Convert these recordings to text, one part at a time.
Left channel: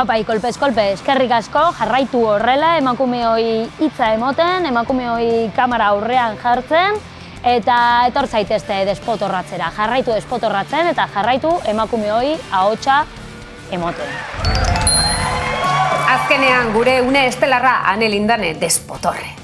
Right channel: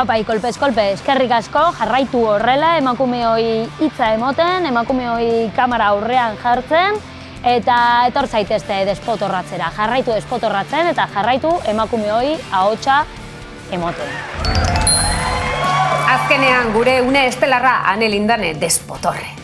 Apai, kolpez, eskerrik asko, jarraitu horrela, emakumeoi hitza emoten, emakumeoi kamera aurrean jartzen, eta etor zaitezte despotorratzera. Jarraitu despotorratzen eta jarraitu emakumeoi ahotsa emoten. Azkenean gure une estelarra Ane Lindane despotorre.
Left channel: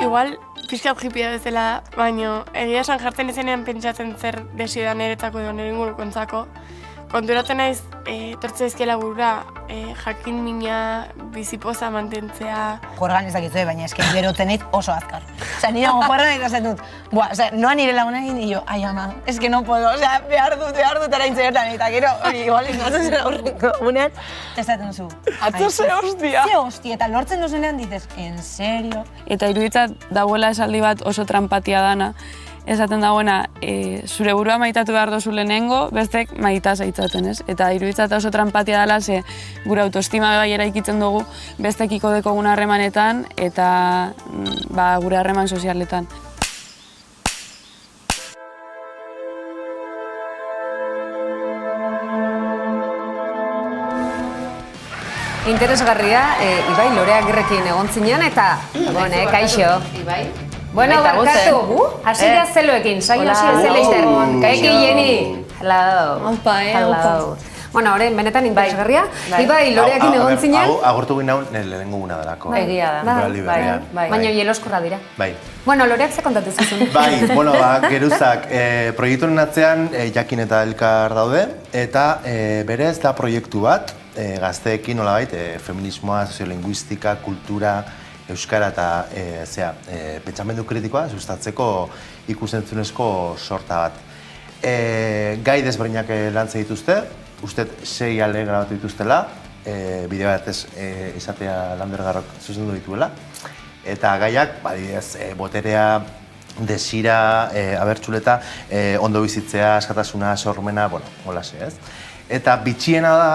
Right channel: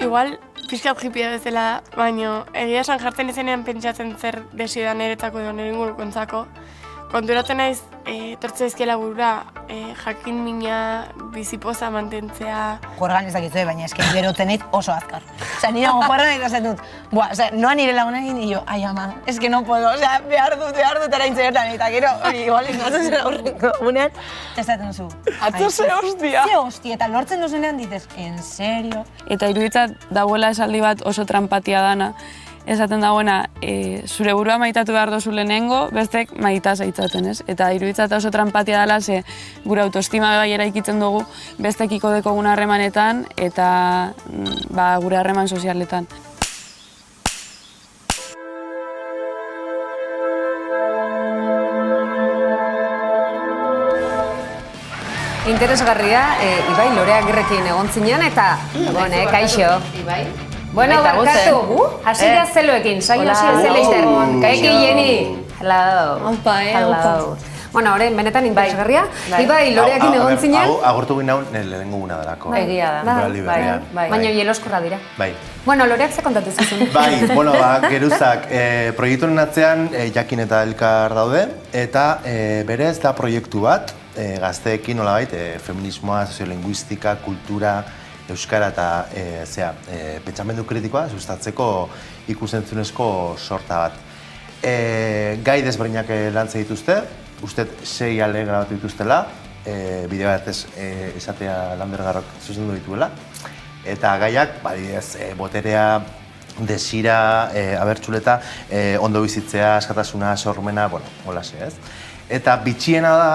Igual, pixkat jipia bezala, baina egia esan jartzen izenean pentsatzen zer desio da niretzako edo nire ingurukontzako. Konturatzen naiz, tortze ezkiela burura, jakin mina bizipoza mantentzea. Jorgan ez dakitzue, baina esken gerotzen nit oso azkar. Osea, nire jorran ikasen dut. Noa nire lagunekin, y yo, ai ama, es que no puedo, osea, behar dut araintze gertan, eta gero, hori, igual, ikatzen zen aurreko unean, esaten zu. Atzo ze hostia! Ze hostia, eta lortzen duzenean dices, en serio? Eta iruditzat dagoela esaldi bat oso trampatia dana, esaten dagoena, zure burua maitatu behar dozu lehenengo, bestek maita zaitzaten, ez? Eta iruditzat oso trampatia dela, ze gure autoestima bai eraikitzen dugu bestekiko dekogun harremanetan eta gure harreman sozialetan. Interesgarria, Ibai, Lorea Agirrekin egon zinean eta, kaixo. Ibai? Bueno, barkatu, hasi da zeloekin, saio hasi da zeloekin. Kaiki, Jenny. Hello. Aupa, Bueno, horren, benetan interesgarria. Ibai, Loreakin egon zinean. Agurtu ginen lehenengo guna delako. Egia da. Baina jeloskorra dira. Bai. Bueno, Loreak ze kontatu zizun. Bai, geruzak, proiektuaren atzean Jakin eta Elkar daude, eta berez da proiektu bat, gazteekin nolabait, feminismoa, soziolinguistika, kultura, euskara eta pentsamendu kritikoa sustatzeko ikusentzunezko sorta bat. Gai desberdinak lantzen dituzte, uste 6 alde grabatu dituztela, bideo batez izatea Landergarrok zuzendu dituela. Eta gaiak, boterea, desira, abertxuleta, ondo bizitzea, askatasuna, sormena, holase, ez? Eta bitxiena da,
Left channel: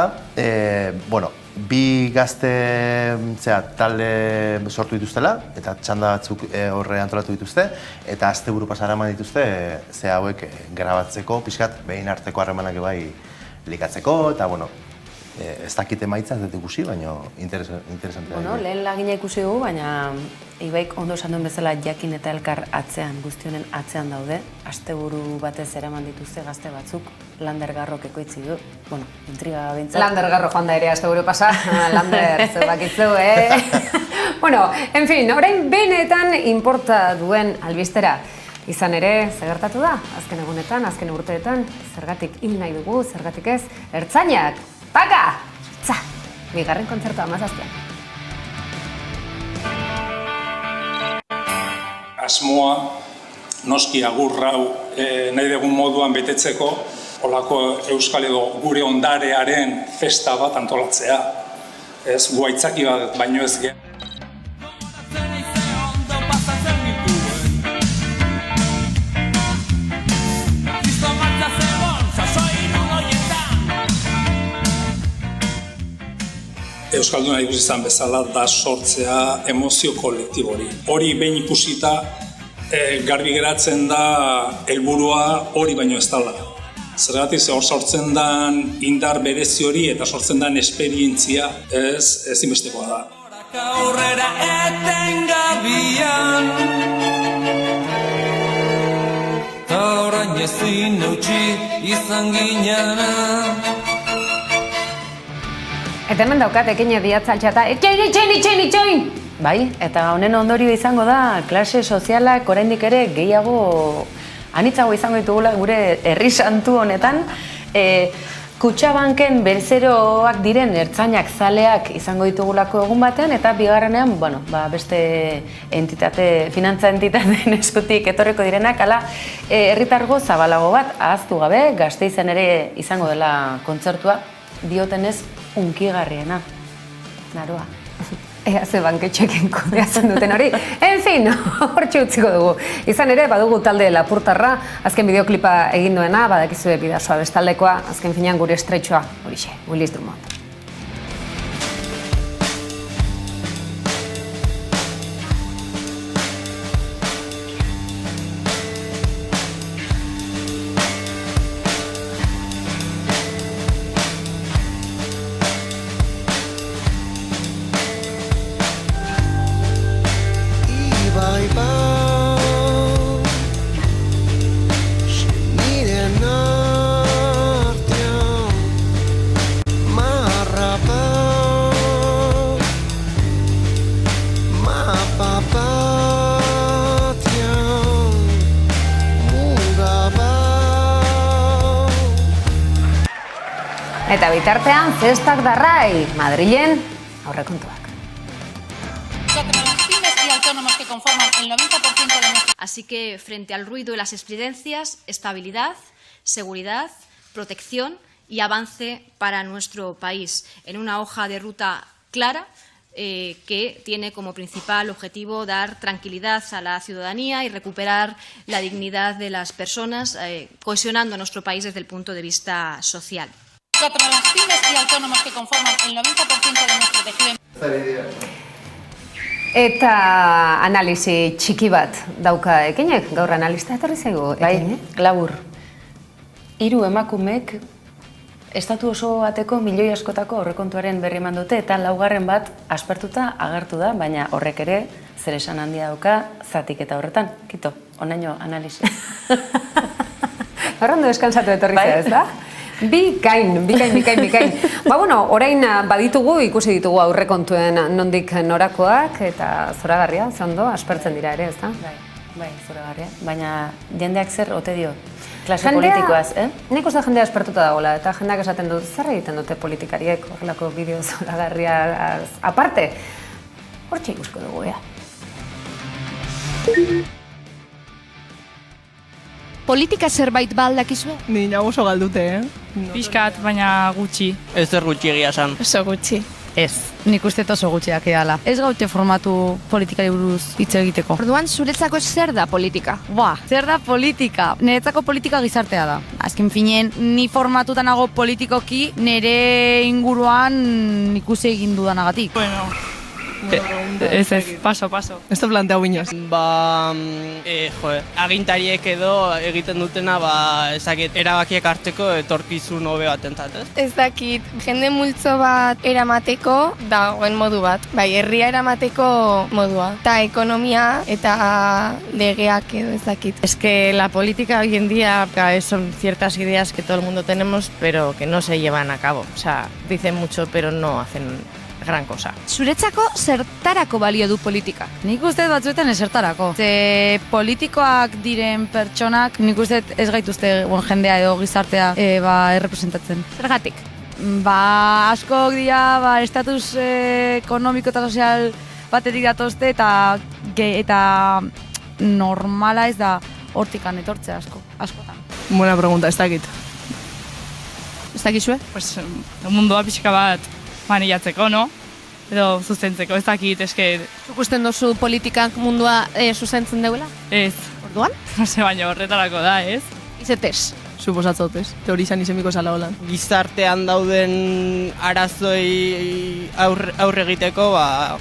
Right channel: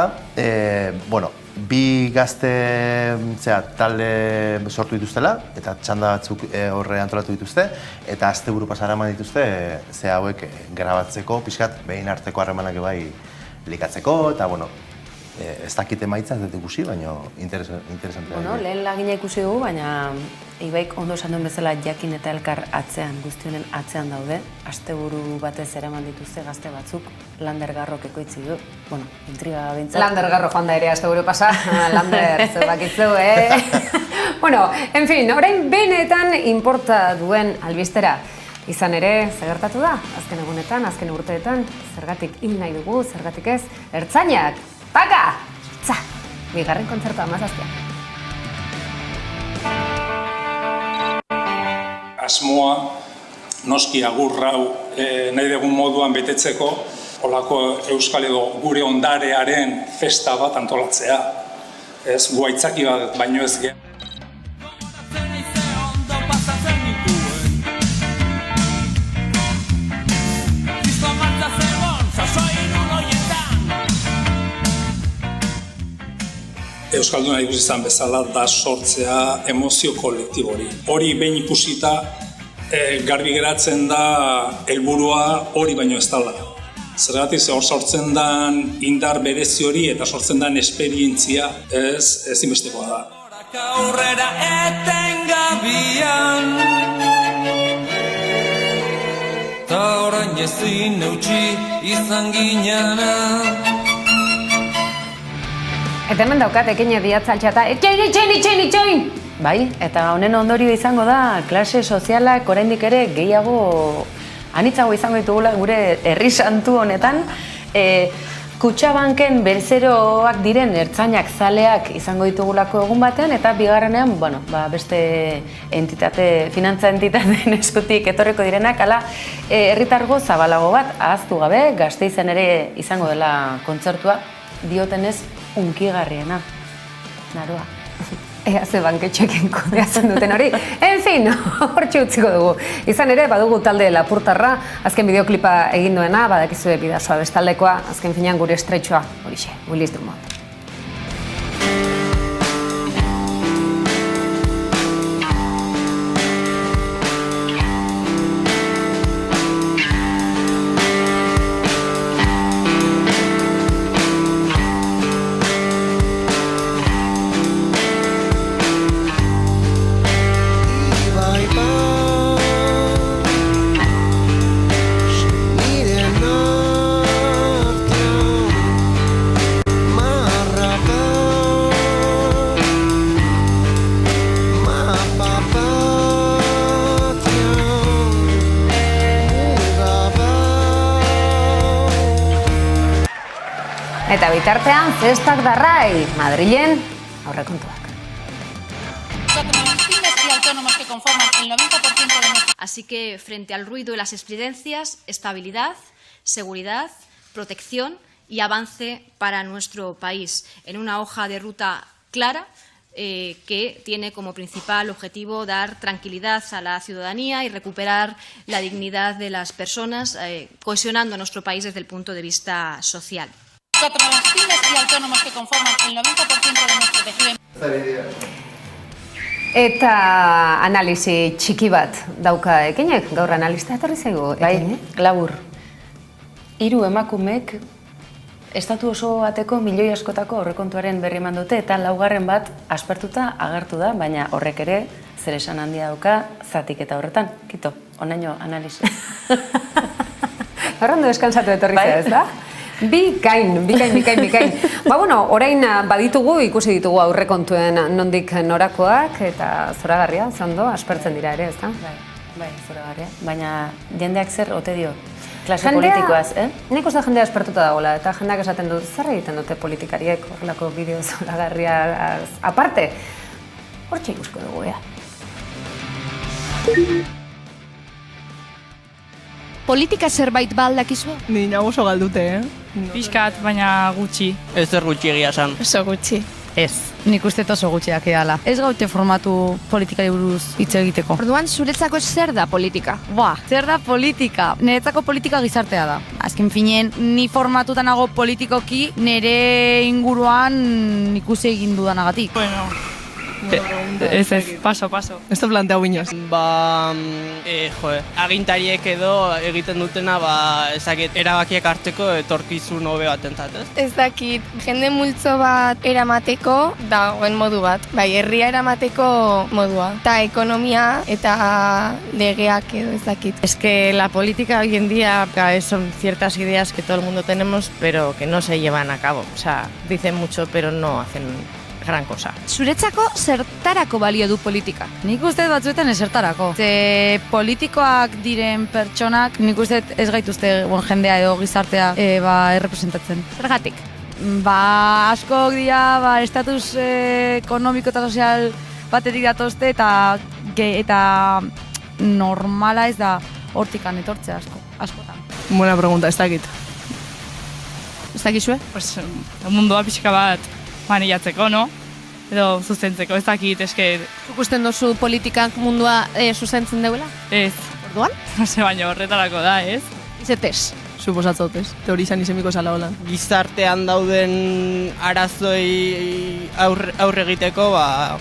bi gazte talde sortu dituztela, eta txanda batzuk horre antolatu dituzte, eta asteburu pasara eman dituzte hauek grabatzeko, pixkat, behin arteko harremanak bai likatzeko, eta ez dakit emaitza, ez dut ikusi, baina interesantea. Lehen lagina ikusi dugu, baina Ibaik ondo esan duen bezala Jakin eta Elkar atzean, guztionen atzean daude. Asteburu batez eraman dituzte gazte batzuk, Landergarrok ekoitzi du. Intriga bintzat. Landergarro joan da ere asteburu pasa, Lander, zer bakitzu, en fin, orain benetan inporta duen albistera. Izan ere, zer gertatu da? Azken egunetan, azken urteetan, zergatik hil nahi dugu, zergatik ez, ertzainak! Taka! Tza! Bigarren kontzertua amazazpian. Asmoa, noski agurrau nahi dugun moduan betetzeko, holako euskal edo gure ondarearen festa bat antolatzea. Ez, guaitzaki bat, baino ez ge. Euskalduna ikusi izan bezala da sortzea emozio kolektibori. Hori behin ikusita garbi geratzen da helburua hori baino ez dela. Zergatik hor sortzen den indar berezi hori eta sortzen den esperientzia ezinbestekoa da. Aurrera etengabian ta orain ezin eutsi izan ginena. Eta hemen daukat, ekine diatzaltxata, itxoin! Bai, eta honen ondorio izango da, klase sozialak oraindik ere gehiago anitzago izango ditugula gure herri santu honetan. Kutxabanken bezeroak diren ertzainak zaleak izango ditugulako egun batean, eta bigarrenean, beste finantza entitateen eskutik etorriko direnak, ala herritargo zabalago bat, ahaztu gabe, Gasteizen ere izango dela kontzertua, diotenez hunkigarriena. Naroa. Ea ze banketxekin kudeatzen duten hori. En fin, hortxe utziko dugu. Izan ere, badugu talde Lapurtarra, azken bideoklipa egin duena, badakizue Bidasoa bestaldekoa, azken finean gure estretxoa, horixe, Willis Drummond. Eta bitartean, festak darrai, Madrilen aurrekontuak. Así que, frente al ruido de las estridencias, estabilidad, seguridad, protección y avance para nuestro país, en una hoja de ruta clara que tiene como principal objetivo dar tranquilidad a la ciudadanía y recuperar la dignidad de las personas, cohesionando nuestro país desde el punto de vista social. Contra las pymes y autónomos que conforman el 90% de nuestro tejido. Eta analisi txiki bat dauka ekinek, gaur analista etorri zaigu ekinek? Bai, labur. 3 emakumek estatu oso bateko milioi askotako aurrekontuaren berri eman dute, eta 4. bat aspertuta agertu da, baina horrek ere zer esan handia dauka zatiketa horretan. Kito, onaino analisi. Horrendo descansatu etorri zaigu, ez da? Bikain. Orain baditugu, ikusi ditugu aurrekontuen nondik norakoak, eta zoragarria, zondo, aspertzen dira ere, ez da? Bai, zoragarria. Baina jendeak zer ote dio? Klase politikoaz, Nik uste jendea aspertuta dagoela, eta jendeak esaten dut, zer egiten dute politikariek horrelako bideo zoragarria aparte? Hortxe ikusko dugu, ea. Politika zerbait baldakizue? Ni nago oso galdute, Pixkat, baina gutxi. Ez zer gutxi egia esan. Oso gutxi. Ez, nik uste oso gutxiak edala. Ez gaute formatu politikari buruz hitz egiteko. Orduan, zuretzako zer da politika? Zer da politika? Niretzako politika gizartea da. Azken finean, ni formatuta nago politikoki nire inguruan ikusi egin dudanagatik. Bueno, ez, paso. Ez da planteau inoz. Agintariek edo egiten dutena, erabakiak hartzeko etorkizun hobe bat entzat, ez? Ez dakit, jende multzo bat eramateko dagoen modu bat. Bai, herria eramateko modua. Eta ekonomia eta legeak edo ez dakit. Es que la política hoy en día son ciertas ideas que todo el mundo tenemos, pero que no se llevan a cabo. O sea, dicen mucho, pero no hacen gran cosa. Zuretzako zertarako balio du politika? Nik uste batzuetan esertarako. Ze politikoak diren pertsonak, nik uste ez gaituzte jendea edo gizartea errepresentatzen. Zergatik? Askok dira, estatus ekonomiko eta sozial batetik datozte eta normala ez da hortikan etortzea askotan. Buena pregunta, ez dakit. Ez dakizue? Pues, mundua pixka bat maniatzeko, no? Edo zuzentzeko, ez dakit, eske... Zuk usten duzu politikak mundua zuzentzen deuela? Ez. Orduan? No se, baina horretarako da, ez? Izetez. Suposatzotez, teorizan izemiko zala holan. Gizartean dauden arazoi aurre egiteko,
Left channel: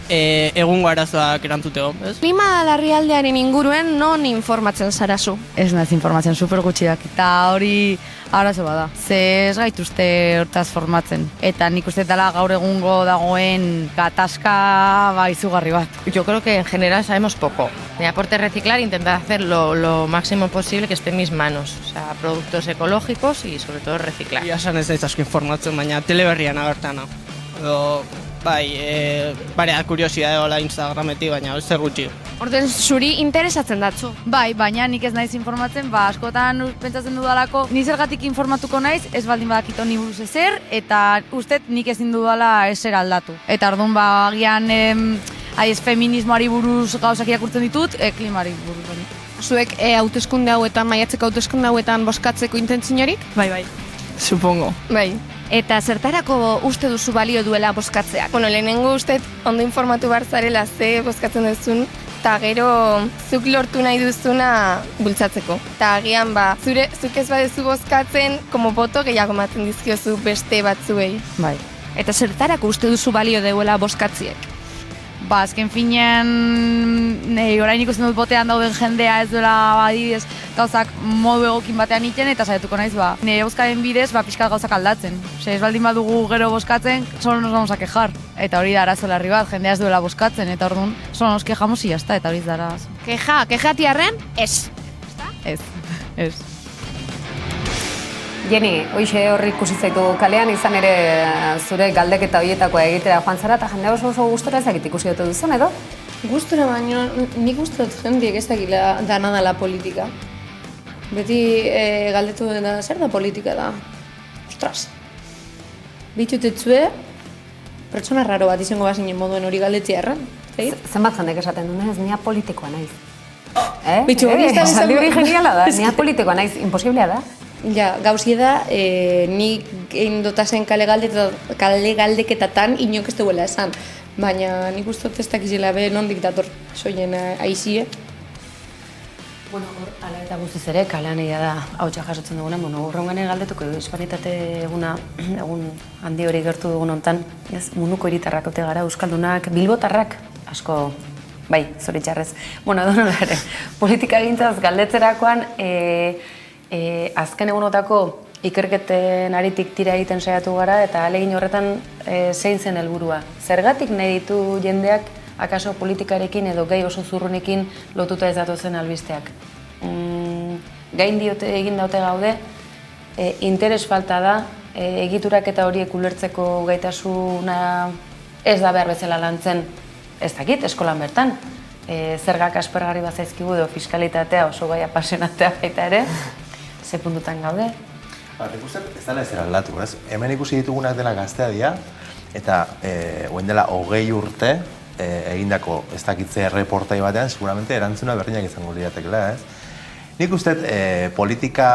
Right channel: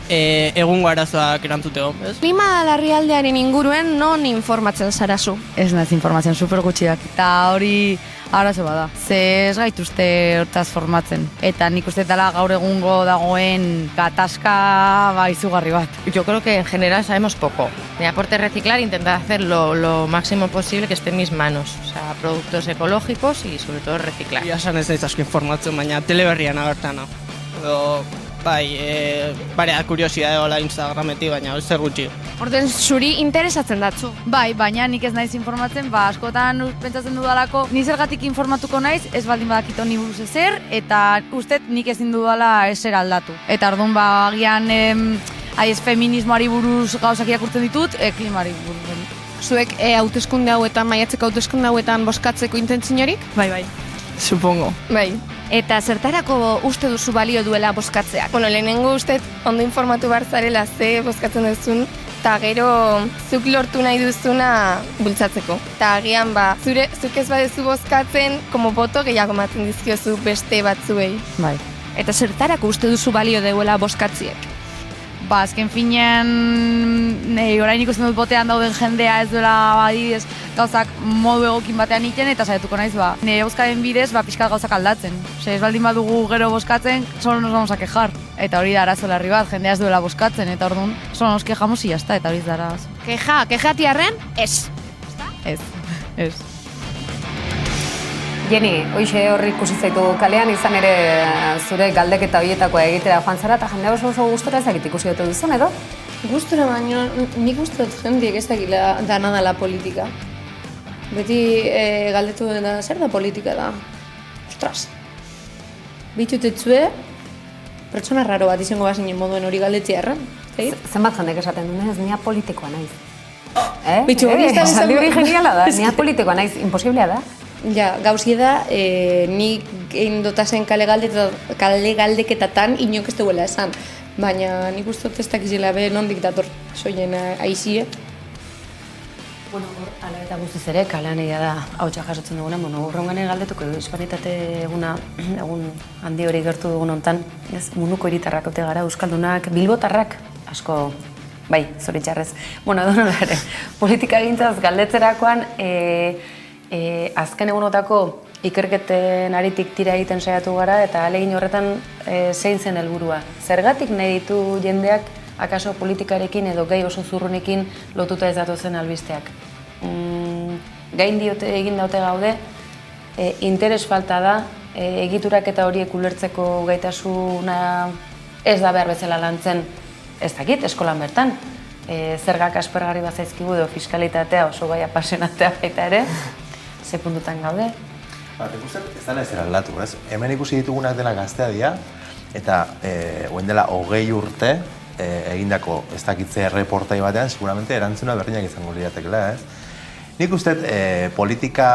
egungo arazoak erantzuteko, ez? Klima larrialdearen inguruen non informatzen zarazu? Ez naiz informatzen super gutxiak, eta hori arazo bada. Ze ez gaituzte hortaz formatzen. Eta nik uste dela gaur egungo dagoen gatazka izugarri bat. Yo creo que en general sabemos poco. Mi aporte reciclar, intentar hacer lo máximo posible que esté en mis manos. O sea, productos ecológicos y sobre todo reciclar. Ia esan ez naiz asko informatzen, baina teleberrian agertan. Edo Bai, barea kuriosidade hola Instagrametik, baina zer gutxi. Orden zuri interesatzen datzu. Bai, baina nik ez naiz informatzen, askotan pentsatzen dudalako, ni zergatik informatuko naiz, ez baldin badakit honi buruz ezer, eta ustet nik ezin dudala ezer aldatu. Eta orduan agian ez feminismoari buruz gauzak irakurtzen ditut, klimari buruz baina. Zuek hauteskunde hauetan, maiatzeko hauteskunde hauetan bozkatzeko intentziorik? Bai. Supongo. Bai. Eta zertarako uste duzu balio duela bozkatzeak? Bueno, lehenengo uste ondo informatu behar zarela ze bozkatzen duzun, eta gero zuk lortu nahi duzuna bultzatzeko. Eta agian zuk ez badezu bozkatzen, como boto gehiago ematen dizkiozu beste batzuei. Bai. Eta zertarako uste duzu balio duela bozkatziek? Azken finean, orain ikusten dut botean dauden jendea ez duela adibidez gauzak modu egokin batean iten, eta saiatuko naiz, nire bozkaren bidez, pixkat gauzak aldatzen. Ez baldin badugu gero bozkatzen, solo nos vamos a quejar. Eta hori da arazo larri bat, jendea ez duela bozkatzen, eta orduan, solo nos quejamos y ya está, eta hori da arazo. Kejatiarren, ez. Ez. Jenny, hoxe horri ikusi zaitu kalean, izan ere zure galdeketa horietakoa egitera joan zara, eta jendea oso gustora ezagit ikusi dute duzun, edo? Gustora baino, nik uste dut jendiek ez dakila dana dela politika. Beti galdetu dena, zer da politika da? Ostras! Bitutetzue, pertsona raro bat izango bazinen moduen hori galdetzea erran. Zenbat jendek esaten du, ez nia politikoa naiz. Bitxu, hori ez da esaldi hori geniala da, nia politikoa naiz, imposiblea da. Ja, gauzie da, nik egin dotazen kale galdeketatan inok ez duela esan. Baina nik uste dut ez dakizela be nondik dator soien aizie. Bueno, ala eta guztiz ere, kalean egia da hautsa jasotzen duguna. Urrengane galdetuko du, hispanitate egun handi hori gertu dugun hontan, munduko hiritarrak ote gara, euskaldunak, bilbotarrak, asko, bai, zoritxarrez. Bueno, edonola ere, politika gintzaz galdetzerakoan, azken egunotako ikerketen aritik tira egiten saiatu gara eta ahalegin horretan zein zen helburua. Zergatik nahi ditu jendeak akaso politikarekin edo gai oso zurrunekin lotuta ez datozen albisteak. Gain diote egin daute gaude, interes falta da, egiturak eta horiek ulertzeko gaitasuna ez da behar bezala lantzen, ez dakit, eskolan bertan. Zergak aspergarri bat zaizkigu edo fiskalitatea oso gai apasionatea baita ere, ze puntutan gaude. Nik uste ez dela ezer aldatu, ez? Hemen ikusi ditugunak dela gaztea dira, eta oen dela 20 urte egindako ez dakitze reportai batean, seguramente erantzuna berdinak izango liratekela, ez? Nik uste politika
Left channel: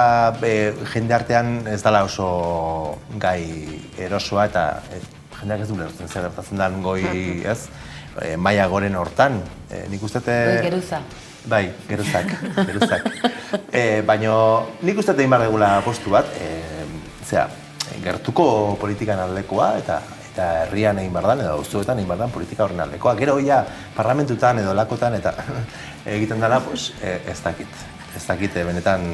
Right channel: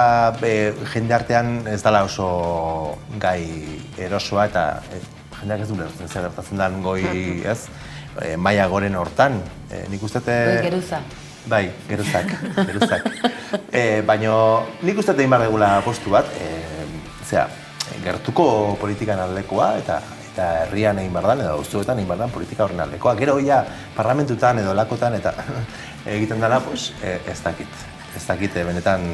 jende artean ez dela oso gai erosoa eta jendeak ez du lertzen zer gertatzen den goi, ez? Maila goren hortan, nik uste... Goi geruza. Bai, geruzak. Baina nik uste egin behar dugula postu bat, gertuko politikan aldekoa eta herrian egin behar dan, edo auzoetan egin behar dan politika horren aldekoa. Gero ja, parlamentutan edo lakotan eta egiten dela, ez dakit, benetan...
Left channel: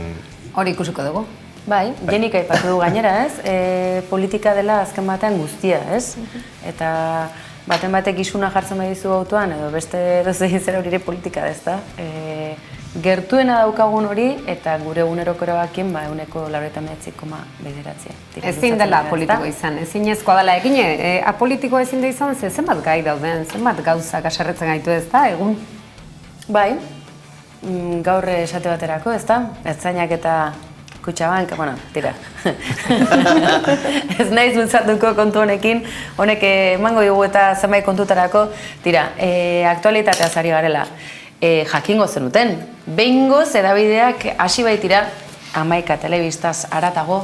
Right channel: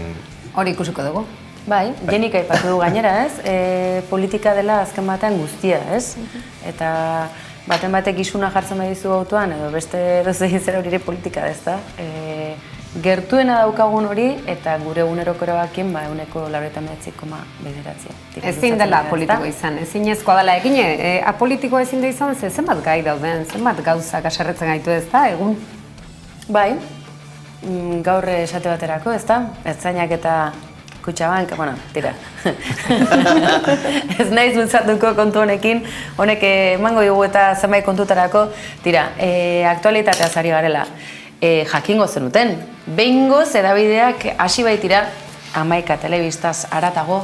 Hori ikusiko dugu. Bai, Jenik aipatu du gainera, ez? Politika dela azken batean guztia, ez? Eta... baten batek isuna jartzen badizu autoan, edo beste dozegin zer hori politika ez da. Gertuena daukagun hori, eta gure eguneroko erabakien, eguneko 99,9. Ezin dela politiko izan, ezinezkoa dela egin, apolitiko ezin da izan, zenbat gai dauden, zenbat gauzak aserretzen gaitu ez da, egun? Bai, gaur esate baterako ez da, ertzainak eta Kutxabank, bueno, tira. Ez naiz bultzatuko kontu honekin, honek emango dugu eta zenbait kontutarako, tira, aktualitatea zari garela. Jakingo zenuten, behingoz edabideak hasi baitira, 11 telebistaz haratago,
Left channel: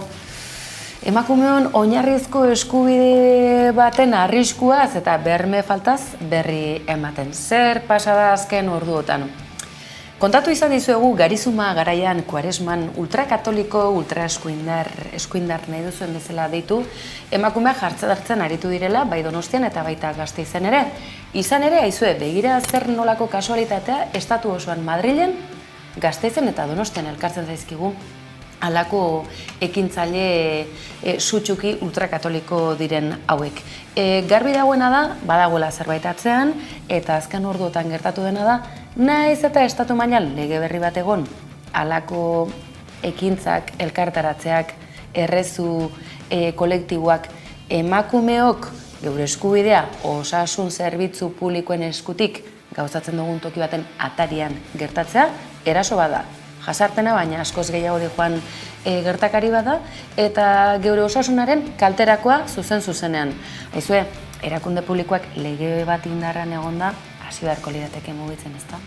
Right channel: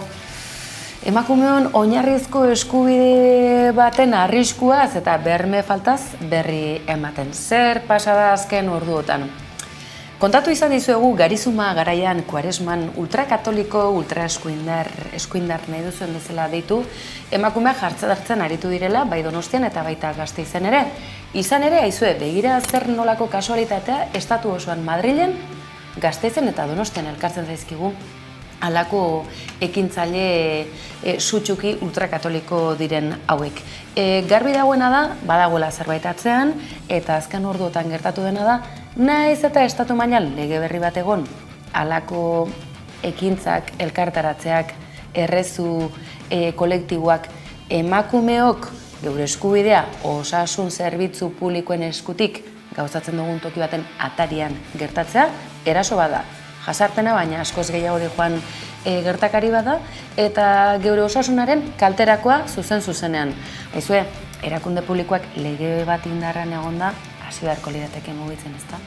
emakumeon oinarrizko eskubide baten arriskuaz eta berme faltaz berri ematen. Zer pasada azken orduotan? Kontatu izan dizuegu Garizuma garaian Kuaresman ultrakatoliko, eskuindar nahi duzuen bezala deitu, emakumeak jartzen aritu direla, bai Donostian eta baita Gasteizen ere. Izan ere, aizue, begira zer nolako kasualitatea, estatu osoan Madrilen, Gasteizen eta Donostian elkartzen zaizkigu, halako ekintzaile sutsuki ultrakatoliko diren hauek. Garbi dagoena da, badagoela zerbait atzean, eta azken orduotan gertatu dena da, naiz eta estatu mailan lege berri bat egon, halako ekintzak, elkartaratzeak, errezu kolektiboak emakumeok geure eskubidea osasun zerbitzu publikoen eskutik gauzatzen dugun toki baten atarian gertatzea, eraso bada. Jasarpena, baina askoz gehiago dijoan gertakari bada, eta geure osasunaren kalterakoa zuzenean. Aizue, erakunde publikoak lege bat indarran egonda, hasi beharko lirateke mugitzen, ezta?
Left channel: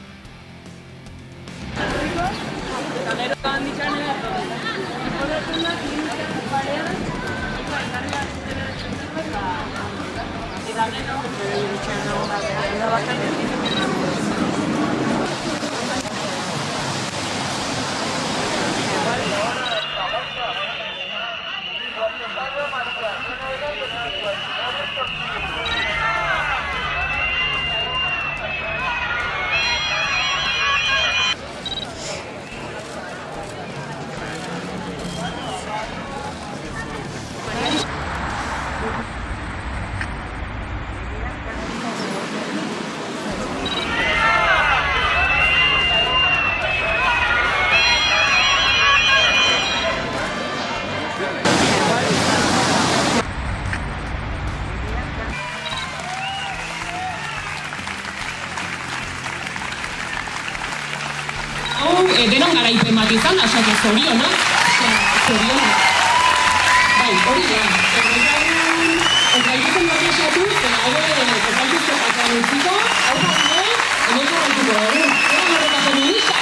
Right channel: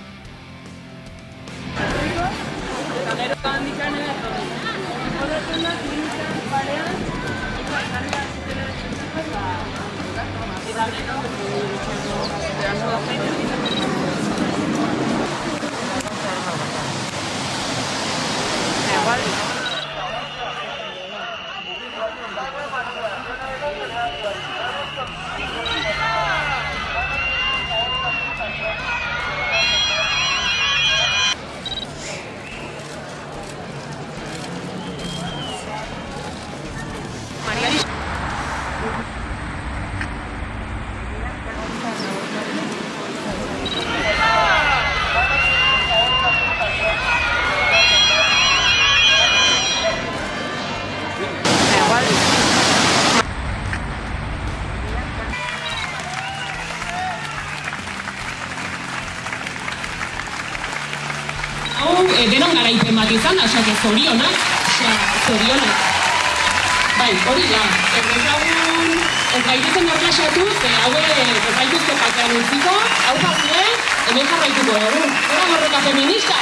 Denon garaipen bat izan, asake zorionak. Zorionak. Bai, hori da. Ez gaitezen bat esatu, eta kopaituzko jatan utziko, hau jarri, eneko gaituko dugu. Eta horreta feminista.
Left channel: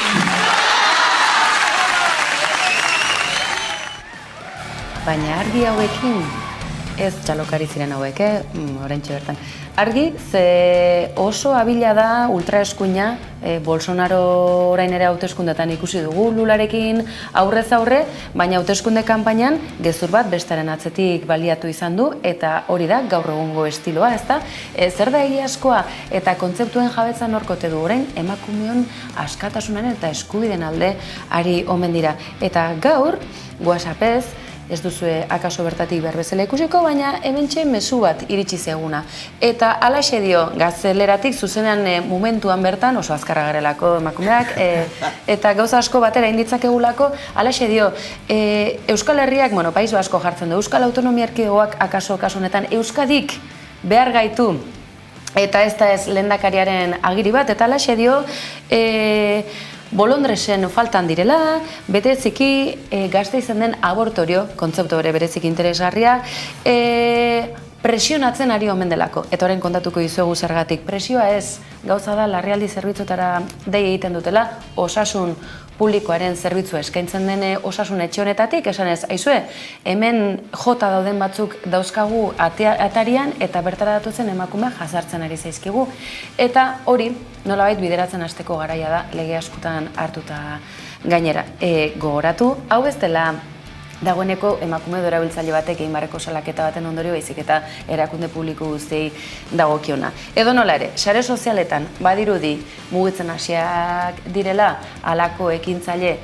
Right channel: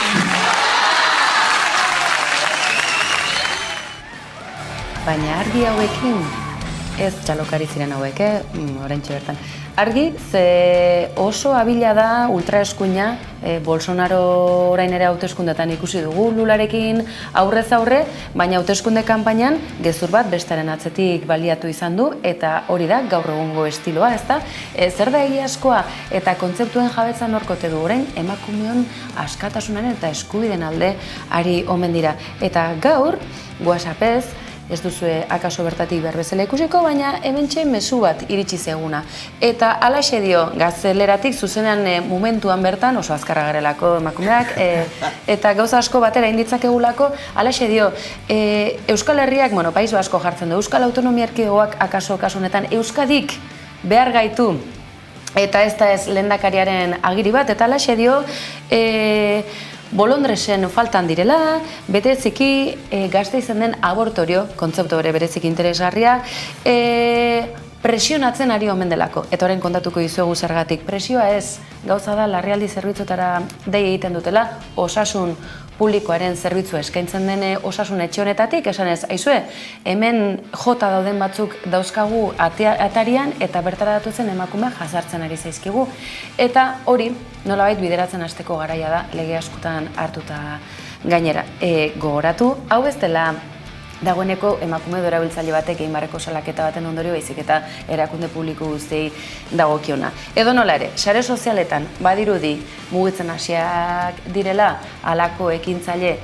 Baina argi hauekin, ez txalokari ziren hauek, oraintxe bertan. Argi, ze oso abila da ultraeskuina, Bolsonaro orain ere hauteskundetan ikusi dugu Lularekin aurrez aurre, baina hauteskunde kanpainan gezur bat bestaren atzetik baliatu izan du, eta hori da gaur egungo estiloa, ezta? Zer da egiazkoa eta kontzeptuen jabetzan horkote du orain emakumeon askatasunaren eta eskubideen alde ari omen dira. Eta gaur, WhatsAppez, ez duzue akaso bertatik berbezela ikusiko, baina hementxe mezu bat iritsi zeguna. Eta alaxe dio, Gazteleratik zuzenean momentuan bertan, oso azkarra garelako emakumeak, eta gauza asko batera inditzakegulako, alaxe dio, Euskal Herriak, País Basko jartzen du, Euskal Autonomia Erkidegoak akaso honetan, Euskadik behar gaitu, eta ez da ez lehendakariaren agiri bat, eta alaxe dio, Bolondresen faltan direla, bereziki Gasteizen den abortorio, kontzeptu bere berezik interesgarria, presionatzen ari omen delako. Eta orain kontatuko dizuegu zergatik. Presioa ez, gauza da larrialdi zerbitzutara dei egiten dutela, osasun publikoaren zerbitzua eskaintzen den osasun etxe honetatik, esan ez, aizue, hemen jota dauden batzuk dauzkagu atarian eta bertara datuzen emakumea jazartzen ari zaizkigu. Eta hori, nolabait bideratzen hasteko garaia da, lege askotan hartuta gainera. Gogoratu, hau ez dela dagoeneko emakume erabiltzaile batek egin barreko salaketa baten ondorio baizik eta erakunde publiko guztiei dagokiona. Edo nola ere, sare sozialetan badirudi mugitzen hasiak direla halako ekintzaile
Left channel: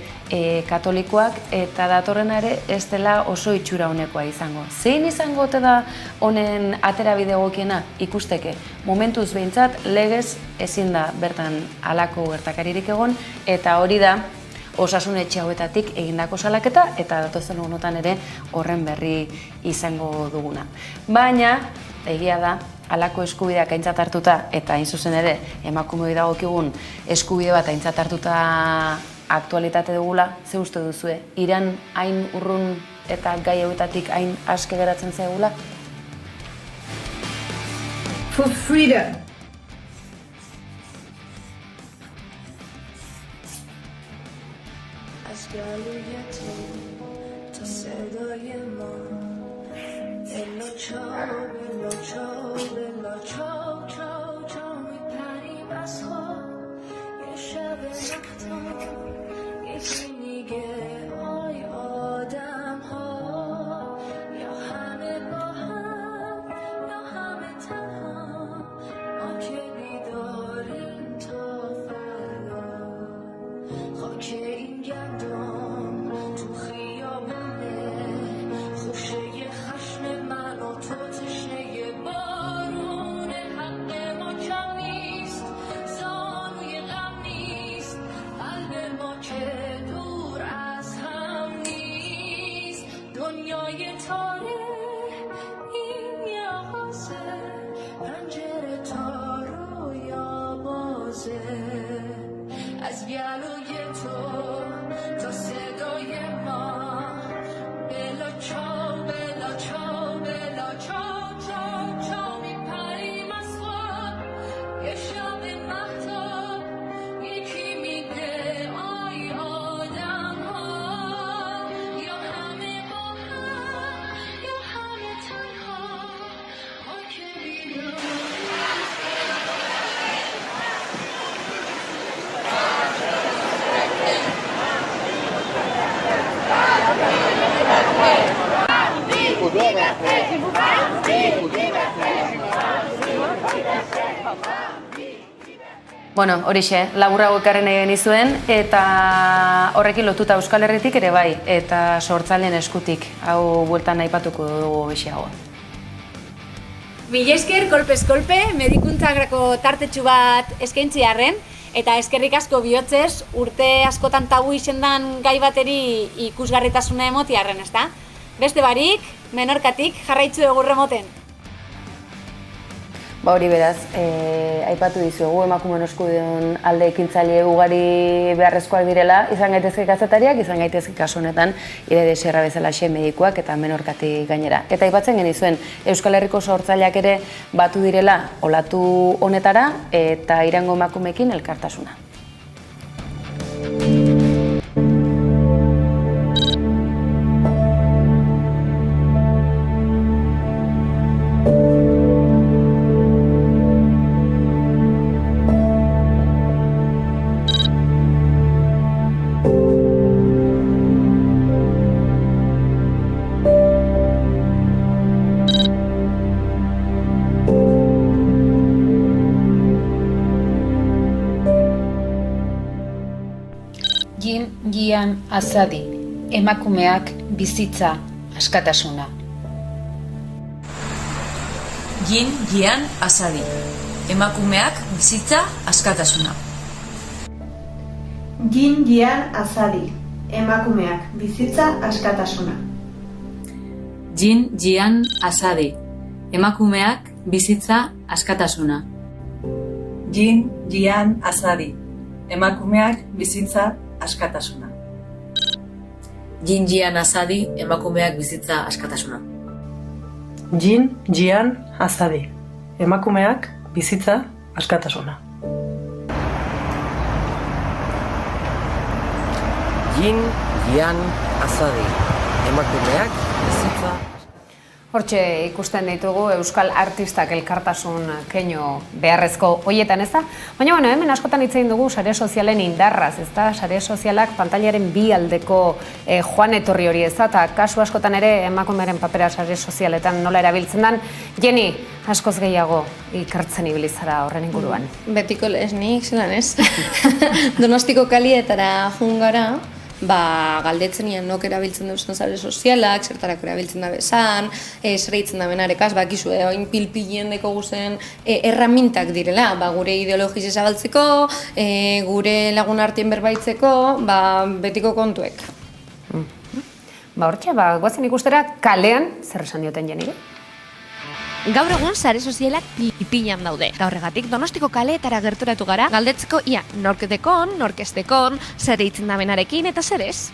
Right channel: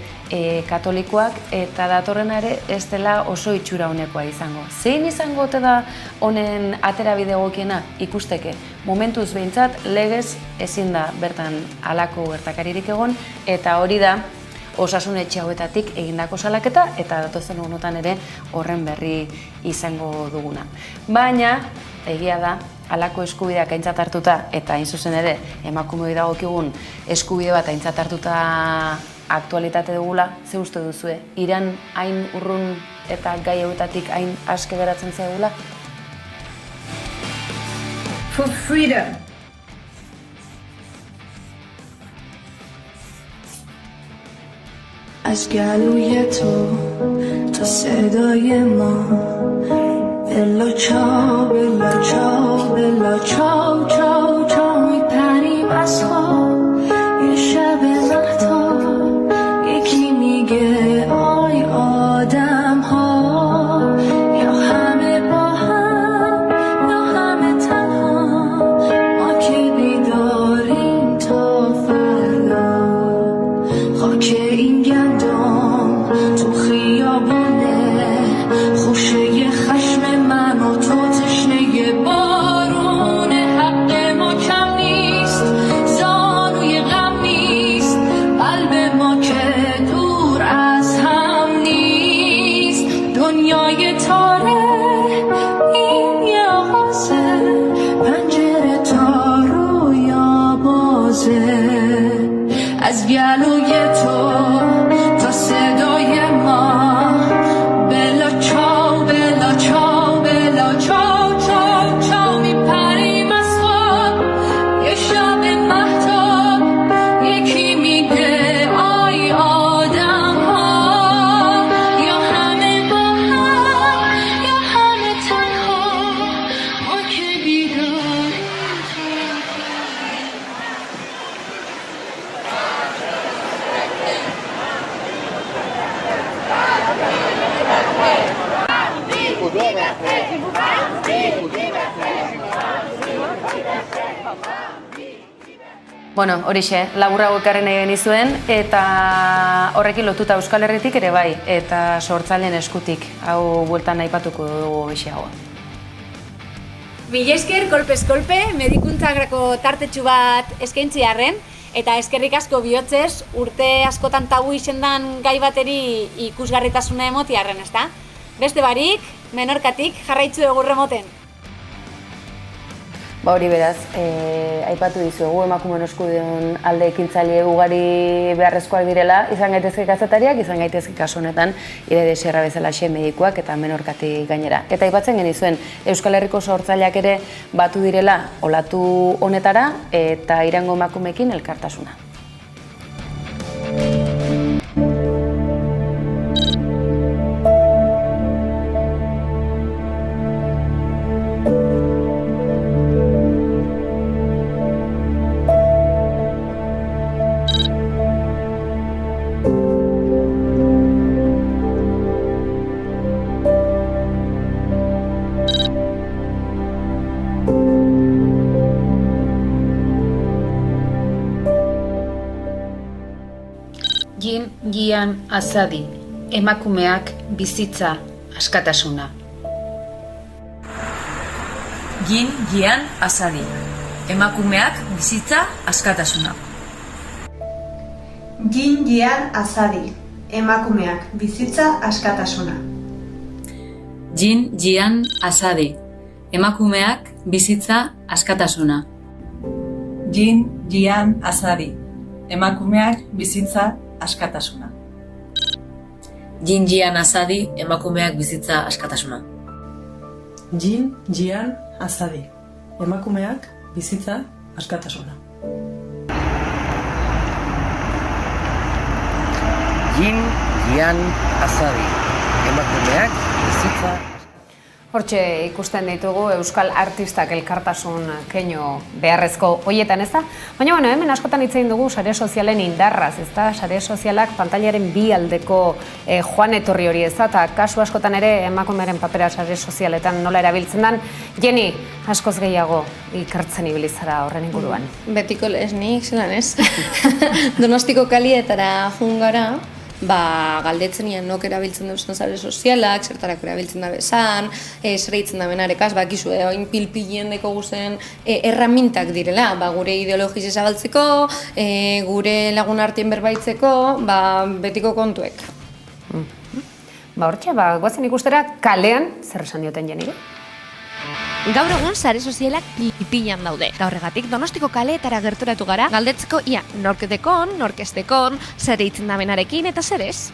katolikoak eta datorrena ere ez dela oso itxura honekoa izango. Zein izango ote da honen aterabide egokiena ikusteke? Momentuz behintzat legez ezin da bertan halako gertakaririk egon eta hori da osasun etxe hauetatik egindako salaketa eta datozen egunotan ere horren berri izango duguna. Baina, egia da, halako eskubideak aintzat hartuta eta hain zuzen ere emakumeoi dagokigun eskubide bat aintzat hartuta aktualitate dugula, ze uste duzue? Iran hain urrun eta gai hauetatik hain aske geratzen zaigula? For freedom. تا صدای ما بلا چاو بلا چاو بلا چاو چاو چاو میپریم از خواب یه شب مختار یکی میگه آی آدم ها یا همه با هم یا همه تنها ما که بیداریم تا فردا خاک این گندم تو خیابونه خوشه خشم من و تو تشنه بارون حق ما کم نیست زانوی غم نیست قلب ما که دور Bueno, horixe, laburrago ekarri nahi genizuen, eta horrekin lotuta Euskal Herritik ere bai, eta sortzaileen eskutik, hau bueltan aipatuko dugu besiago. Mila esker, kolpez kolpe, medikuntzarako tartetxu bat eskaintzi arren, eta eskerrik asko bihotzez, urte askotan tabu izendan gai bateri ikusgarritasuna emoti arren, ezta? Beste barik, Menorkatik jarraitzu egurre moten. Ba hori beraz, aipatu dizuegu emakumeen eskubideen alde ekintzaile ugari beharrezkoak direla, izan gaitezke kazetariak, izan gaitezke kasu honetan Irede Sierra bezalaxe medikuak eta Menorkatik gainera. Eta aipatzen genizuen Euskal Herriko sortzaileak ere batu direla olatu honetara eta Irango emakumeekin elkartasuna. Gian Azadi, emakumeak bizitza askatasuna. Gian Azadi, emakumeak bizitza askatasuna. Gian Azadi, emakumeak bizitza askatasuna. Gian Azadi, emakumeak bizitza askatasuna. Gian Azadi, emakumeak bizitza askatasuna. Gian Azadi, emakumeak bizitza askatasuna. Gian Azadi, emakumeak bizitza askatasuna. Gian Azadi, emakumeak bizitza. Hortxe ikusten ditugu Euskal Artistak elkartasun keinu beharrezko hoietan, ez da? Baina, hemen askotan hitz egin dugu sare sozialen indarraz, ez da? Sare sozialak pantailaren bi aldeko joan etorri hori, ez da? Eta kasu askotan ere emakumearen papera sare sozialetan nola erabiltzen den. Jenny, askoz gehiago ikertzen ibilizara horren inguruan. Betiko lesnik, zelan ez? Donostiko kalietara jungara, galdetzen nian nok erabiltzen duzen sare sozialak, zertarako erabiltzen da bezan, zer egiten da benarekaz, bakizu, oin pilpilien deko guzen erramintak direla, gure ideologiz ezabaltzeko, gure lagun artien berbaitzeko, betiko kontuek. Hortxe, goazen ikustera kalean, zer esan dioten Jenire? Gaur egun sare sozialak pipilan daude. Eta horregatik Donostiko kaleetara gerturatu gara, galdetzeko ia nork dekon, nork ez dekon, zer eitzen da benarekin eta zer ez.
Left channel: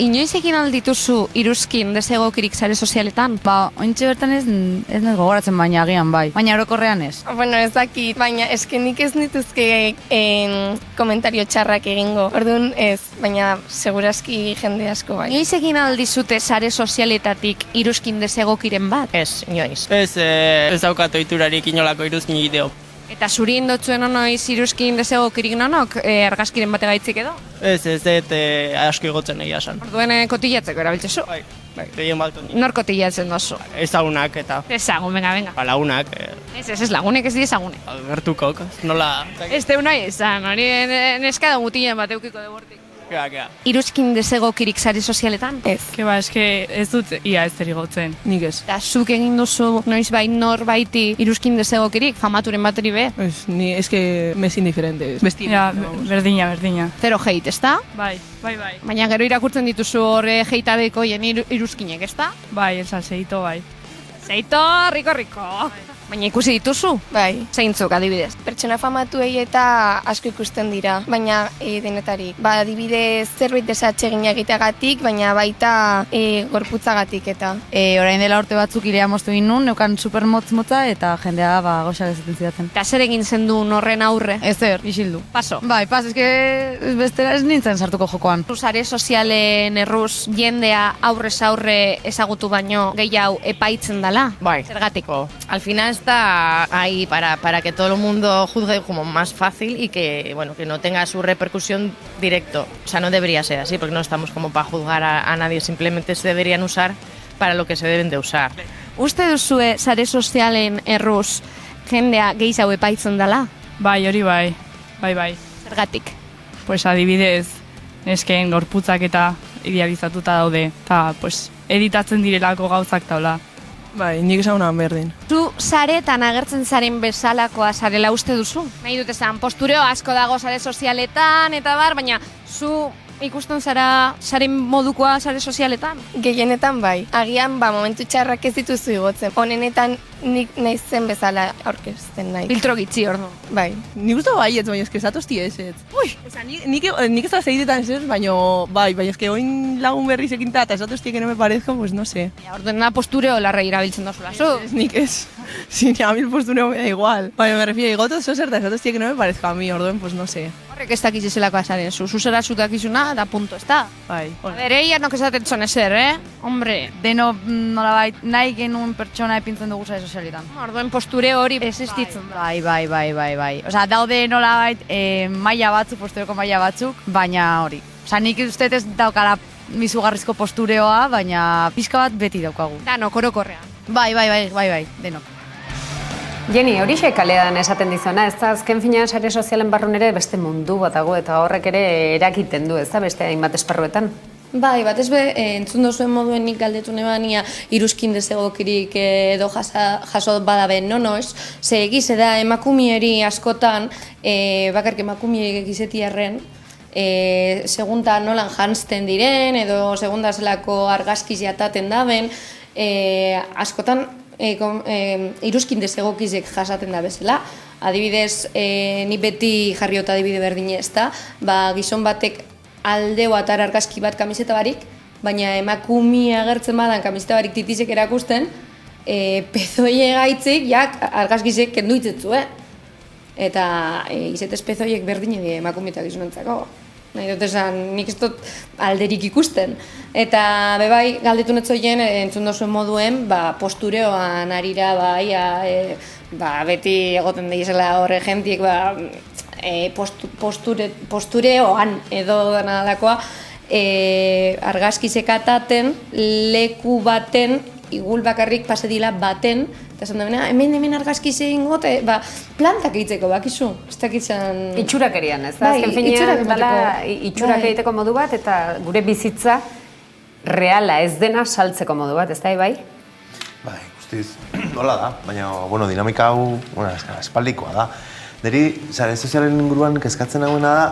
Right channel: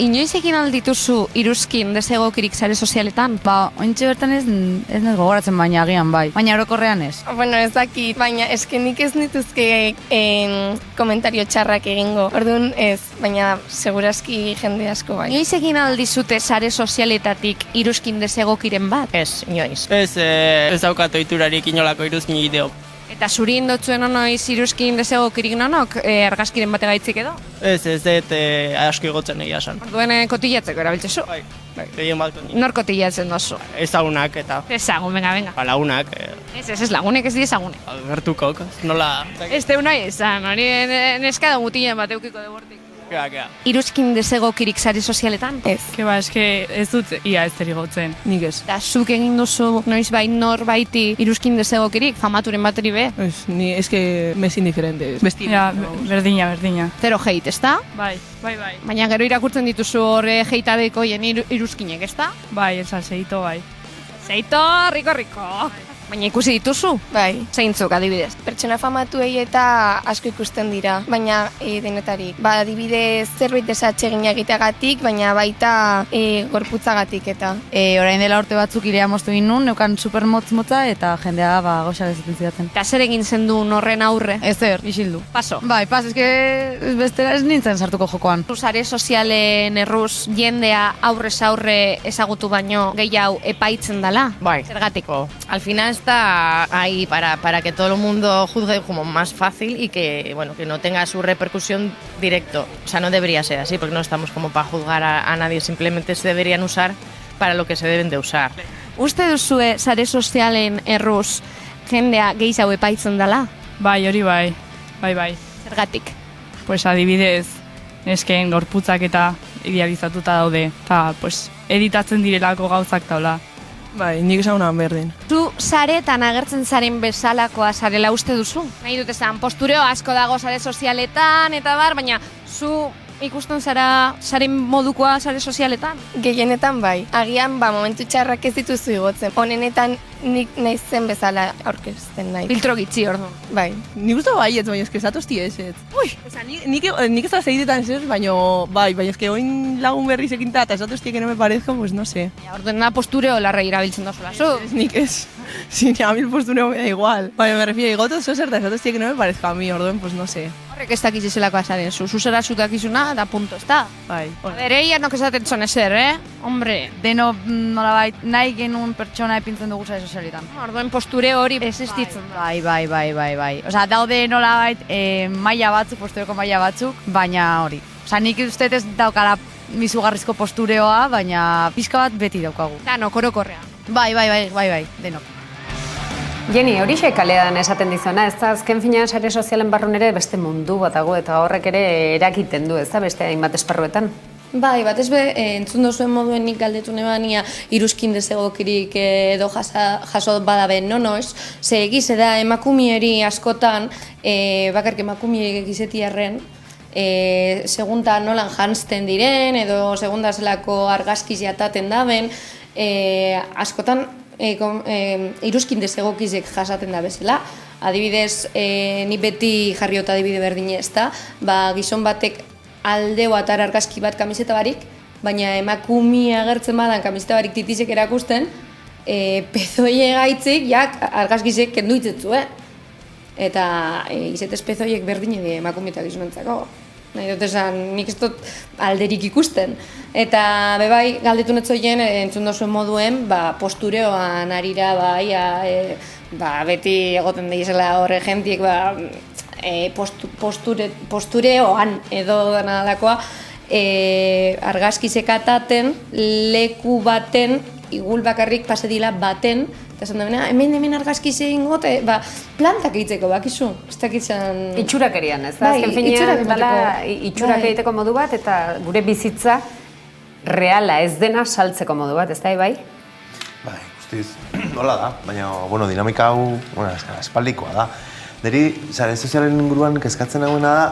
Inoiz egin aldituzu iruzkin desegokirik sare sozialetan? Ointxe bertan ez nahi gogoratzen baina agian bai. Baina orokorrean ez. Bueno, ez dakit, baina eskenik ez nituzke komentario txarrak egingo. Orduan ez, baina segurazki jende asko bai. Inoiz egin aldizute sare sozialetatik iruzkin desegokiren bat? Ez, inoiz. Ez daukat ohiturarik inolako iruzkin ideo. Eta zuri indotzuen onoiz iruzkin desegokirik nonok argazkiren bate gaitzik edo? Ez, asko egotzen egia esan. Orduen kotillatzeko erabiltzezu? Bai, gehien baltu nik. Nor kotillatzen dozu? Ezagunak eta... Ezagun, venga. Lagunak. Ez lagunek ez diezagunek. Gertukok, nola... Ez teu nahi esan, hori neska da mutilen bat eukiko de bortik. Kea. Iruzkin desegokirik sare sozialetan? Ez. Ez dut ia ez gotzen, nik ez. Eta zuk egin duzu noiz bai nor baiti iruzkin desegokirik, famaturen bateri be? Ez, ni eske mes indiferente. Ja, berdina. Zero hate, ez da? Bai. Baina gero irakurtzen dituzu horre heitadeko iruzkinek, ez da? Bai, esan zeito, bai. Zeito, riko. Baina ikusi dituzu? Bai. Zeintzuk, adibidez? Pertsona famatuei eta asko ikusten dira, baina denetari. Adibidez, zerbait desatxegin egiteagatik, baina baita gorputzagatik eta. Orain dela urte batzuk irea moztu ginen, neukan supermotz-motza eta jendea goxak ezaten zidaten. Eta zer egin zen du horren aurre? Ezer, isildu. Paso? Bai, eske bestera ez nintzen sartuko jokoan. Sare sozialen erruz jendea aurrez aurre ezagutu baino gehiago epaitzen dela? Bai. Zergatik? Al final está ahí para que todo el mundo juzgue como más fácil y que, que no tenga su repercusión directo. O sea, no debería ser así, porque no estamos como para juzgar a nadie, simplemente se deberían usar para lo que se deben de usar. Uste duzue sare sozialen erruz jendea gehiago epaitzen dela? Bai, hori bai. Bai. Zergatik? Pues adibidez, nesken gorputzak eta idealizatuta daude. Eta, pues, editatzen direlako gauzak taula. Bai, nik esan honan berdin. Zu saretan agertzen zaren bezalakoa zarela uste duzu? Nahi dut esan, postureo asko dago sare sozialetan eta bar, baina zu ikusten zara saren modukoa sare sozialetan? Gehienetan bai. Agian, momentu txarrak ez dituzu igotzen. Honenetan nik naizen bezala aurkezten nahi. Filtro gitzi ordu. Bai. Nik uste bai ez, baina eske zatozti ez. Ui! Osa, nik ez da zeidetan ez, baina bai, eske oin lagun berriz ekinta eta zatozti que no me parezco, pues no sé. Ordena postureo larra irabiltzen dozula, zu? Nik ez. Sí, a mí el postureo me da igual. Baina me refiero, igoto zozer eta zatozti que no me parezco a mí, orduen, pues no sé. Horrek ez dakiz ezelako azaren, zuzera zutakizuna, da punto, ez da? Bai. A ber, eian nok esaten zon ezer, Hombre. Deno, nolabait, nahi genuen pertsona epintzen dugu sare sozialetan. Orduen posture hori existitzen da. Bai. Osea, daude nolabait maila batzuk, postureko maila batzuk, baina hori. Osea, nik uste ez daukala izugarrizko postureoa, baina pixka bat beti daukagu. Danok, orokorrean. Bai, denok. Jenny, horixe kalean esaten dizuna, ez da azken finean sare sozialen barrun ere beste mundu bat dago eta horrek ere erakiten du, ez da beste hainbat esparruetan? Bai, batez be, entzun dozuen moduen nik galdetu nebania iruzkin dezegokirik edo jaso badabe nonoz, ze egize da emakumieri askotan, bakarrik emakumiek egizetiarren, segunda nolan jantzten diren edo segunda zelako argazkiz jataten daben, askotan iruzkin dezegokizek jasaten da bezala. Adibidez, ni beti jarriota adibide berdine ez da, gizon batek aldeo atar argazki bat kamiseta barik, baina emakumia agertzen badan kamiseta barik titizek erakusten, pezoie gaitzik, argazkizek kendu itzetzu, Eta izetez pezoiek berdine die emakumietak gizonentzako. Nahi dut esan, nik ez dut alderik ikusten. Eta bebai, galdetu netzoien, entzun dozuen moduen, postureoan arira, beti egoten daizela horre jentiek, postureoan edo dana dalakoa, argazkizek ataten, leku baten, igul bakarrik pasedila baten, eta esan da, hemen argazkize ingote, plantak egiteko, bakizu, ez dakitzen... Itxurakerian, ez da? Azken finean, itxurak egiteko modu bat, eta gure bizitza reala ez dena saltzeko modu bat, ez da, bai? Bai, guztiz, hola da, baina, dinamika hau, espaldikoa da. Neri, sare sozialen inguruan kezkatzen hauena da,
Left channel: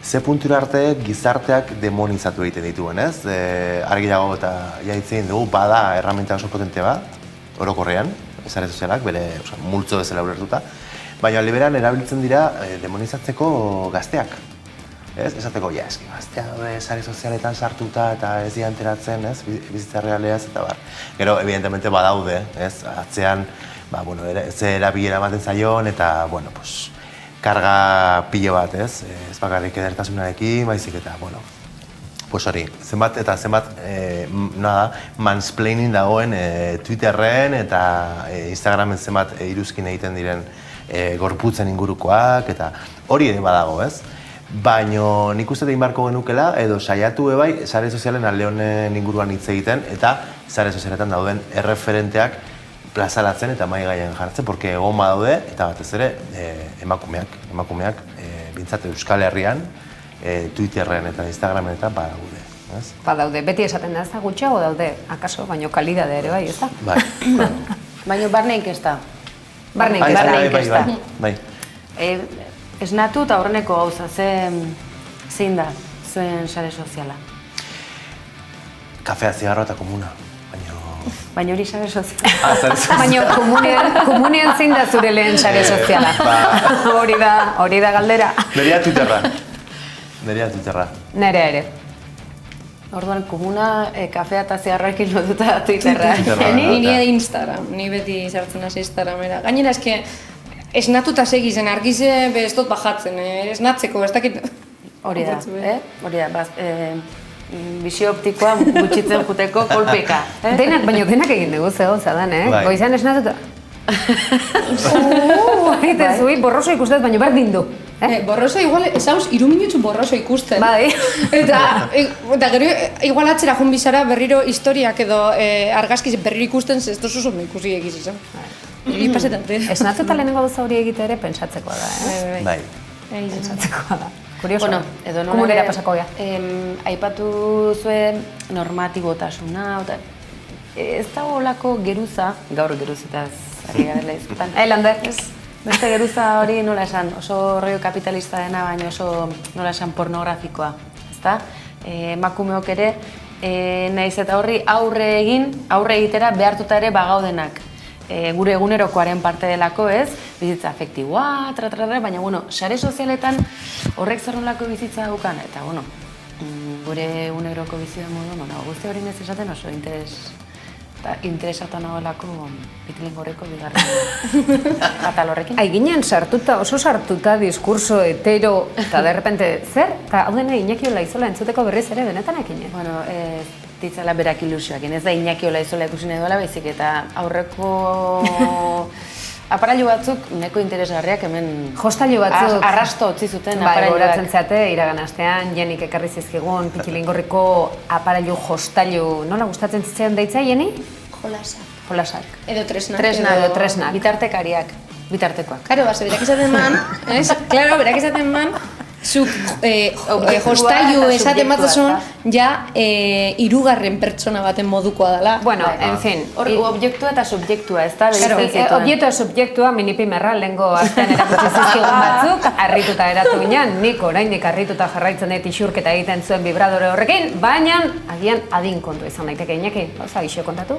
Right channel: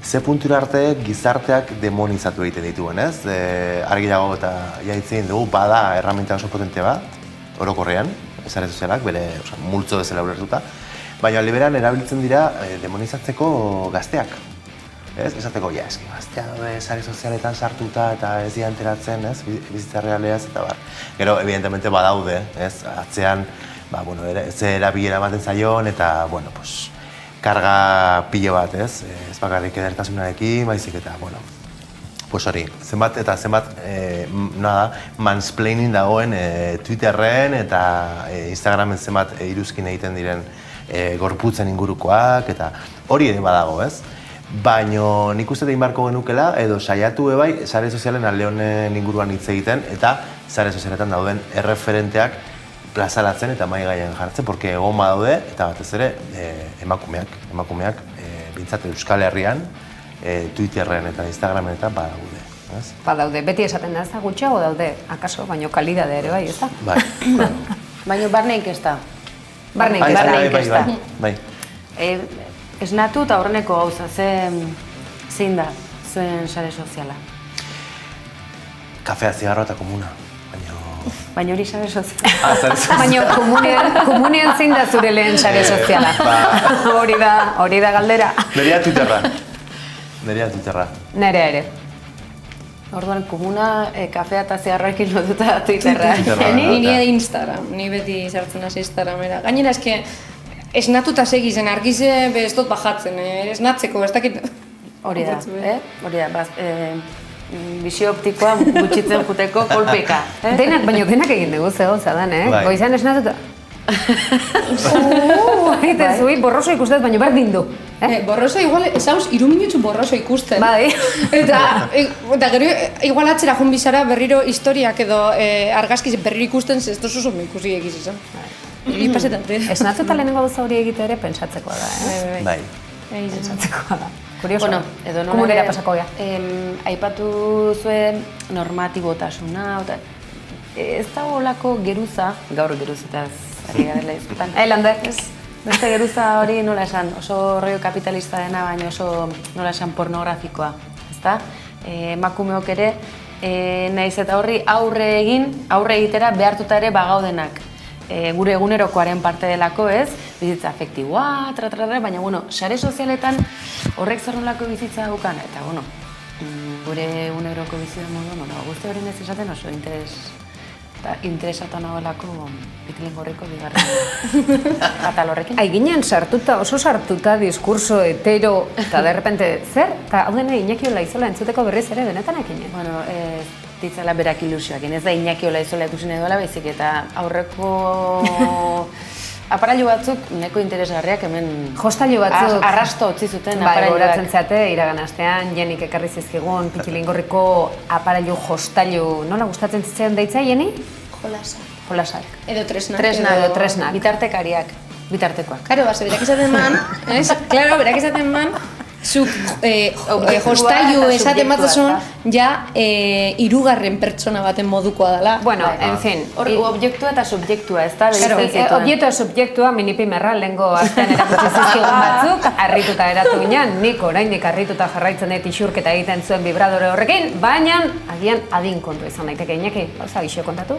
ze puntura arte gizarteak demonizatu egiten dituen, ez? Argi dago eta jaitzen dugu, bada erramenta oso potente bat, orokorrean, sare sozialak, bere multzo bezala ulertuta, baina liberan erabiltzen dira demonizatzeko gazteak. Esateko, eski gaztea sare sozialetan sartuta eta ez dira enteratzen, bizitza realeaz eta bar. Gero, evidentemente, badaude, atzean, ze erabilera ematen zaion eta, karga pilo bat, ez bakarrik edertasunarekin, baizik eta, hori, zenbat eta zenbat, mansplaining dagoen Twitterren eta Instagramen zenbat iruzkin egiten diren gorputzen ingurukoak, eta hori ere badago, ez? Baina nik uste egin beharko genukela, edo saiatu ebai, sare sozialen alde honen inguruan hitz egiten, eta sare sozialetan dauden erreferenteak plazalatzen eta mai gaian jartzen, porque egon badaude, eta batez ere, emakumeak, bintzat Euskal Herrian, Twitterren eta Instagramen eta badaude. Badaude, beti esaten da ez da gutxiago daude, akaso, baino kalidade ere bai, ez da? Bai. Baina barne inkesta. Barne inkesta. Bai. Esnatu eta horreneko gauza, zein da zuen sare soziala? Kafea, zigarroa eta komuna. Baina hori sare soziala. Baina komunean zein da zure lehen sare soziala. Hori da galdera. Nerea Twitterra. Nerea ere. Orduan, komuna, kafea eta zigarroekin lotuta Twitterra. Ni Instagram, ni beti sartzen hasi Instagramera. Gainera, eske, esnatuta segizen, argize ez dut bajatzen, esnatzeko, ez dakit... Hori da, bisio optikoa gutxitzen juteko kolpeka. Baina denak egin dugu zegoza dan, Goizan esnatuta... Egiten zui, borroso ikustez, baina berdin du. Borroso, igual, ezauz, 3 minutzu borroso ikusten. Bai. Eta gero, igual atzera joan bizara berriro historiak edo argazkiz berriro ikusten, ez dozu zono ikusi egiz izan. pasetate. Esnatuta lehenengo gauza hori egite ere pentsatzekoa da, eh? Bai. Pentsatzekoa da. Kurioso, Bueno, edo nola kumulera ere, pasako gea. aipatu zuen normatibotasuna, ez da olako geruza, gaur geruzitaz ari garela izkutan. Lander. Beste geruza hori nola esan, oso rollo kapitalista dena, baina oso nola esan pornografikoa, ezta? Emakumeok ere, naiz eta horri aurre egitera behartuta ere bagaudenak. Gure egunerokoaren parte delako, ez? Bizitza afektiboa, baina, bueno, sare sozialetan horrek zer nolako bizitza daukan, eta, bueno, gure eguneroko bizitza modu, guzti hori nez esaten oso interesatu nagoelako Pitilin Gorriko bigarren atal horrekin. Ginen oso sartuta diskurso hetero, eta derrepente, zer? Eta hau dena Iñaki Olaizola entzuteko berriz ere benetan ekinen? Bueno, ditzala berak ilusioakin, ez da Iñaki Olaizola ikusi nahi duela, baizik eta aurreko aparailu batzuk neko interesgarriak hemen jostailu batzuk arrasto utzi zuten aparailuak. Goratzen zeate, iragan astean, Jenik ekarri zizkigun, Pitilin Gorriko aparailu jostailu, nola gustatzen zitzaion deitza, Jeni? Jolasak. Edo tresnak. Tresnak. Bitartekariak, bitartekoak. Karo, berak izaten man, ez? Klaro, berak izaten man, zuk jostailu esaten batzazun, ja, hirugarren pertsona baten modukoa dela. Bueno, en fin. Objektua eta subjektua, ez da? Objektua eta subjektua minipimerra lehengo astean erakutsi zizkigun batzuk, harrituta eratu ginen, nik oraindik harrituta jarraitzen dut isurketa egiten zuen vibradore horrekin, baina agian adin kontu izan daiteke, Iñaki, gauza gixo kontatu?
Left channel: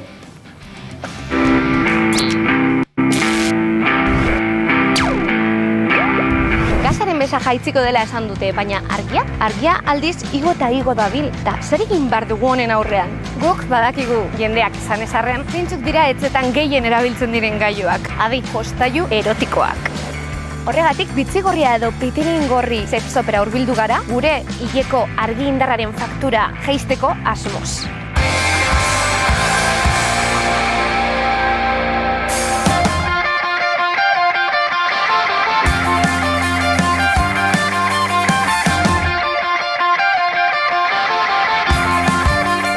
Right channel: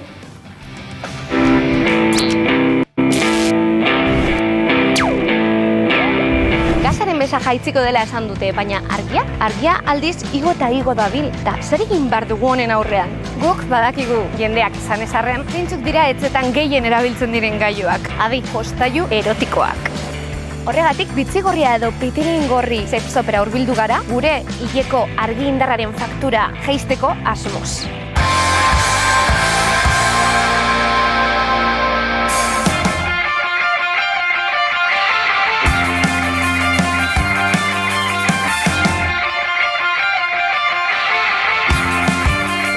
Besa jaitziko dela esan dute, baina argia aldiz igo eta igo dabil, eta zer egin behar dugu honen aurrean? Guk badakigu jendeak izan ezarren, zeintzuk dira etxetan gehien erabiltzen diren gailuak, adi jostailu erotikoak. Horregatik, Bitzigorria edo Pitilin Gorri sexopera hurbildu gara, gure hileko argi indarraren faktura jaisteko asmoz.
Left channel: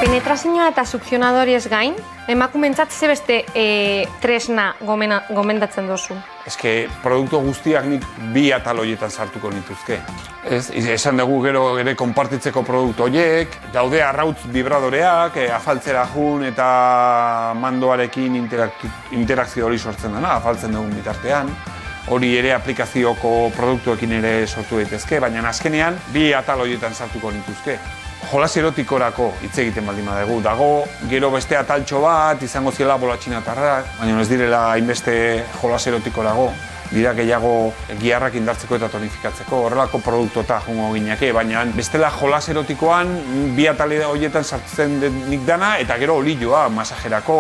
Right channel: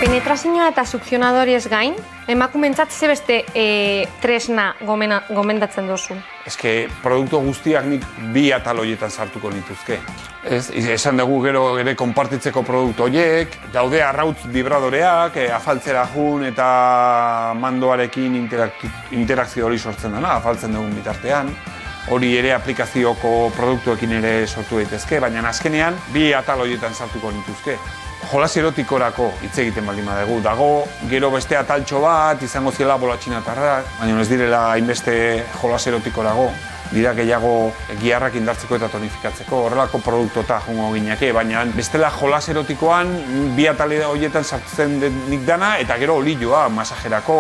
Penetrazioa eta sukzionadoriez gain, emakumeentzat ze beste tresna gomendatzen duzu? Eske, produktu guztiak nik bi atal horietan sartuko nituzke. Esan dugu gero ere konpartitzeko produktu horiek, daude arrautz vibradoreak, afaltzera jun eta mandoarekin interakzio hori sortzen dena, afaltzen dugun bitartean. Hori ere aplikazioko produktuekin ere sortu daitezke, baina azkenean bi atal horietan sartuko nituzke. Jolas erotikorako hitz egiten baldin badugu. Dago gero beste ataltxo bat, izango ziela bolatxinatarrak, baina ez direla hainbeste jolas erotikorako. Dira gehiago giharrak indartzeko eta tonifikatzeko, horrelako produktueta jungo gineke, baina bestela jolas erotikoan bi atale horietan sartzen nik dana eta gero olioa, masajerako.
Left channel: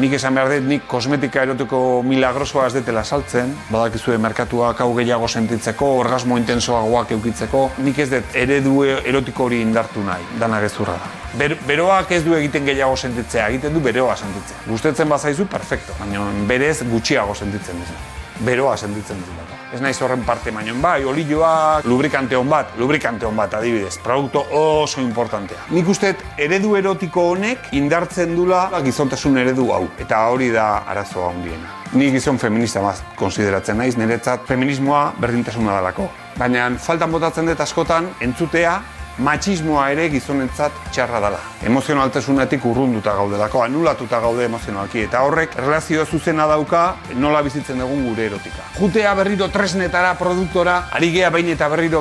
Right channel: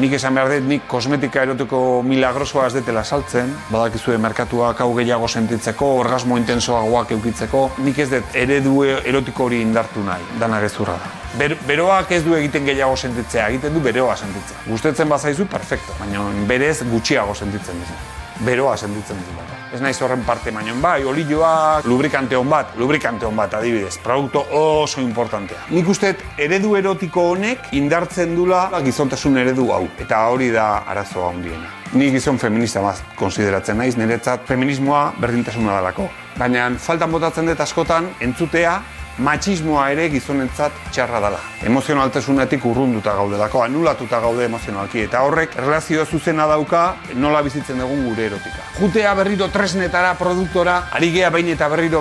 Nik esan behar dut, nik kosmetika erotiko milagrosoa ez detela saltzen, badakizue merkatuak hau gehiago sentitzeko, orgasmo intensoagoak eukitzeko, nik ez dut eredu erotiko hori indartu nahi, dana gezurra da. Beroak ez du egiten gehiago sentitzea, egiten du beroa sentitzea. Gustatzen bazaizu, perfecto, baina berez gutxiago sentitzen dizu. Beroa sentitzen dut. Ez naiz horren parte baino, bai, olioak, lubrikante hon bat, adibidez, produktu oso importantea. Nik uste eredu erotiko honek indartzen dula gizontasun eredu hau, eta hori da arazoa handiena. Ni gizon feminista bat konsideratzen naiz, niretzat feminismoa berdintasuna dalako. Baina faltan botatzen dut askotan entzutea matxismoa ere gizonentzat txarra dela. Emozionaltasunetik urrunduta gaudelako, anulatuta gaude emozionalki, eta horrek erlazio zuzena dauka nola bizitzen dugun gure erotika. Jutea berriro tresnetara, produktora, ari gea bain eta berriro,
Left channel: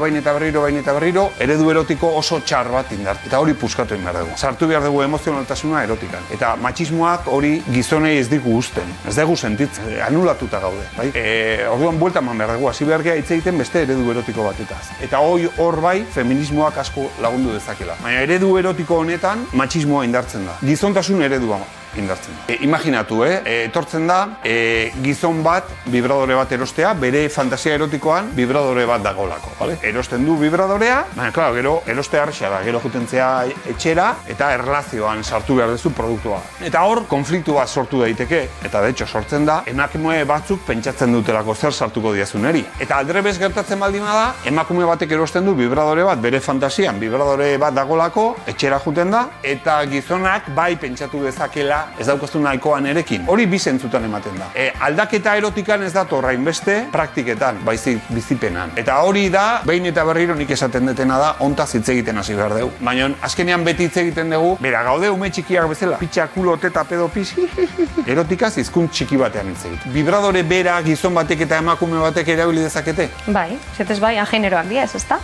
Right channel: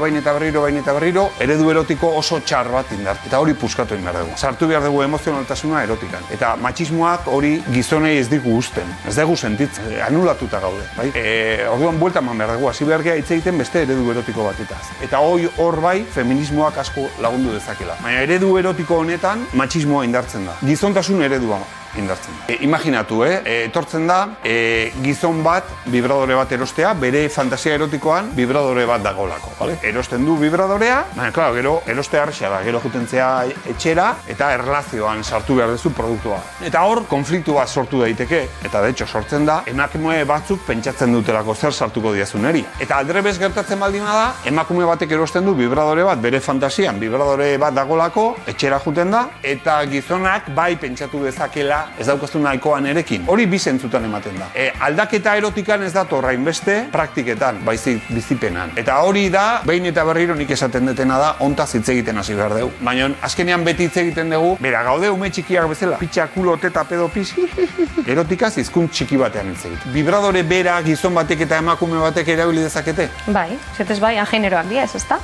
eredu erotiko oso txar bat indart. Eta hori puskatu egin behar dugu. Sartu behar dugu emozionaltasuna erotikan. Eta matxismoak hori gizonei ez digu usten, ez dugu sentitzen, anulatuta gaude. Bai? Orduan buelta eman behar dugu, hasi behar gea hitz egiten beste eredu erotiko batetaz. Eta hor bai, feminismoak asko lagundu dezakela. Baina eredu erotiko honetan matxismoa indartzen da. Gizontasun eredua indartzen da. Imaginatu, etortzen da gizon bat, vibradore bat erostea, bere fantasia erotikoan vibradore bat dagolako. Vale? Erosten du vibradorea, baina, klaro, gero eroste harrexea da, gero jutentzea etxera eta erlazioan sartu behar duzu produktua. Eta hor, konfliktu bat sortu daiteke, eta de hecho sortzen da, emakume batzuk pentsatzen dutelako zer sartuko diazuneri. Eta aldrebez gertatzen baldin da, emakume batek erosten du vibradore bat bere fantasian, vibradore bat dagolako, etxera juten da, eta gizonak bai pentsatu dezakela ez daukaztu nahikoa nerekin. Hori bi zentzutan ematen da. Aldaketa erotikan ez dator hainbeste praktiketan, baizik bizipenan. Eta hori da, behin eta berriro nik esaten detena da, hontaz hitz egiten hasi behar dugu. Baina azkenean beti hitz egiten dugu, bera gaude ume txikiak bezala, pitxa, kulo, teta, pedo, pis, erotikaz hizkuntz txiki batean hitz egiten. Vibradore bera gizon batek eta emakume batek erabili dezakete? Bai, zetez bai, ageneroak dira ez, ezta?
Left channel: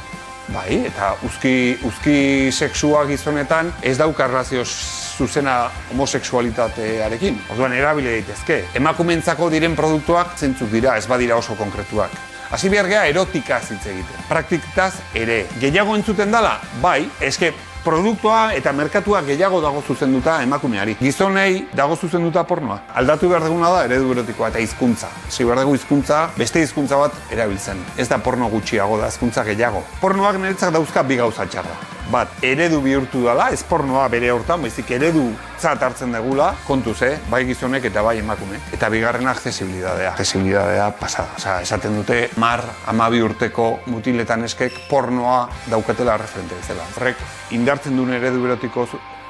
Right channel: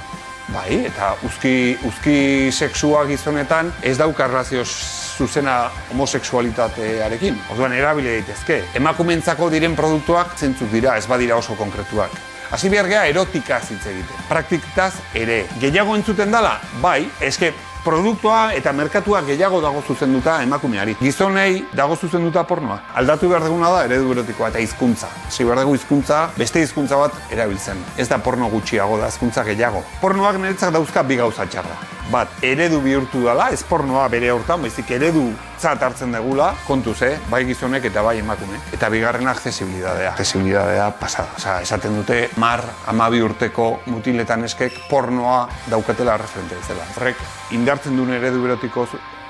Bai, eta uzki sexua gizonetan ez dauka erlazio zuzena homosexualitatearekin. Orduan erabili daitezke. Emakumeentzako diren produktuak zentzuk dira, ez badira oso konkretuak. Hasi behar geha erotikaz hitz egiten. Praktikaz ere. Gehiago entzuten dala? Bai, eske produktua eta merkatua gehiago dago zuzenduta emakumeari. Gizonei dago zuzenduta pornoa. Aldatu behar duguna da eredu erotikoa eta hizkuntza. Hasi behar dugu hizkuntza, beste hizkuntza bat erabiltzen. Ez da porno gutxiago, da hizkuntza gehiago. Pornoak niretzat dauzka bi gauza txarra. Bat, eredu bihurtu dela, ez pornoa bere hortan, baizik eredu hartzen degula, kontuz, bai gizonek eta bai emakume. Eta bigarrena accesibilidadea. Accesibilidadea pasada. Osa, esaten dute 12 urteko mutiletan eskek pornoa daukatela referente bezala. Horrek indartzen duen eredu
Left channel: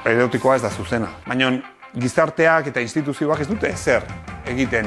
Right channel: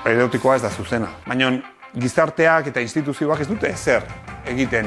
erotikoa ez da zuzena. Baina gizarteak eta instituzioak ez dute zer egiten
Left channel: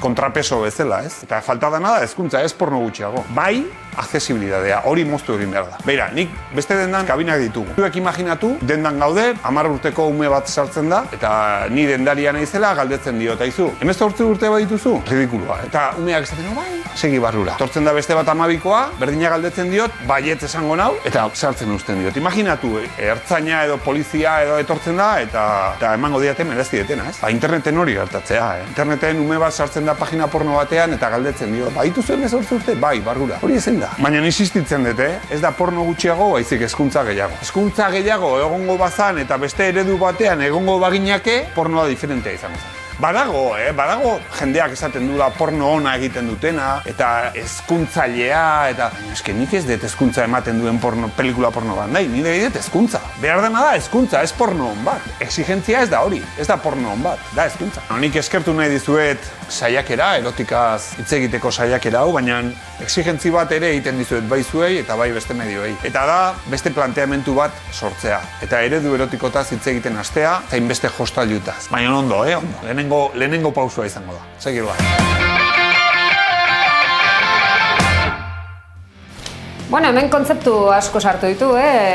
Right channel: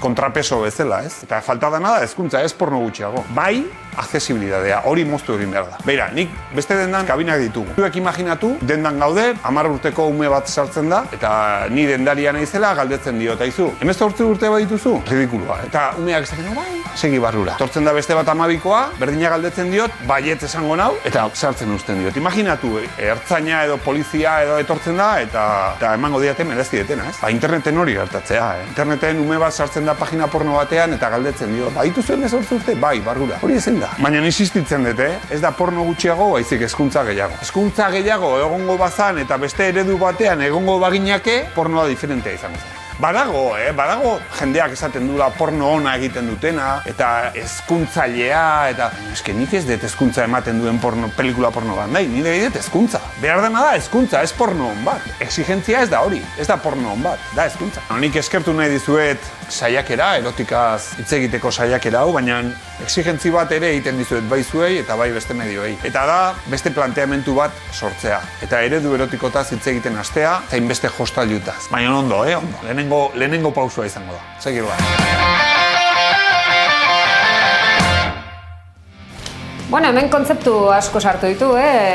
kontrapeso bezala, ez? Eta falta dana da hezkuntza, ez porno gutxiago. Bai, accesibilidadea, hori moztu egin behar da. Beira, nik beste dendan kabinak ditugu. Zuek imaginatu, dendan gaude, 10 urteko ume bat sartzen da, eta ni dendaria naizela galdetzen dio, eta izu, 18 urte bat dituzu? Ridikulua, eta umeak esaten bai, segi barrura. Tortzen da beste bat 12koa, berdina galdetzen diot, baietz esango nau, eta sartzen uzten diot. Imaginatu, ertzaina edo polizia edo etortzen da, eta emango diate merezti detena, ez? Interneten hori gertatzea, Interneten ume bat sartzen da pagina porno batean, eta galdetzen diot, baitu zuen 18 urte? Bai, barrura. Hori ezen da. Baina insistitzen dut, ez da porno gutxiago, baizik hezkuntza gehiago. Hezkuntza gehiago egongo bazan eta beste eredu batean egongo baginake, pornoa diferentea izango zen. Badago jendeak esaten duela porno ona egiten dutena, eta hezkuntzailea, eta eske nik ez dut hezkuntza ematen duen pelikula porno bat, nahi, nire dut hezkuntza. Behar dena da hezkuntza, ez porno on bat. Exigentzia ez da hori, ez da porno on bat, da hezkuntza. Nik eskertu nahi dizuet saiakera, erotikaz hitz egiteko saiakera hau, baina exigentzi bat ere egiten dizuet bai zuei eta bai beste medioei. Eta da beste planteamentu bat sortzea. Eta eredu erotikotaz hitz egiten hastea, zain beste hostailuetaz. Baina ondo, ondo. Lehenengo pausua izango da. Segir bat. Bueno, hemen kontzeptu asko sartu ditu,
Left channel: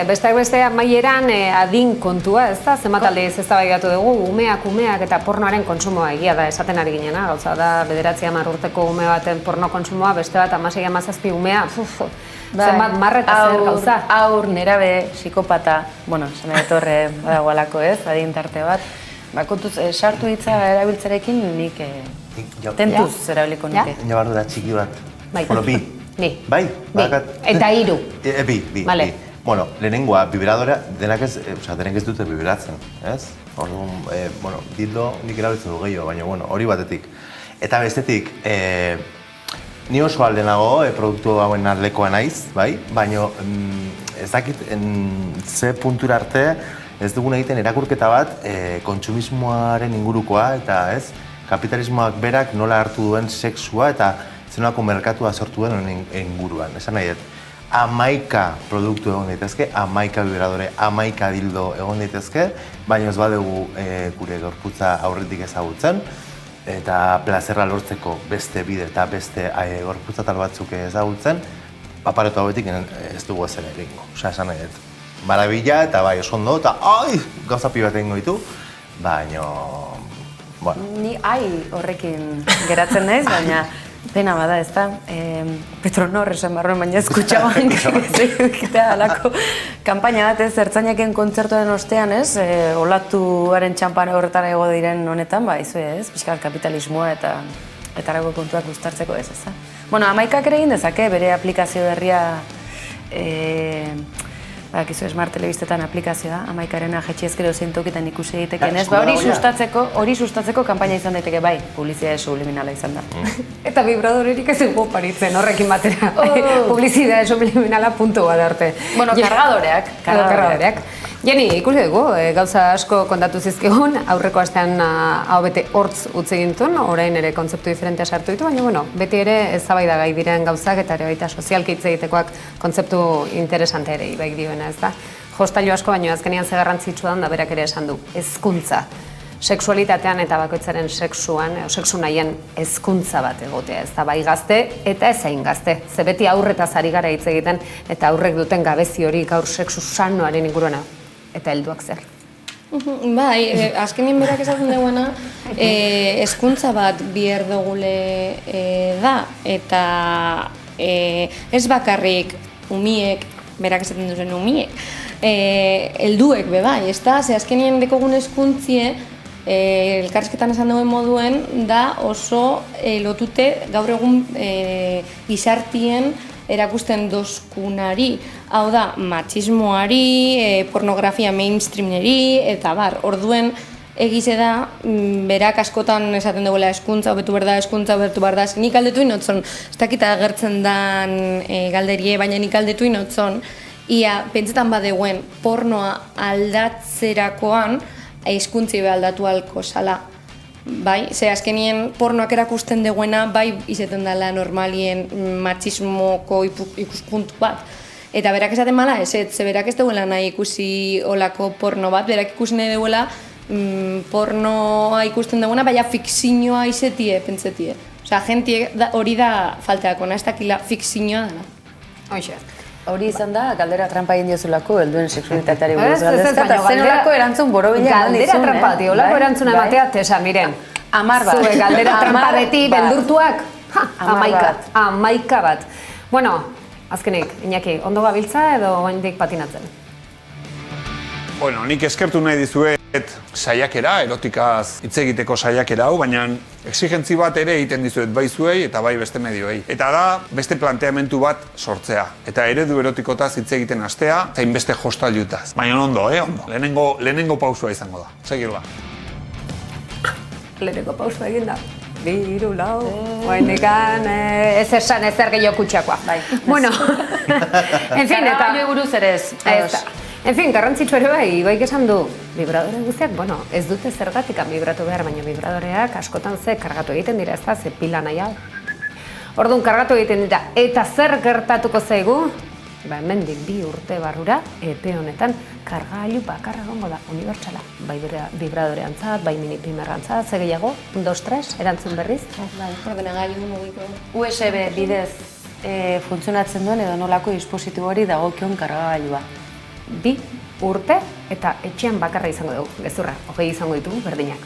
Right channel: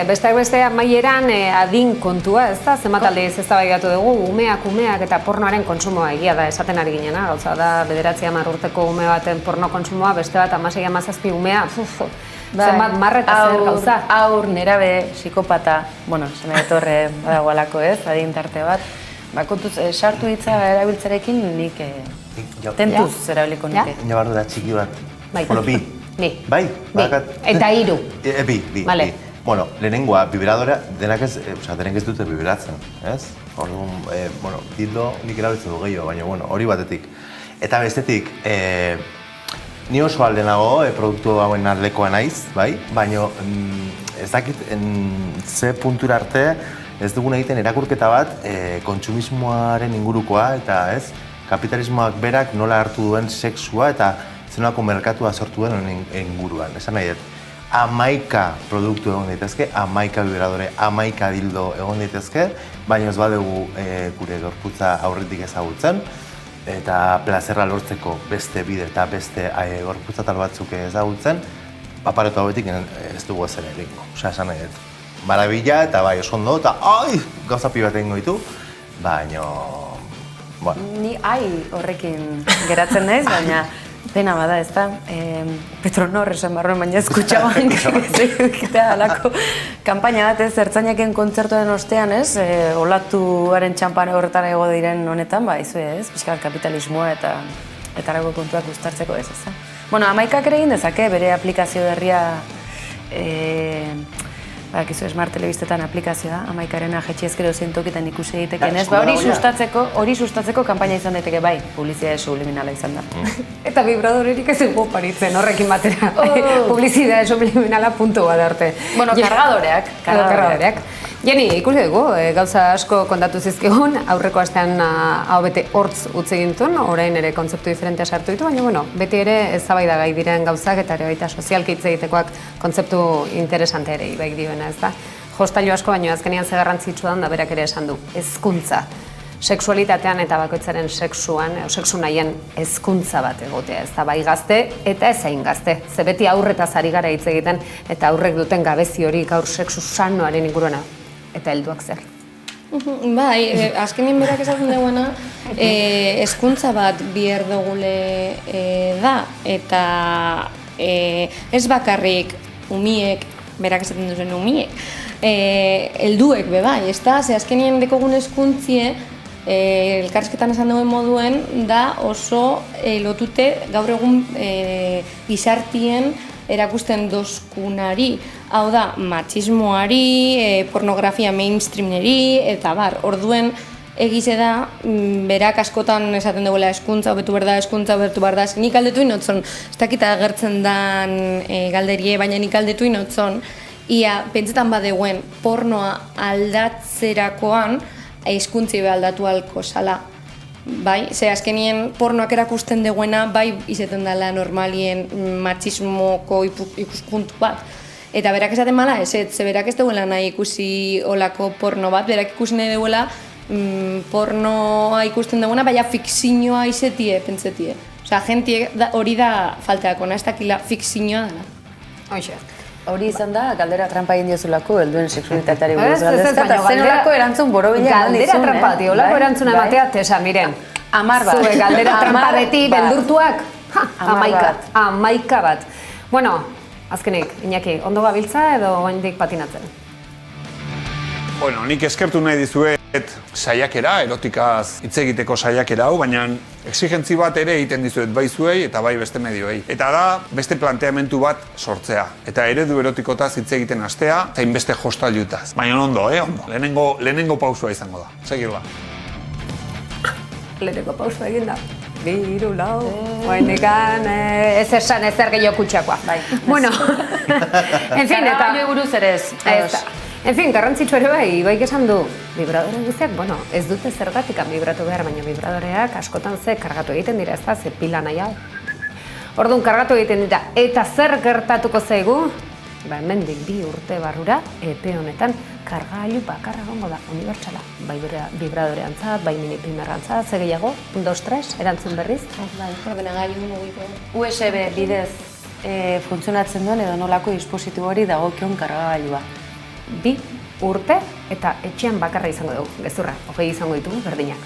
Besteak beste amaieran adin kontua, ez da? Zenbat aldiz eztabaidatu dugu, umeak eta pornoaren kontsumoa egia da esaten ari ginena. Gauza da, 9-10 urteko ume baten porno kontsumoa, beste bat 16-17 umea, zenbat marreta zer gauza. Aur, nerabe, psikopata, esan etorre badagoalako, adin tarte bat. Kontuz, sartu hitza erabiltzarekin nik tentuz erabiliko nuke. Nabardu da txiki bat. Bai. Bi. Bai? Eta 3. Bi. Bueno, lehenengoa, vibradora, denek ez dute vibratzen, ez? Orduan, dildo nik erabiltzen du gehiago, baina, hori batetik. Eta bestetik, ni oso aldenago, produktu hauen arlekoa naiz, bai? Baina, ez dakit, ze puntura arte, ez dugun egiten erakurketa bat kontsumismoaren ingurukoa eta kapitalismoak berak nola hartu duen sexua eta zenolako merkatua sortu den inguruan. Esan nahi dut, 11 produktu egon daitezke, 11 vibradore, 11 dildo egon daitezke, baina ez badugu gure gorputza aurretik ezagutzen eta plazerra lortzeko beste bide eta beste gorputza tal batzuk ezagutzen, aparatu hauetik ez dugu ezer egingo. Esan nahi dut. Marabila eta bai oso ondo eta gauza pi bat egingo ditu, baina, Ni horrekin geratzen naiz, baina dena bada, ez da? Petronor esan barruen, baina ez kutxaban egitea alako kanpaina bat ez, ertzainaken kontzertuaren ostean, ez? Olatuaren txampara horretan ego diren honetan, pixkat kapitalismoa eta arago kontuak guztartzeko ez, ez da? 11ak ere egin dezake, bere aplikazio berria Badakizu Smart Telebistetan aplikazioa, 11arena jetxi ezkero zeintokitan ikusi daiteken ez, hori sustatzeko kanpaina izan daiteke bai, publizitate subliminala izan da. Eta vibradorerik ez dugu paritzen horrekin batera, publizitate subliminala puntu bat arte. Kargadoreak. Jeni, ikusi dugu, gauza asko kontatu zizkigun, aurreko astean hau bete hortz utzi gintun, orain ere kontzeptu diferentea sartu ditu, baina beti ere eztabaidagai diren gauzak eta ere baita sozialki hitz egitekoak kontzeptu interesante ere ibaik dioena, ez da? Jostailu asko, baina azkenean ze garrantzitsua da berak ere esan du, hezkuntza. sexualitatean eta bakoitzaren sexuan, sexu nahien hezkuntza bat egotea, ez da bai gazte eta ez hain gazte. Ze beti aurretaz ari gara hitz egiten eta aurrek duten gabezi hori gaur sexu sanoaren inguruana eta helduak zer. Bai, azkenien berak esaten duena, hezkuntza bat bihar dugule da, eta ez bakarrik umiek, berak esaten duzen umiek, helduek be bai, ez da, ze azkenien dekogun hezkuntzie, elkarrizketan esan duen moduen, da oso lotute gaur egun gizartien erakusten dozkunari, hau da, matxismoari, pornografia mainstreameri, eta bar, orduen egize da, berak askotan esaten duela eskuntza, hobetu behar da, nik aldetu inotzon, ez dakita agertzen dan galderie, baina nik aldetu inotzon, ia, pentsetan badeuen, pornoa aldatzerakoan, hizkuntzi be aldatu alko zala. Bai, ze azkenien pornoak erakusten deguena, bai izaten dela normalien matxismoko ikuspuntu bat. Eta berak esaten mala, ze berak ez duela nahi ikusi olako porno bat, berak ikusi nahi duela pornoa ikusten duguna, baina fikzioa izetie, pentsetie. Osea, jentie hori da falteako, ez dakila fikzioa dela. Hoxe. Hori izan da, galdera trampa egin diozulako, helduen seksualitateari buruz galdezka, eta zenolako erantzun borobila galdera trampa bati, olako erantzuna ematea, tesa, miren. 10 bat. Zue galdera trampa beti, beldurtuak, 11 bat. Bueno, azkenik, Iñaki, ondo gabiltza edo oraindik patinatzen? Bueno, nik eskertu nahi dizuet saiakera, erotikaz hitz egiteko saiakera hau, baina exigentzi bat ere egiten dizuet bai zuei eta bai beste medioei. Eta da, beste planteamentu bat sortzea. Eta eredu erotikotaz hitz egiten hastea, zain beste jostailutaz. Baina ondo, ondo. Lehenengo pausua izango da. Segirla. Lehenengo pausua egin da. 2, 4, oaindikan ez esan ezer gehiago kutsakoa. Bueno, en fin, eta... buruz ere ez. En fin, garrantzitsu ere bai, baik esan du, vibradore guztiak, bueno, ez dute zergatik vibratu behar, baina vibradoreak askotan ze kargatu egiten dira, ez da, ze pila nahi hau. Orduan, kargatu egiten dira, eta zer gertatuko zaigu? Ba, hemendik 2 urte barrura, epe honetan, kargailu bakarra gongo da, unibertsala. Bai vibradoreantzat, bai mini-primerantzat, ze gehiago, 1, 2, 3, erantzun berriz. Bai, ordenagailu mugiko. USB bidez funtzionatzen duen edo nolako dispositibo hori dagokion kargailua. 2 urte eta etxean bakarra izango dugu, gezurra, 20 izango ditugu berdinak.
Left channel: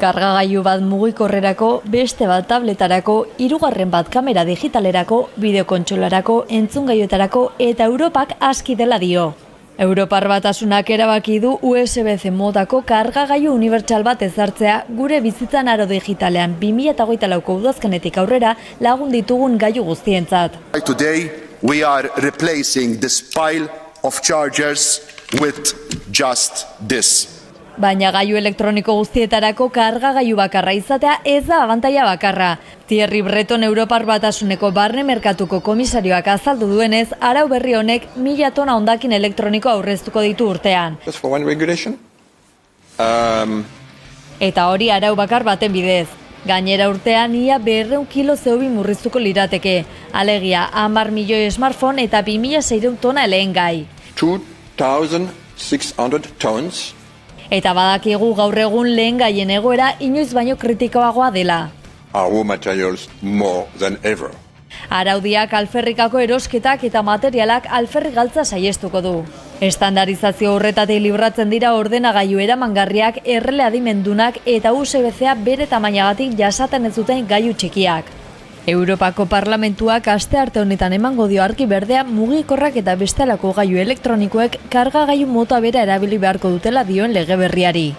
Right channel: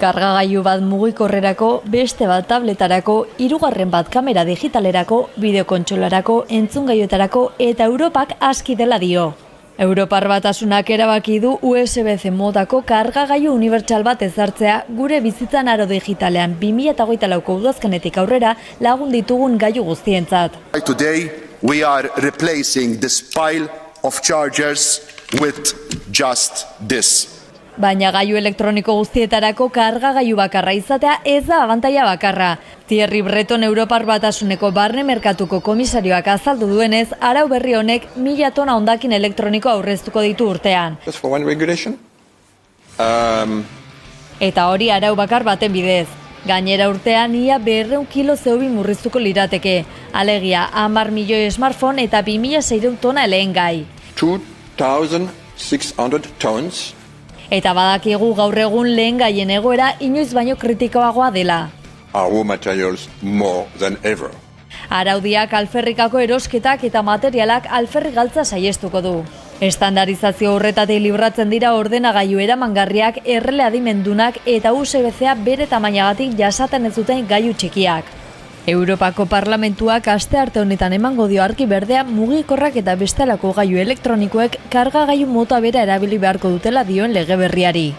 Kargagailu bat mugikorrerako, beste bat tabletarako, 3. bat kamera digitalerako, bideokontsolarako, entzungailuetarako eta Europak aski dela dio. Europar Batasunak erabaki du USB-C modako kargagailu unibertsal bat ezartzea gure bizitzan aro digitalean 2024ko udazkenetik aurrera lagun ditugun gailu guztientzat. Today we are replacing this pile of chargers with just this. Baina gailu elektroniko guztietarako kargagailu bakarra izatea ez da abantaila bakarra. Thierry Breton Europar Batasuneko barne merkatuko komisarioak azaldu duenez, arau berri honek 1000 tona hondakin elektroniko aurreztuko ditu urtean. Eta hori arau bakar baten bidez. Gainera urtean ia 200 kilo CO2 murriztuko lirateke. Alegia 10 milioi smartphone eta 2600 tona lehengai. 2,600 tons. Eta badakigu gaur egun lehengaien egoera inoiz baino kritikoagoa dela. Raw materials more than ever. Araudiak alferrikako erosketak eta materialak alferrik galtza saiestuko du. Estandarizazio horretatik libratzen dira ordenagailu eramangarriak, errele adimendunak eta USB-C bere tamainagatik jasaten ez duten gailu txikiak. Europako Parlamentuak astearte honetan emango dio argi berdea mugikorrak eta bestelako gailu elektronikoek kargagailu mota bera erabili beharko dutela dioen lege berriari.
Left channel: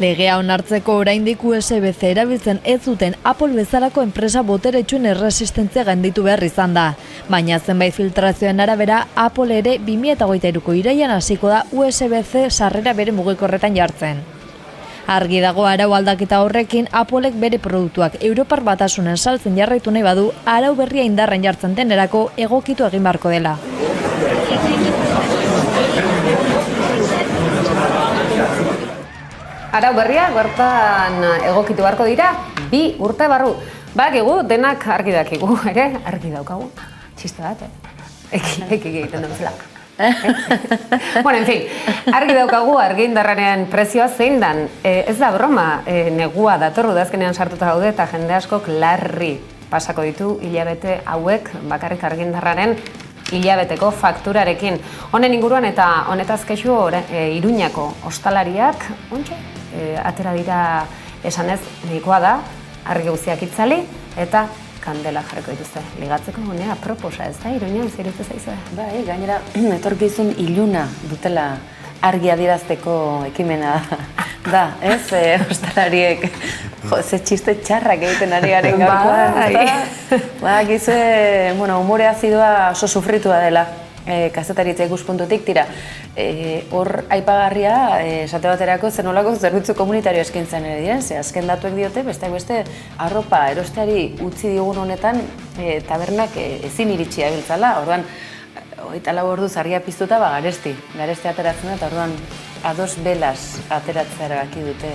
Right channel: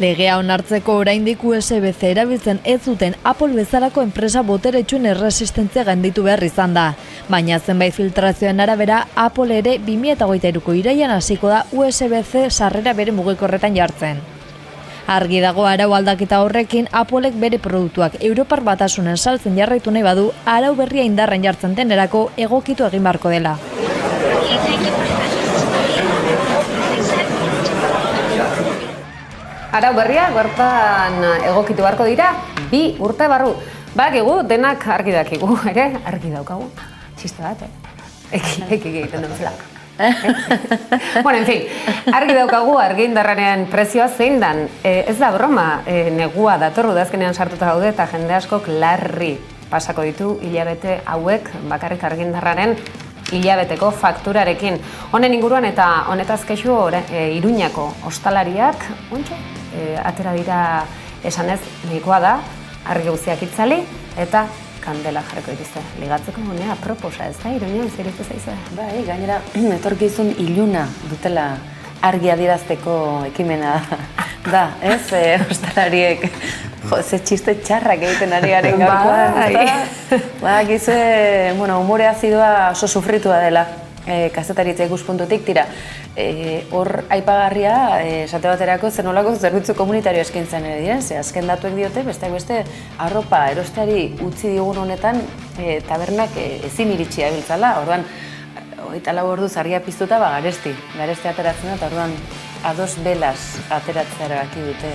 Legea onartzeko oraindik USB-C erabiltzen ez duten Apple bezalako enpresa boteretsuen erresistentzia gainditu behar izan da. Baina zenbait filtrazioen arabera, Apple ere 2023ko irailean hasiko da USB-C sarrera bere mugikorretan jartzen. Argi dago arau aldaketa horrekin, Applek bere produktuak Europar Batasunen saltzen jarraitu nahi badu, arau berria indarren jartzen denerako egokitu egin beharko dela. Arau berria, bertan egokitu beharko dira, 2 urte barru. Badakigu, denak argi dakigu, ere? Argi daukagu. Txiste bat, Eki egiten dut zela. Bueno, en fin, argi daukagu argindarraren prezioa zein dan. Ez da broma, negua datorru udazkenean sartuta gaude eta jende askok larri pasako ditu hilabete hauek bakarrik argindarraren hilabeteko fakturarekin. Honen inguruan eta honetaz kexu Iruñako ostalariak, atera dira esanez nahikoa da, argi guztiak itzali eta kandela jarriko dituzte. Ligatzeko gunea proposa, ez da, Iruñan zirute zaizue? Bai, gainera, etorkizun iluna dutela argi adierazteko ekimena da, ez? Ostalariek, ze txiste txarrak egiten ari garen gaurkoan. Gizue, umore azidoa oso sufritua dela, kazetaritza ikuspuntutik, tira, hor aipagarria, esate baterako zenolako zerbitzu komunitario eskaintzen ere diren, ze azken datuek diote, besteak beste arropa erosteari utzi digun honetan tabernak ezin iritsi abiltzala, orduan, 24 orduz argia piztuta, garesti ateratzen da, eta orduan ados belas ateratzea erabaki dute.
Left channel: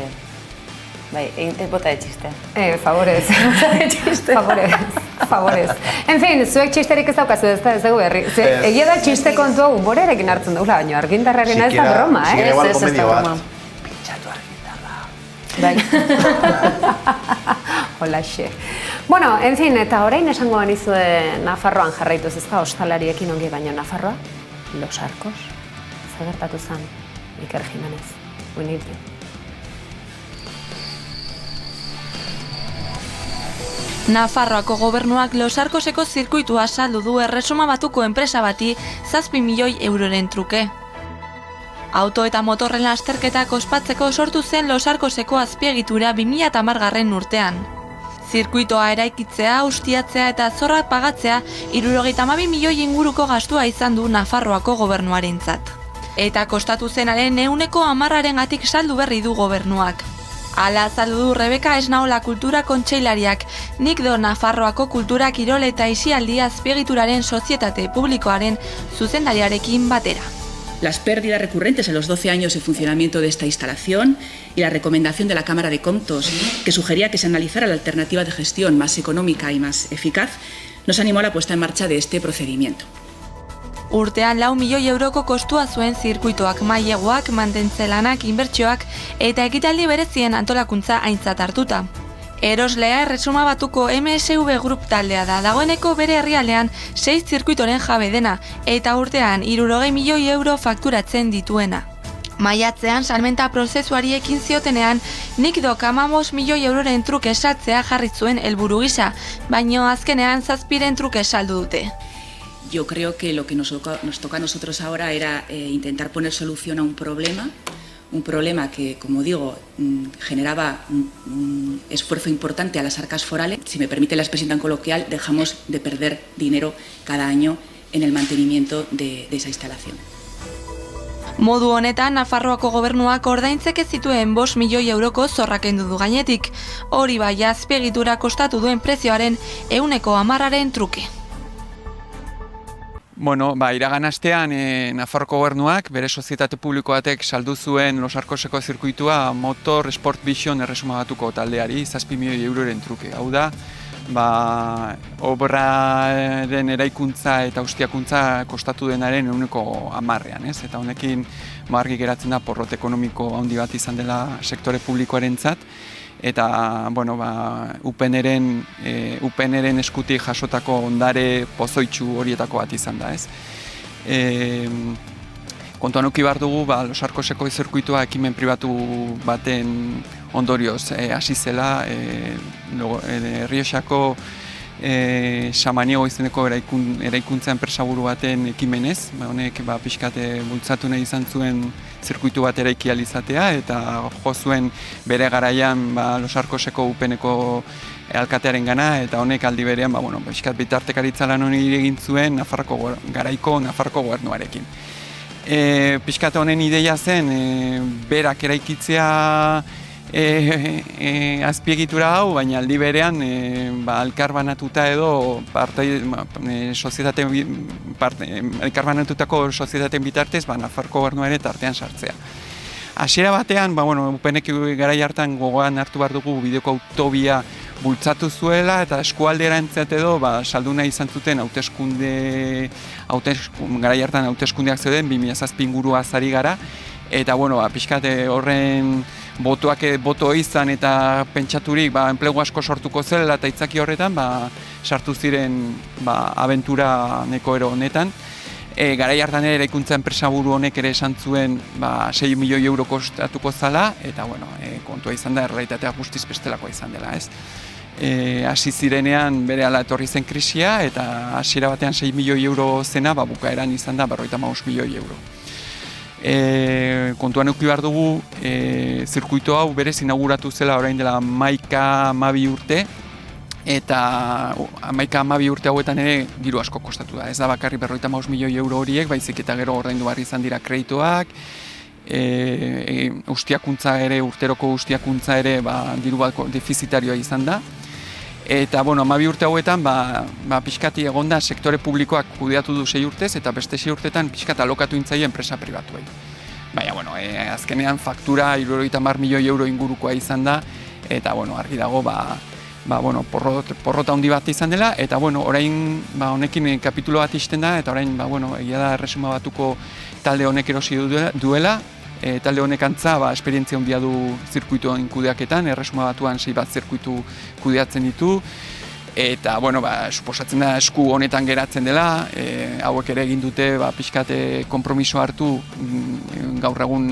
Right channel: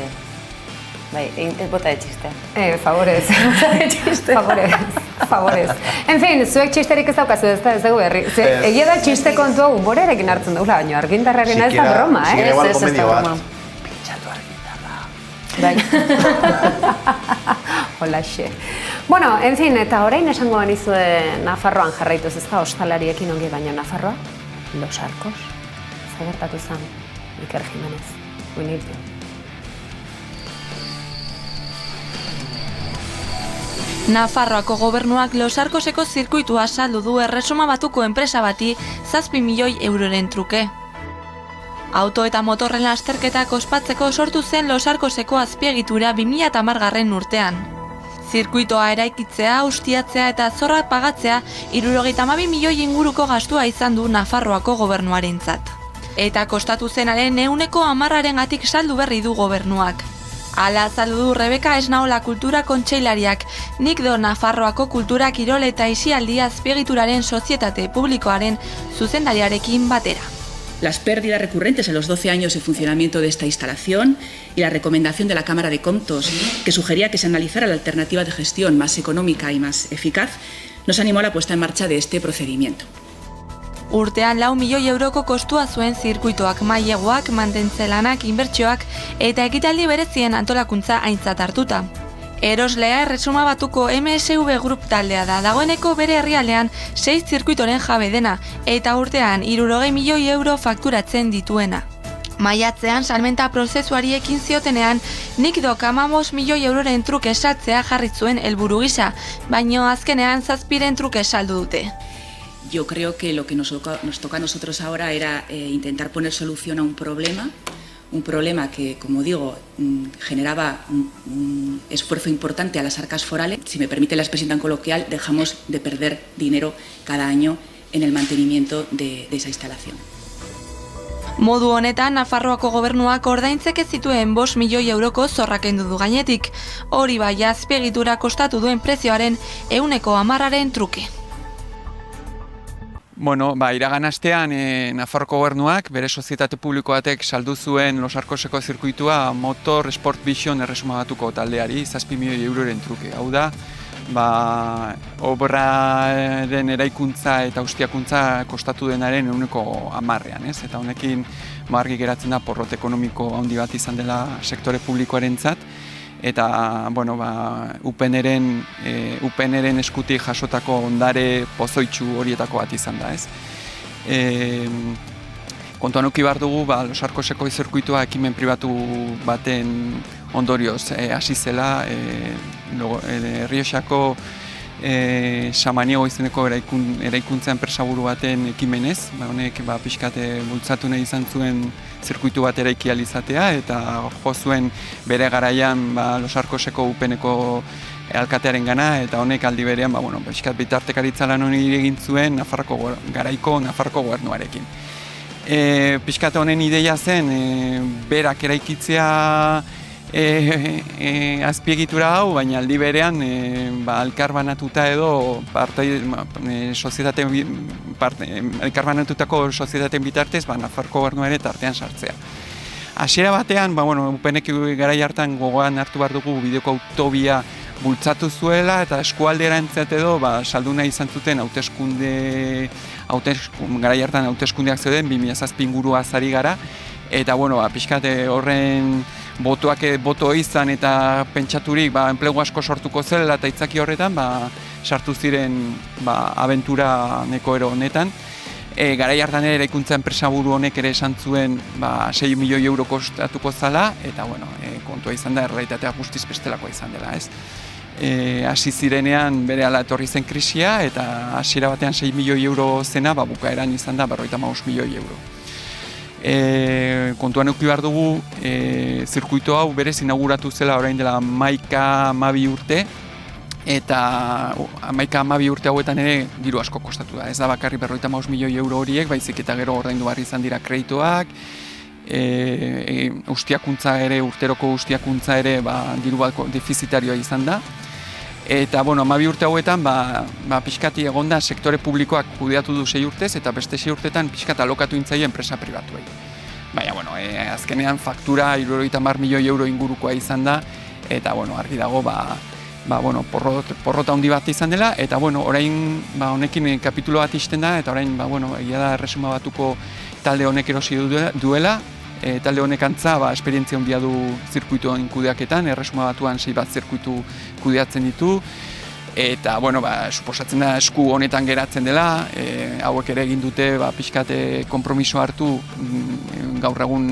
Bai, egin bota de txiste. Favorez. Favorez. En fin, zuek txisterik ez daukazu ez dugu berri. Egia da txiste kontua humorearekin hartzen dugula, baina argindarrarena ez da broma, eh? Ez da broma. Pintxatu argindarra. Bai. Holaxe. Bueno, en fin, eta orain esango banizue Nafarroan jarraituz ez da ostalariekin ongi, baina Nafarroa, Los Arcos, zagertatu zen, Iker Jimenez, Winnie. Nafarroako gobernuak Los Arcoseko zirkuitua saldu du Erresuma Batuko enpresa bati 7 milioi euroren truke. Auto eta motorren lasterketak ospatzeko sortu zen Los Arcoseko azpiegitura 2010 urtean. Zirkuitoa eraikitzea, ustiatzea eta zorrak pagatzea 72 milioi inguruko gastua izan du Nafarroako gobernuarentzat. Eta kostatu zenaren 10%-arengatik saldu berri du gobernuak. Hala azaldu du Rebeka Esnaola kultura kontseilariak, nik do Nafarroako kultura kirol eta aisialdi azpiegituraren sozietate publikoaren zuzendariarekin batera. Las pérdidas recurrentes en los 12 años de funcionamiento de esta instalación y la recomendación de la Cámara de Comptos, que sugería que se analizara la alternativa de gestión más económica y más eficaz, nos animó a la puesta en marcha de este procedimiento. Urtean 4 milioi euroko kostua zuen zirkuitoak, maileguak, mantentze lanak, inbertsioak eta ekitaldi berezien antolakuntza aintzat hartuta. Eroslea Erresuma Batuko MSV Group taldea da, dagoeneko bere herrialdean 6 zirkuitoren jabe dena eta urtean 60 milioi euro fakturatzen dituena. Maiatzean salmenta prozesuari ekin ziotenean, nik do 15 milioi euroren truke saltzea jarri zuen helburu gisa, baino azkenean 7 truke saldu dute. Yo creo que lo que nos toca a nosotros ahora era intentar poner solución a un problema que, como digo, generaba un esfuerzo importante a las arcas forales. Si me permite la expresión tan coloquial, dejamos de perder dinero cada año en el mantenimiento de esa instalación. Modu honetan, Nafarroako gobernuak ordaintzeke zituen 5 milioi euroko zorrak kendu du gainetik. Hori bai azpiegitura kostatu duen prezioaren 10%-aren truke. Bueno, iragan astean Nafarroko gobernuak bere sozietate publiko batek saldu zuen Los Arcoseko zirkuitua Motor Sport Vision Erresuma Batuko taldeari 7 milioi euroren truke. Hau da, obraren eraikuntza eta ustiakuntza kostatu denaren 10%, ez? Eta honekin argi geratzen da porrot ekonomiko handi bat izan dela sektore publikoarentzat. Eta, UPNren eskutik jasotako ondare pozoitsu horietako bat izan da, ez? Kontuan uki behar dugu, Los Arcoseko zirkuitua ekimen pribatu baten ondorioz hasi zela, Errioxako Samaniego izeneko eraikuntza enpresaburu baten ekimenez, honek pixkate bultzatu nahi izan zuen zirkuitu bat eraiki ahal izatea, eta jo zuen bere garaian Los Arcoseko UPNeko alkatearen gana, eta honek aldi berean pixkat bitartekaritza lan honi egin zuen garaiko Nafarroko gobernuarekin. Pixkat honen ideia zen berak eraikitzea azpiegitura hau, baina aldi berean elkarbanatuta edo elkarbanatutako sozietateen bitartez Nafarroko gobernua ere tartean sartzea. Hasiera batean, UPNek garai hartan gogoan hartu behar dugu bideko autobia bultzatu zuela eta eskualderantzat edo saldu nahi izan zuten garai hartan hauteskundeak zeuden 2007 ingurua zari gara, eta pixkat horren boto izan eta pentsaturik enplegu asko sortuko zela eta itzaki horretan sartu ziren abentura neko ero honetan. Garai hartan ere eraikuntza enpresaburu honek ere esan zuen 6 milioi euro kostatuko zala, eta kontua izan da errealitatea guztiz bestelakoa izan dela, ez? Hasi zirenean berehala etorri zen krisia, eta hasiera batean 6 milioi euro zena, bukaeran izan da 55 milioi euro. Kontuan eduki behar dugu, zirkuito hau berez inauguratu zela orain dela 11-12 urte, eta 11-12 urte hauetan ere diru asko kostatu da. Ez da bakarrik 55 milioi euro horiek, baizik eta gero ordaindu behar izan dira kreditoak, urteroko ustiakuntza ere diru bat defizitarioa izan da. Eta, 12 urte hauetan, pixkati egonda sektore publikoak kudeatu du 6 urtez, eta beste 6 urtetan pixkat alokatu intzaio enpresa pribatuei. Baina, azkenean faktura 70 milioi euro ingurukoa izan da, eta, argi dago, porrota handi bat izan dela, eta, orain, honekin kapitulo bat ixten da, eta orain, egia da Erresuma Batuko talde honek erosi duela, talde honek antza, esperientzia handia du zirkuitoen kudeaketan, Erresuma Batuan 6 bat zirkuitu kudeatzen ditu, eta, suposatzen da esku honetan geratzen dela, hauek ere egin dute, pixkate konpromiso hartu, gaur egun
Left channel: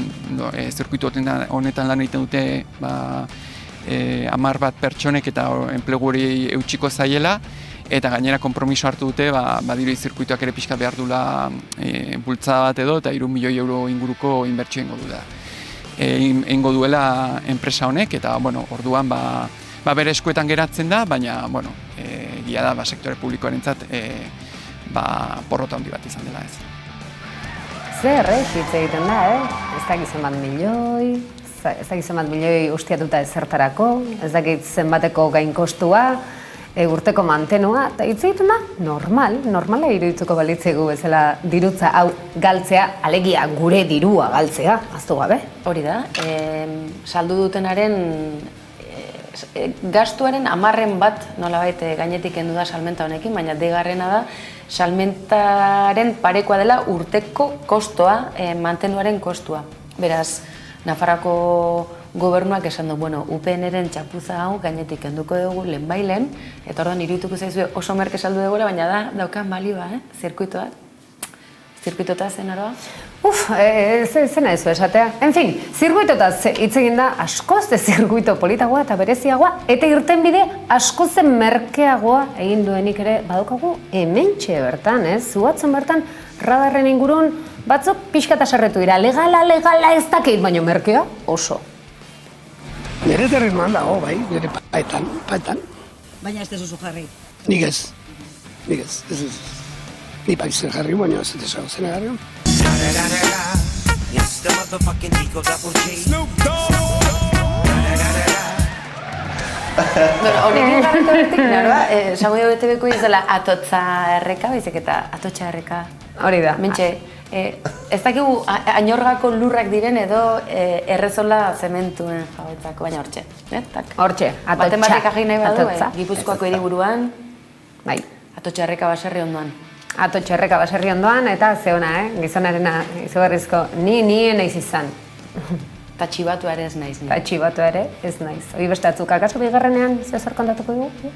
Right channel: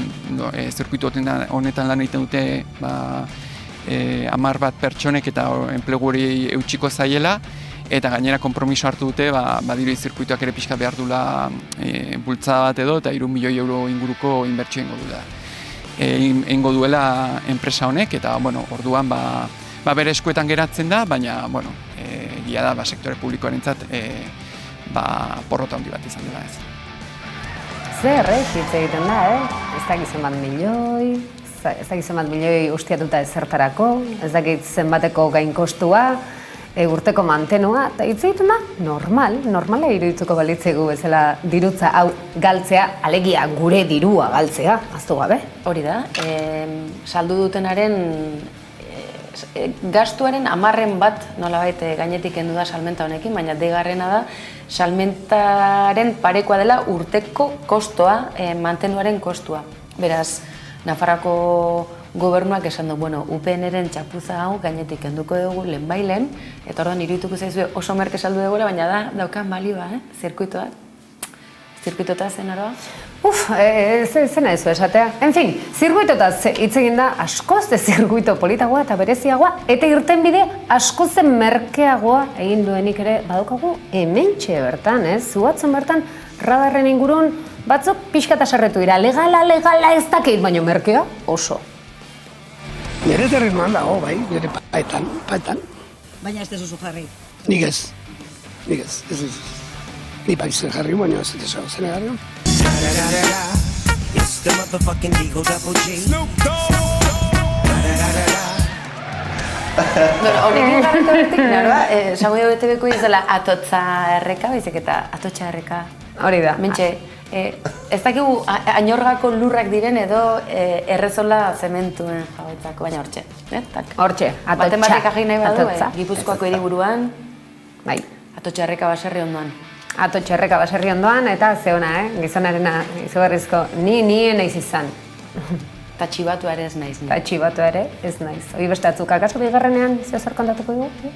zirkuitu honetan lan egiten dute, 10 bat pertsonek eta enplegu hori eutxiko zaiela, eta gainera konpromiso hartu dute, badirudi zirkuituak ere pixka behar dula bultzada bat edo, eta 3 milioi euro inguruko inbertsio ingo duela enpresa honek, eta orduan bere eskuetan geratzen da, baina egia da sektore publikoarentzat porrota handi bat izan dela ez. Zer, hitz egiten da, ez dakit zenbat milioi, ez dakit zenbat milioi ustiatuta ezertarako, ez dakit zenbateko gainkostua, urteko mantenua, eta hitz egiten da, normala irudituko balitzegu bezala dirutza hau galtzea, alegia gure dirua galtzea, aztu gabe. Hori da, saldu dutenaren gastuaren 10% bat nolabait gainetik kendu da salmenta honekin, baina deigarrena da salmentaren parekoa dela urteko kostoa, mantenuaren kostua. Beraz, Nafarroako gobernuak esan du, UPN-ren txapuza hau gainetik kenduko dugu lehenbailen, eta orduan irudituko zaizue oso merke saldu dugula, baina daukan balioa, zirkuitoa. Zirkuitota zen aroa? Zena ez esatea. En fin, zirkuitotaz hitz egin da askoz zirkuito politagoa eta bereziagoa, eta irtenbide askoz merkeagoa egin duenik ere badaukagu hementxe bertan, Zuatzen bertan radarren ingurun batzuk pixkata sarretu dira, legala ez dakit, baina merkea oso. Nire terrenuan dago, nire paetan. Baina ez dezuzu jarri? Nik ez. Ni paizen jarri, baina ez dezago zen jarri. Honekin garretu horretik, esango dugu BTV-ko izela atotza erreka, baizik eta atotxa erreka. Hori da. Mentxe, ez dakigu Añorgako lurrak diren edo errezola zementuen jabetzako, baina hortxe. Hortxe, atotxa. Baten batek agin nahi badu, Gipuzkoako hiriburuan, atotxa erreka baserri ondoan. Atotxa erreka baserri ondoan, eta zeona, gizonarena izugarrizko ni naiz izan. Eta txibatua ere ez naiz. Eta txibatua ere ez naiz. Hori beste atzuk, akaso bigarrenean zer kontatuko dugu?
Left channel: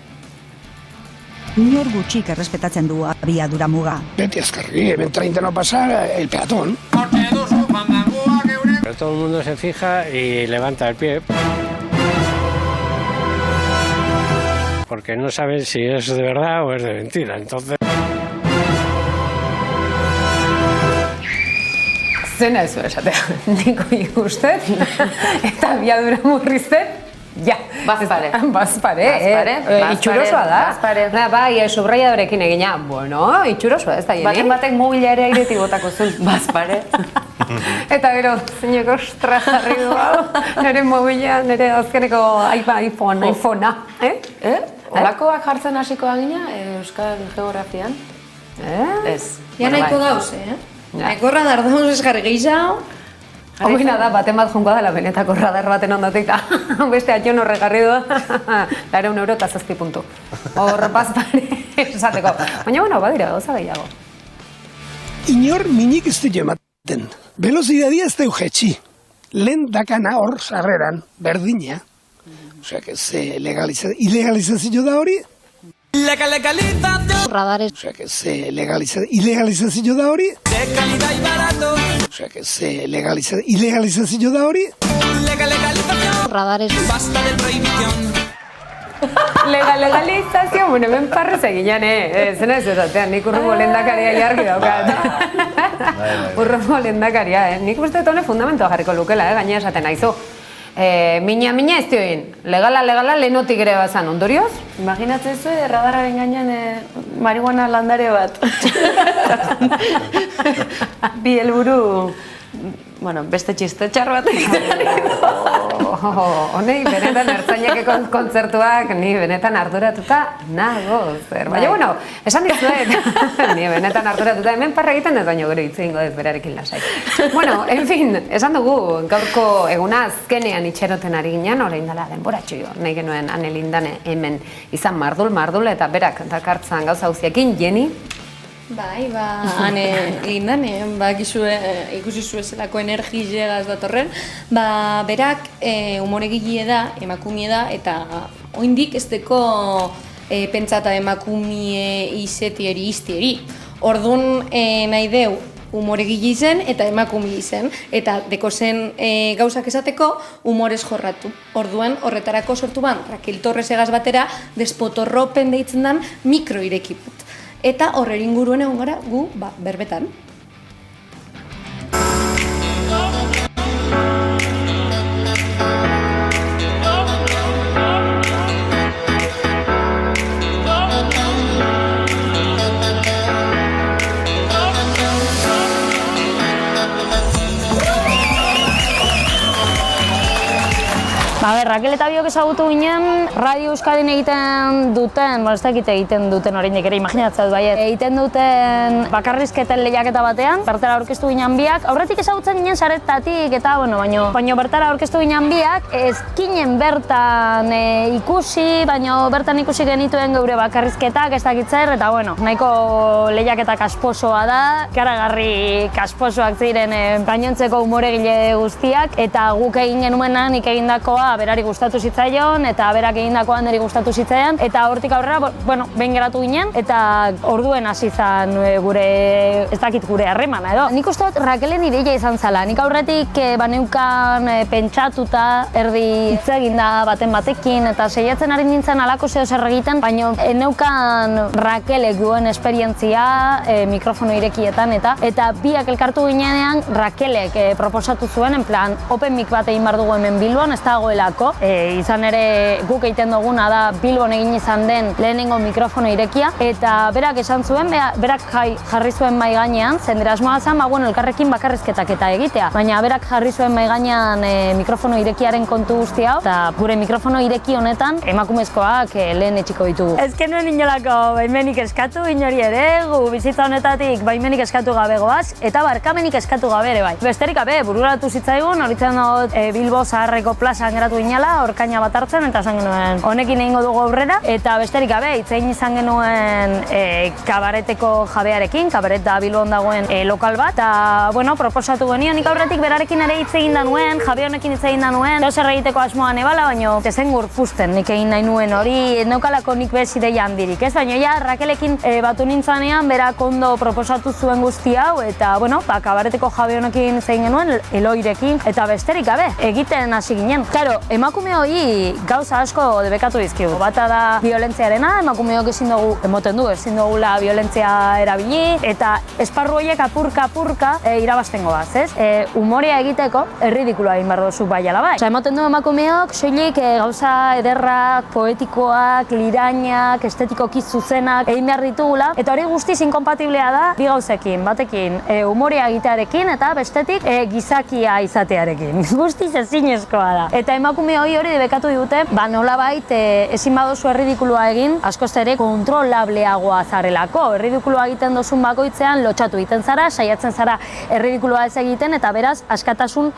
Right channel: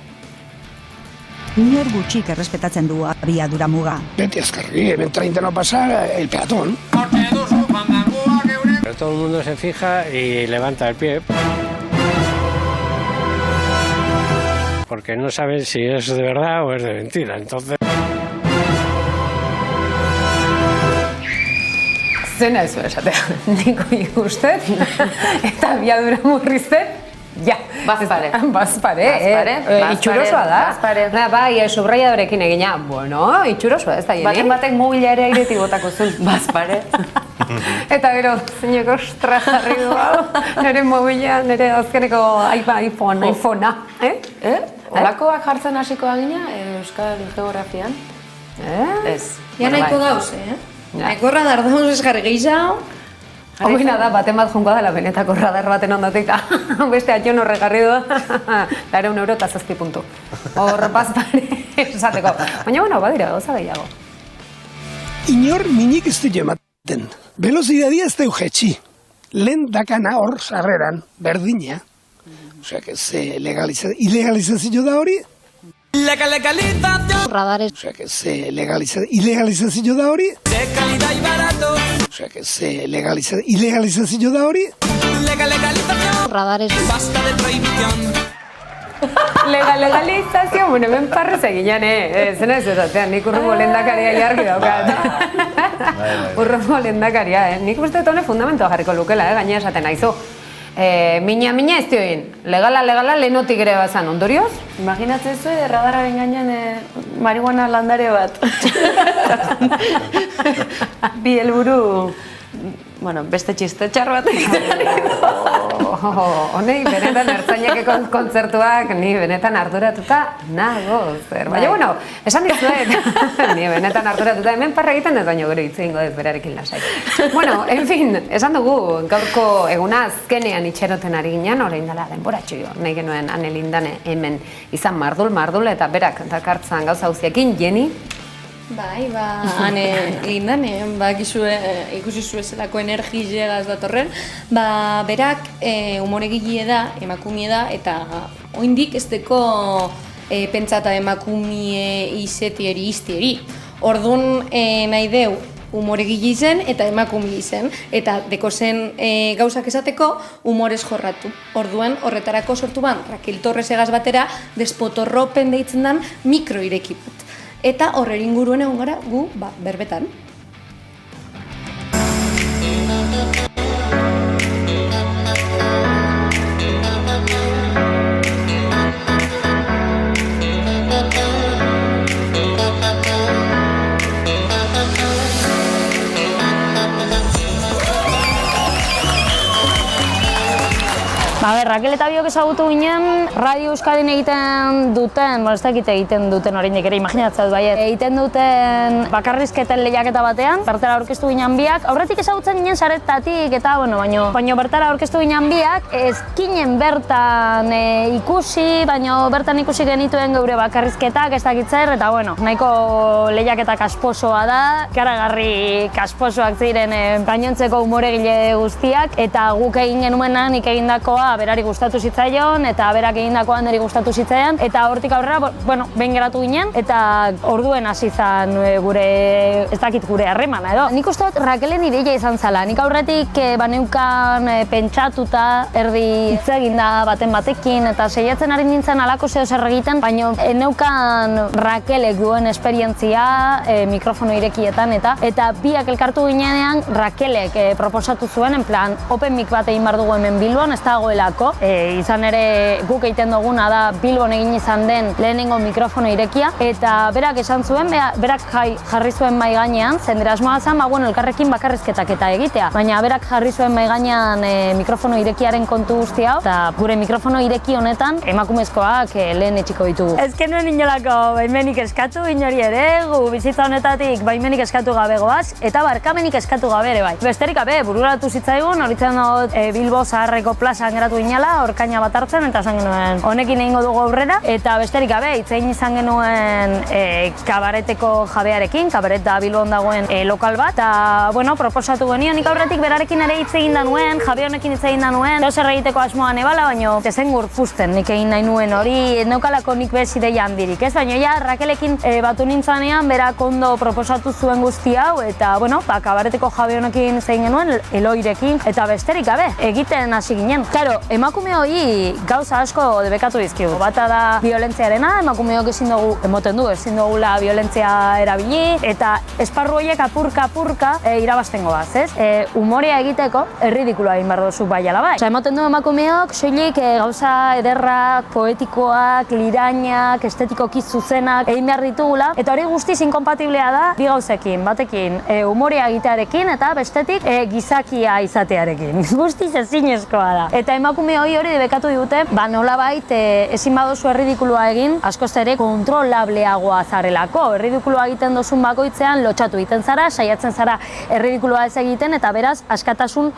Inor gutxik errespetatzen du abiadura muga. Beti azkarri, hemen 30 no pasa el peatón. Pero todo el mundo se fija y levanta el pie. Porque no saben si es de verdad o es de mentira, entonces... Zena ez esatea, niko ikustet, eta abiadura murriztet, ja. Bazpare, itxurosoa da. Bai, subrayadorekin egina, itxurosoa ez da jene. Batek mobila ere airetik botako zuen, bazpare. Eta gero, zeineko jarri du hau, nire mobila, nire azkeneko iPhonea. Olakoak jartzen hasiko da gina, Euskal Geografian? Ez. Ja nahiko dauz, Nahiko radar dauz ez jarri gehiago. Hoina da, baten bat jongo dela benetako radar baten ondotik da. Beste atxon horregarri du. 100 euro eta 7 puntu. Hor bazpare esateko. Baina, bueno, badira, gauza gehiago. Inor minik ez du ematen. Velozidadia ez deu jetxi. Lehen dakana hor sarreran, berdina. Osea, que ze ilegalizazio da hori? Radares. Osea, que ze ilegalizazio da hori? De calidad y barato. Osea, que ze ilegalizazio da hori? Radares. Basta de prohibición. Legalizazio, bueno, hemen parrez eginan, zena ez ezatean, nik urrumo lehendakaria jarri daukat. Urrumo lehendakaria, nik uste dut fundamentoa jarriko lukela, gaina esaten aizu. Mina ez dioin, legala lehenotik ere bazan, ondorioz? Imaginatzen zu, radararen gainean marihuana landare bat. Bi helburu, bueno, beste txiste txar bat Honei, benetan ertzaineko kontzertuak, ni benetan arduratuta nago, zer. Baina, bueno, esan dizuet, ni benetan arduratuta, hemen parra egiten ez baino gero hitz egingo ez berarekin lasai. Bueno, en fin, esan dugu, gaurko eguna azkenean itxeroten ari ginen, orain dela denboratxo jo, nahi genuen Anelindane hemen izan mardul, eta berak dakartzan gauza guztiekin, Jenny? Bai, Lindane, ikusi zuezelako energizegaz datorren, berak umoregile da, emakumie da, eta oindik ez deko pentsata emakumie izetieri iztieri. Orduan nahi deu umoregile izen eta emakumie izen, eta deko zen gauzak esateko umorez jorratu. Orduan horretarako sortu ban, Raquel Torres egaz batera, despotorropen deitzen dan mikroirekiput. Eta horrer inguruen egon gara gu berbetan. Raquel eta biok ezagutu ginen, Radio Euskadin egiten duten, ez dakit egiten duten oraindik ere, imaginatzea dut baiet, egiten duten bakarrizketen lehiaketa batean, bertara aurkeztu ginen biak, aurretik ezagutzen ginen saretatik eta, baina bertara aurkeztu ginen biak, ezkinen bertan ikusi, baina bertan ikusi genituen geure bakarrizketak, ez dakit zer, eta nahiko lehiaketa kasposoa da, karagarri kasposoak ziren gainontzeko umoregile guztiak, eta guk egin genuena, nik egindakoa berari gustatu zitzaion, eta berak egindakoa niri gustatu zitzaion, eta hortik aurrera, behin geratu ginen, eta orduen hasi zan gure, ez dakit gure harremana edo. Nik uste dut Raquelen ideia izan zala, nik aurretik baneukan pentsatuta, erdi hitz eginda baten batekin, eta saiatzen ari nintzen alako zeo zer egiten, baina neukan Raquelek duen esperientzia mikrofono irekietan, eta biak elkartu ginean Raquelek proposatu zuen, en plan, open mic bat egin behar dugu hemen Bilbon, ez dagoelako. Izan ere guk egiten duguna da Bilbon egin izan den lehenengo mikrofono irekia, eta berak esan zuen, berak jarri zuen mai gainean, zendera asmoa zen, elkarrekin bakarrizketak eta egitea, baina berak jarri zuen mai gainean mikrofono irekiaren kontu guzti hau, eta gure mikrofono ireki honetan emakumezkoak lehen etxiko ditugu. Ez genuen inolako baimenik eskatu, inori ere, gu bizitza honetatik baimenik eskatu gabe goaz, eta barkamenik eskatu gabe ere bai. Besterik gabe, bururatu zitzaigun, horitzen dut Bilbo Zaharreko plazan geratu ginela, orkaina bat hartzen, eta esan genuen honekin egingo dugu aurrera, eta besterik gabe, itzein izan genuen kabareteko jabearekin, kabaret da Bilbon dagoen lokal bat, eta, proposatu genio, nik aurretik berarekin ere hitz egin da nuen, jabe honekin hitz egin da nuen, zer egiteko asmoan ebala, baina ezen gurpusten nik egin nahi nuen hori, neukalako nik bez ideia handirik, ez? Baina ja, Raquelekin batu nintzanean, berak ondo proposatu zuen guzti hau, eta, kabareteko jabe honekin hitz egin genuen, Eloirekin, eta besterik gabe, egiten hasi ginen. Claro, emakume hori gauza asko debekatu dizkigu. Bata da violentziarena, emakumeok ezin dugula violentzia erabili, eta esparru horiek apurka irabazten goaz, ez? Umorea egiteko, erridikuloa egin behar duzu bai ala bai. Emoten du emakumeok, soilik gauza ederrak, poetikoak, lirainak, estetikoki zuzenak egin behar ditugula, eta hori guztiz inkompatiblea da bi gauzekin, batekin umorea egitearekin, eta bestetik gizakia izatearekin. Guztiz ezinezkoa da. Eta emakume hori debekatu dute, nolabait ezin baduzu erridikulua egin, askoz ere kontrolableagoa zarelako. Erridikulua egiten dozun bakoitzean lotxatu egiten zara, saiatzen zara erridikulua ez egiten, eta beraz, askatasun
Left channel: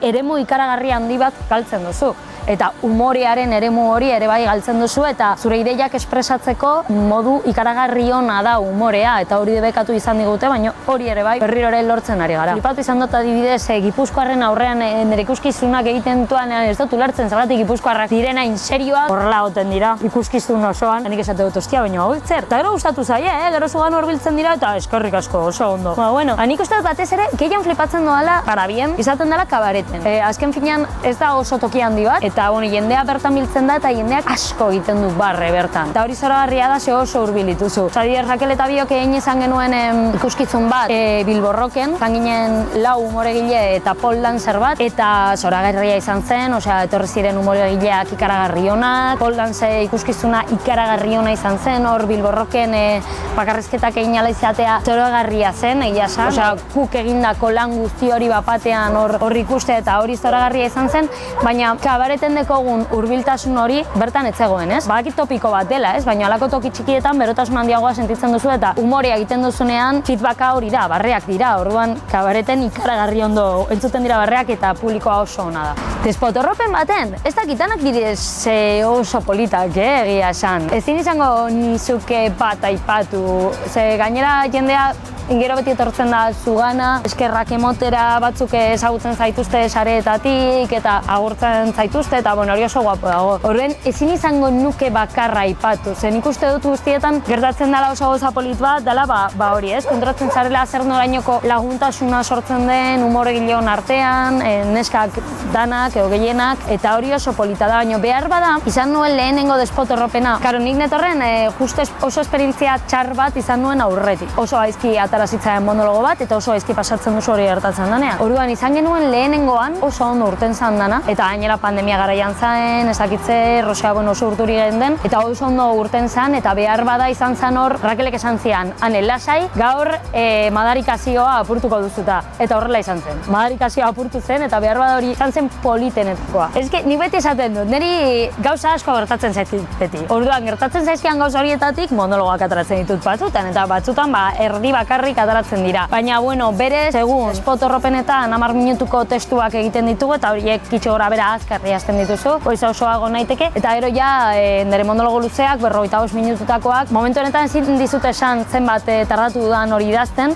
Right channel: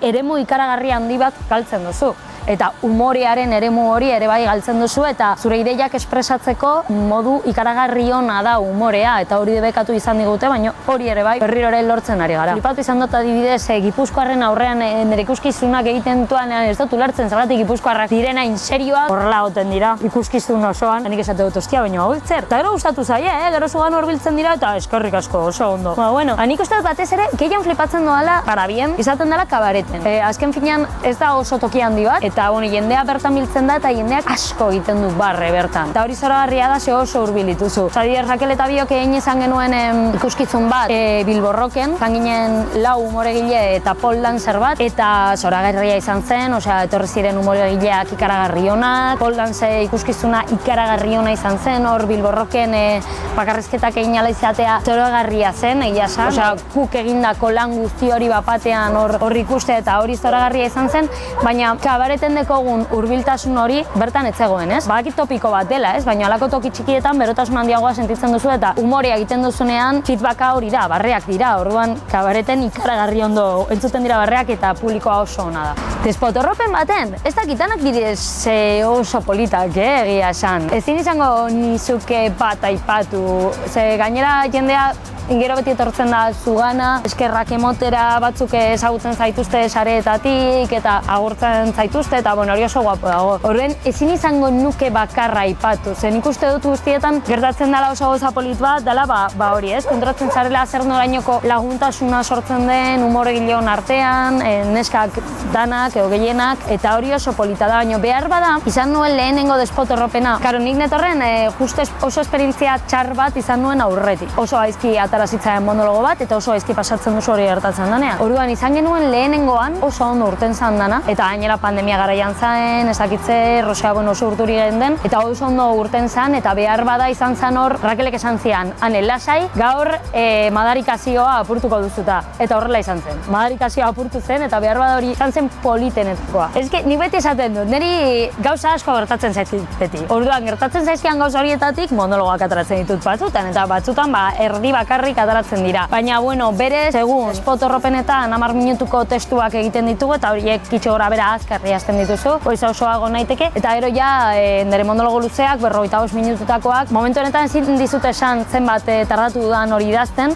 eremu ikaragarri handi bat galtzen duzu. Eta umorearen eremu hori ere bai galtzen duzu, eta zure ideiak espresatzeko modu ikaragarri ona da umorea, eta hori debekatu izan digute, baina hori ere bai berriro ere lortzen ari gara. Flipatu izan dut adibidez, Gipuzkoarren aurrean nire ikuskizunak egiten duan ez dut ulertzen, zergatik Gipuzkoarrak direna inserioak horrela goten dira ikuskizun osoan, nik esate dut ostia, baina hau zer. Eta gero gustatu zaie, gero zugan horbiltzen dira, eta eskerrik asko oso ondo. Nik uste dut batez ere, gehien flipatzen doala, para bien, izaten dela kabareten. Azken finean ez da oso toki handi bat, eta jendea bertan biltzen da, eta jendeak asko egiten du barre bertan. Eta hori zoragarria da, oso hurbilituzu. Zadier, Rakel eta biok egin izan genuen ikuskizun bat Bilborroken, izan ginen 4 umoregile eta pole dancer bat, eta zoragarria izan zen, etorri ziren umoregileak ikaragarri onak, pole dance ikuskizuna ikaragarri ona izan zen, hor Bilborroken bakarrizketak egin ala izatea zoragarria zen, egia esan. Kuk egindako lan guzti hori bapatean hor ikuste eta hori zoragarria izan zen, baina kabareten dekogun hurbiltasun hori bertan ez zegoen, ez? Badakit topiko bat dela, ez? Baina halako toki txikietan berotasun handiagoa sentitzen duzu eta umorea egiten duzunean feedbacka hori da, barreak dira, orduan kabareten ikaragarri ondo entzuten dira barreak eta publikoa oso ona da. Despotorropen baten, ez dakitanak direz oso politak, egia esan. Ezin izango nizuke bat aipatu, ze gainera jendea gero beti etortzen da zugana, eskerrak emotera batzuk ezagutzen zaituzte sareetatik eta agurtzen zaituzte eta hori oso guapo dago. Horren ezin izango nuke bakarra aipatu, zen ikuste dut guztietan gertatzen dela oso gauza polit bat, dela hori ez, kontratzen zarela zer norainoko laguntasuna sortzen den umoregileon artean, neskak danak edo gehienak, eta hori oso polita da, baina behar bada izan nuen lehenengo despotorropena. Karo, nik netorren justu oso esperientzia txar bat izan nuen aurretik. Oso gaizki atara zitzaidan monologo bat eta oso gaizki pasatzen duzu hori gertatzen danean. Orduan izan genuen lehenengoan oso ondo urten zan dana, eta gainera pandemia garaian zaen, ezakitze, Rosea oso urturi genden, eta oso ondo urten zan, eta behar bada izan zan hor, Rakelek esan zian, ane, lasai, gaur madarikazioa apurtuko duzuta, eta horrela izan zen. Madarikazioa apurtu zen, eta behar bada hori izan zen politenetkoa. Ez que, nik beti esaten dut, niri gauza asko gertatzen zaizkit beti. Orduan, gertatzen zaizkian gauza horietatik monologoak ataratzen ditut batzutan, eta batzutan erdi bakarrik ataratzen dira. Baina, berez, segun, despotorropenetan 10 minutuko testuak egiten ditugu, eta horiek kitxo gora bera azkarri hasten dituzu, goiza osoago naiteke, eta gero nire monologo luzeak, 45 minututakoak, momentu honetan ezin dizut esan zenbat tardatu dudan hori idazten,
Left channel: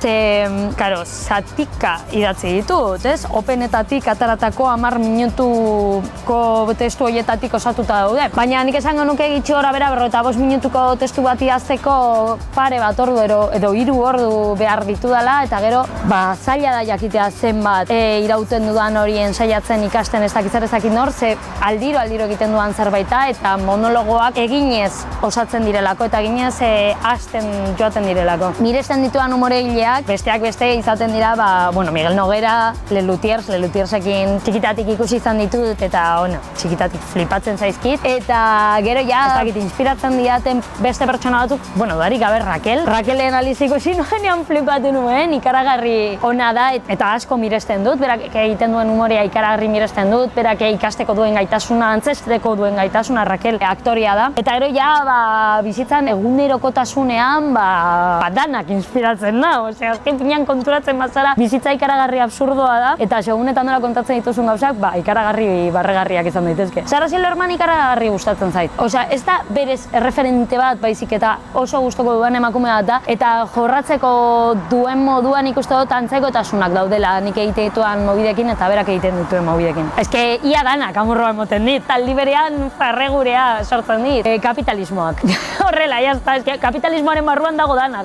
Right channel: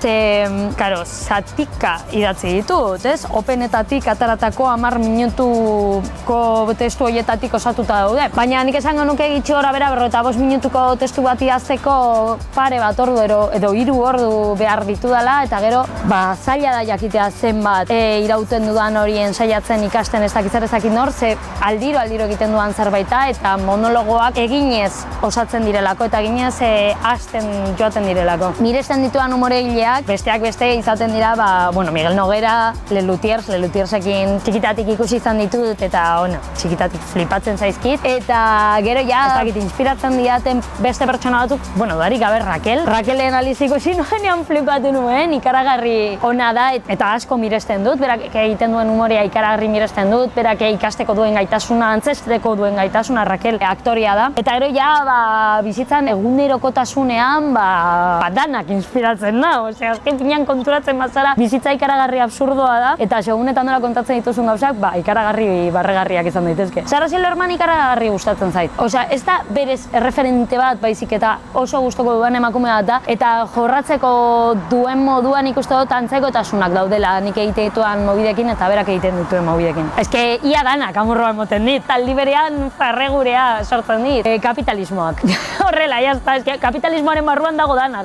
karo, zatika idatzi ditut, ez? Openetatik ataratako 10 minutuko testu horietatik osatuta daude. Baina nik esango nuke gitxo gora bera 45 minutuko testu bat idazteko pare bat ordu edo 3 ordu behar ditudala, eta gero, zaila da jakitea zenbat irauten dudan horien saiatzen ikasten ez dakit nor, ze aldiro egiten dudan zerbaita, eta monologoak eginez osatzen direlako, eta eginez hasten joaten direlako. Miresten dituan umoregileak, besteak beste izaten dira, Miguel Noguera, Lelutiersekin txikitatik ikusi izan ditut, eta txikitatik flipatzen zaizkit, eta gero ez dakit inspiratzen diaten beste pertsona batzuk, darik gabe Rakelen aliz ikusi nuenean flipatu nuen, ikaragarri ona da, eta asko miresten dut, berak egiten duen umorea ikaragarri miresten dut, berak ikasteko duen gaitasuna, antzesteko duen gaitasuna, Rakel aktoria da. Eta gero bizitzan egunerokotasunean danak inspiratzen da, azken finean konturatzen bazara bizitza ikaragarri absurdoa da, eta segunetan nola kontatzen dituzun gauzak, ikaragarri barregarriak izan daitezke. Sarah Silverman ikaragarri gustatzen zait. Ez da berez erreferente bat baizik eta oso gustoko duen emakume bat da, eta jorratzeko duen moduan ikuste dut antzekotasunak daudela nik egite dituan mobidekin eta berak egiten dituen mobidekin. Ia danak amorroa emoten dit, taldi berean farregurea sortzen dit, kapitalismoak. Horrela, kapitalismoaren barruan dago dana,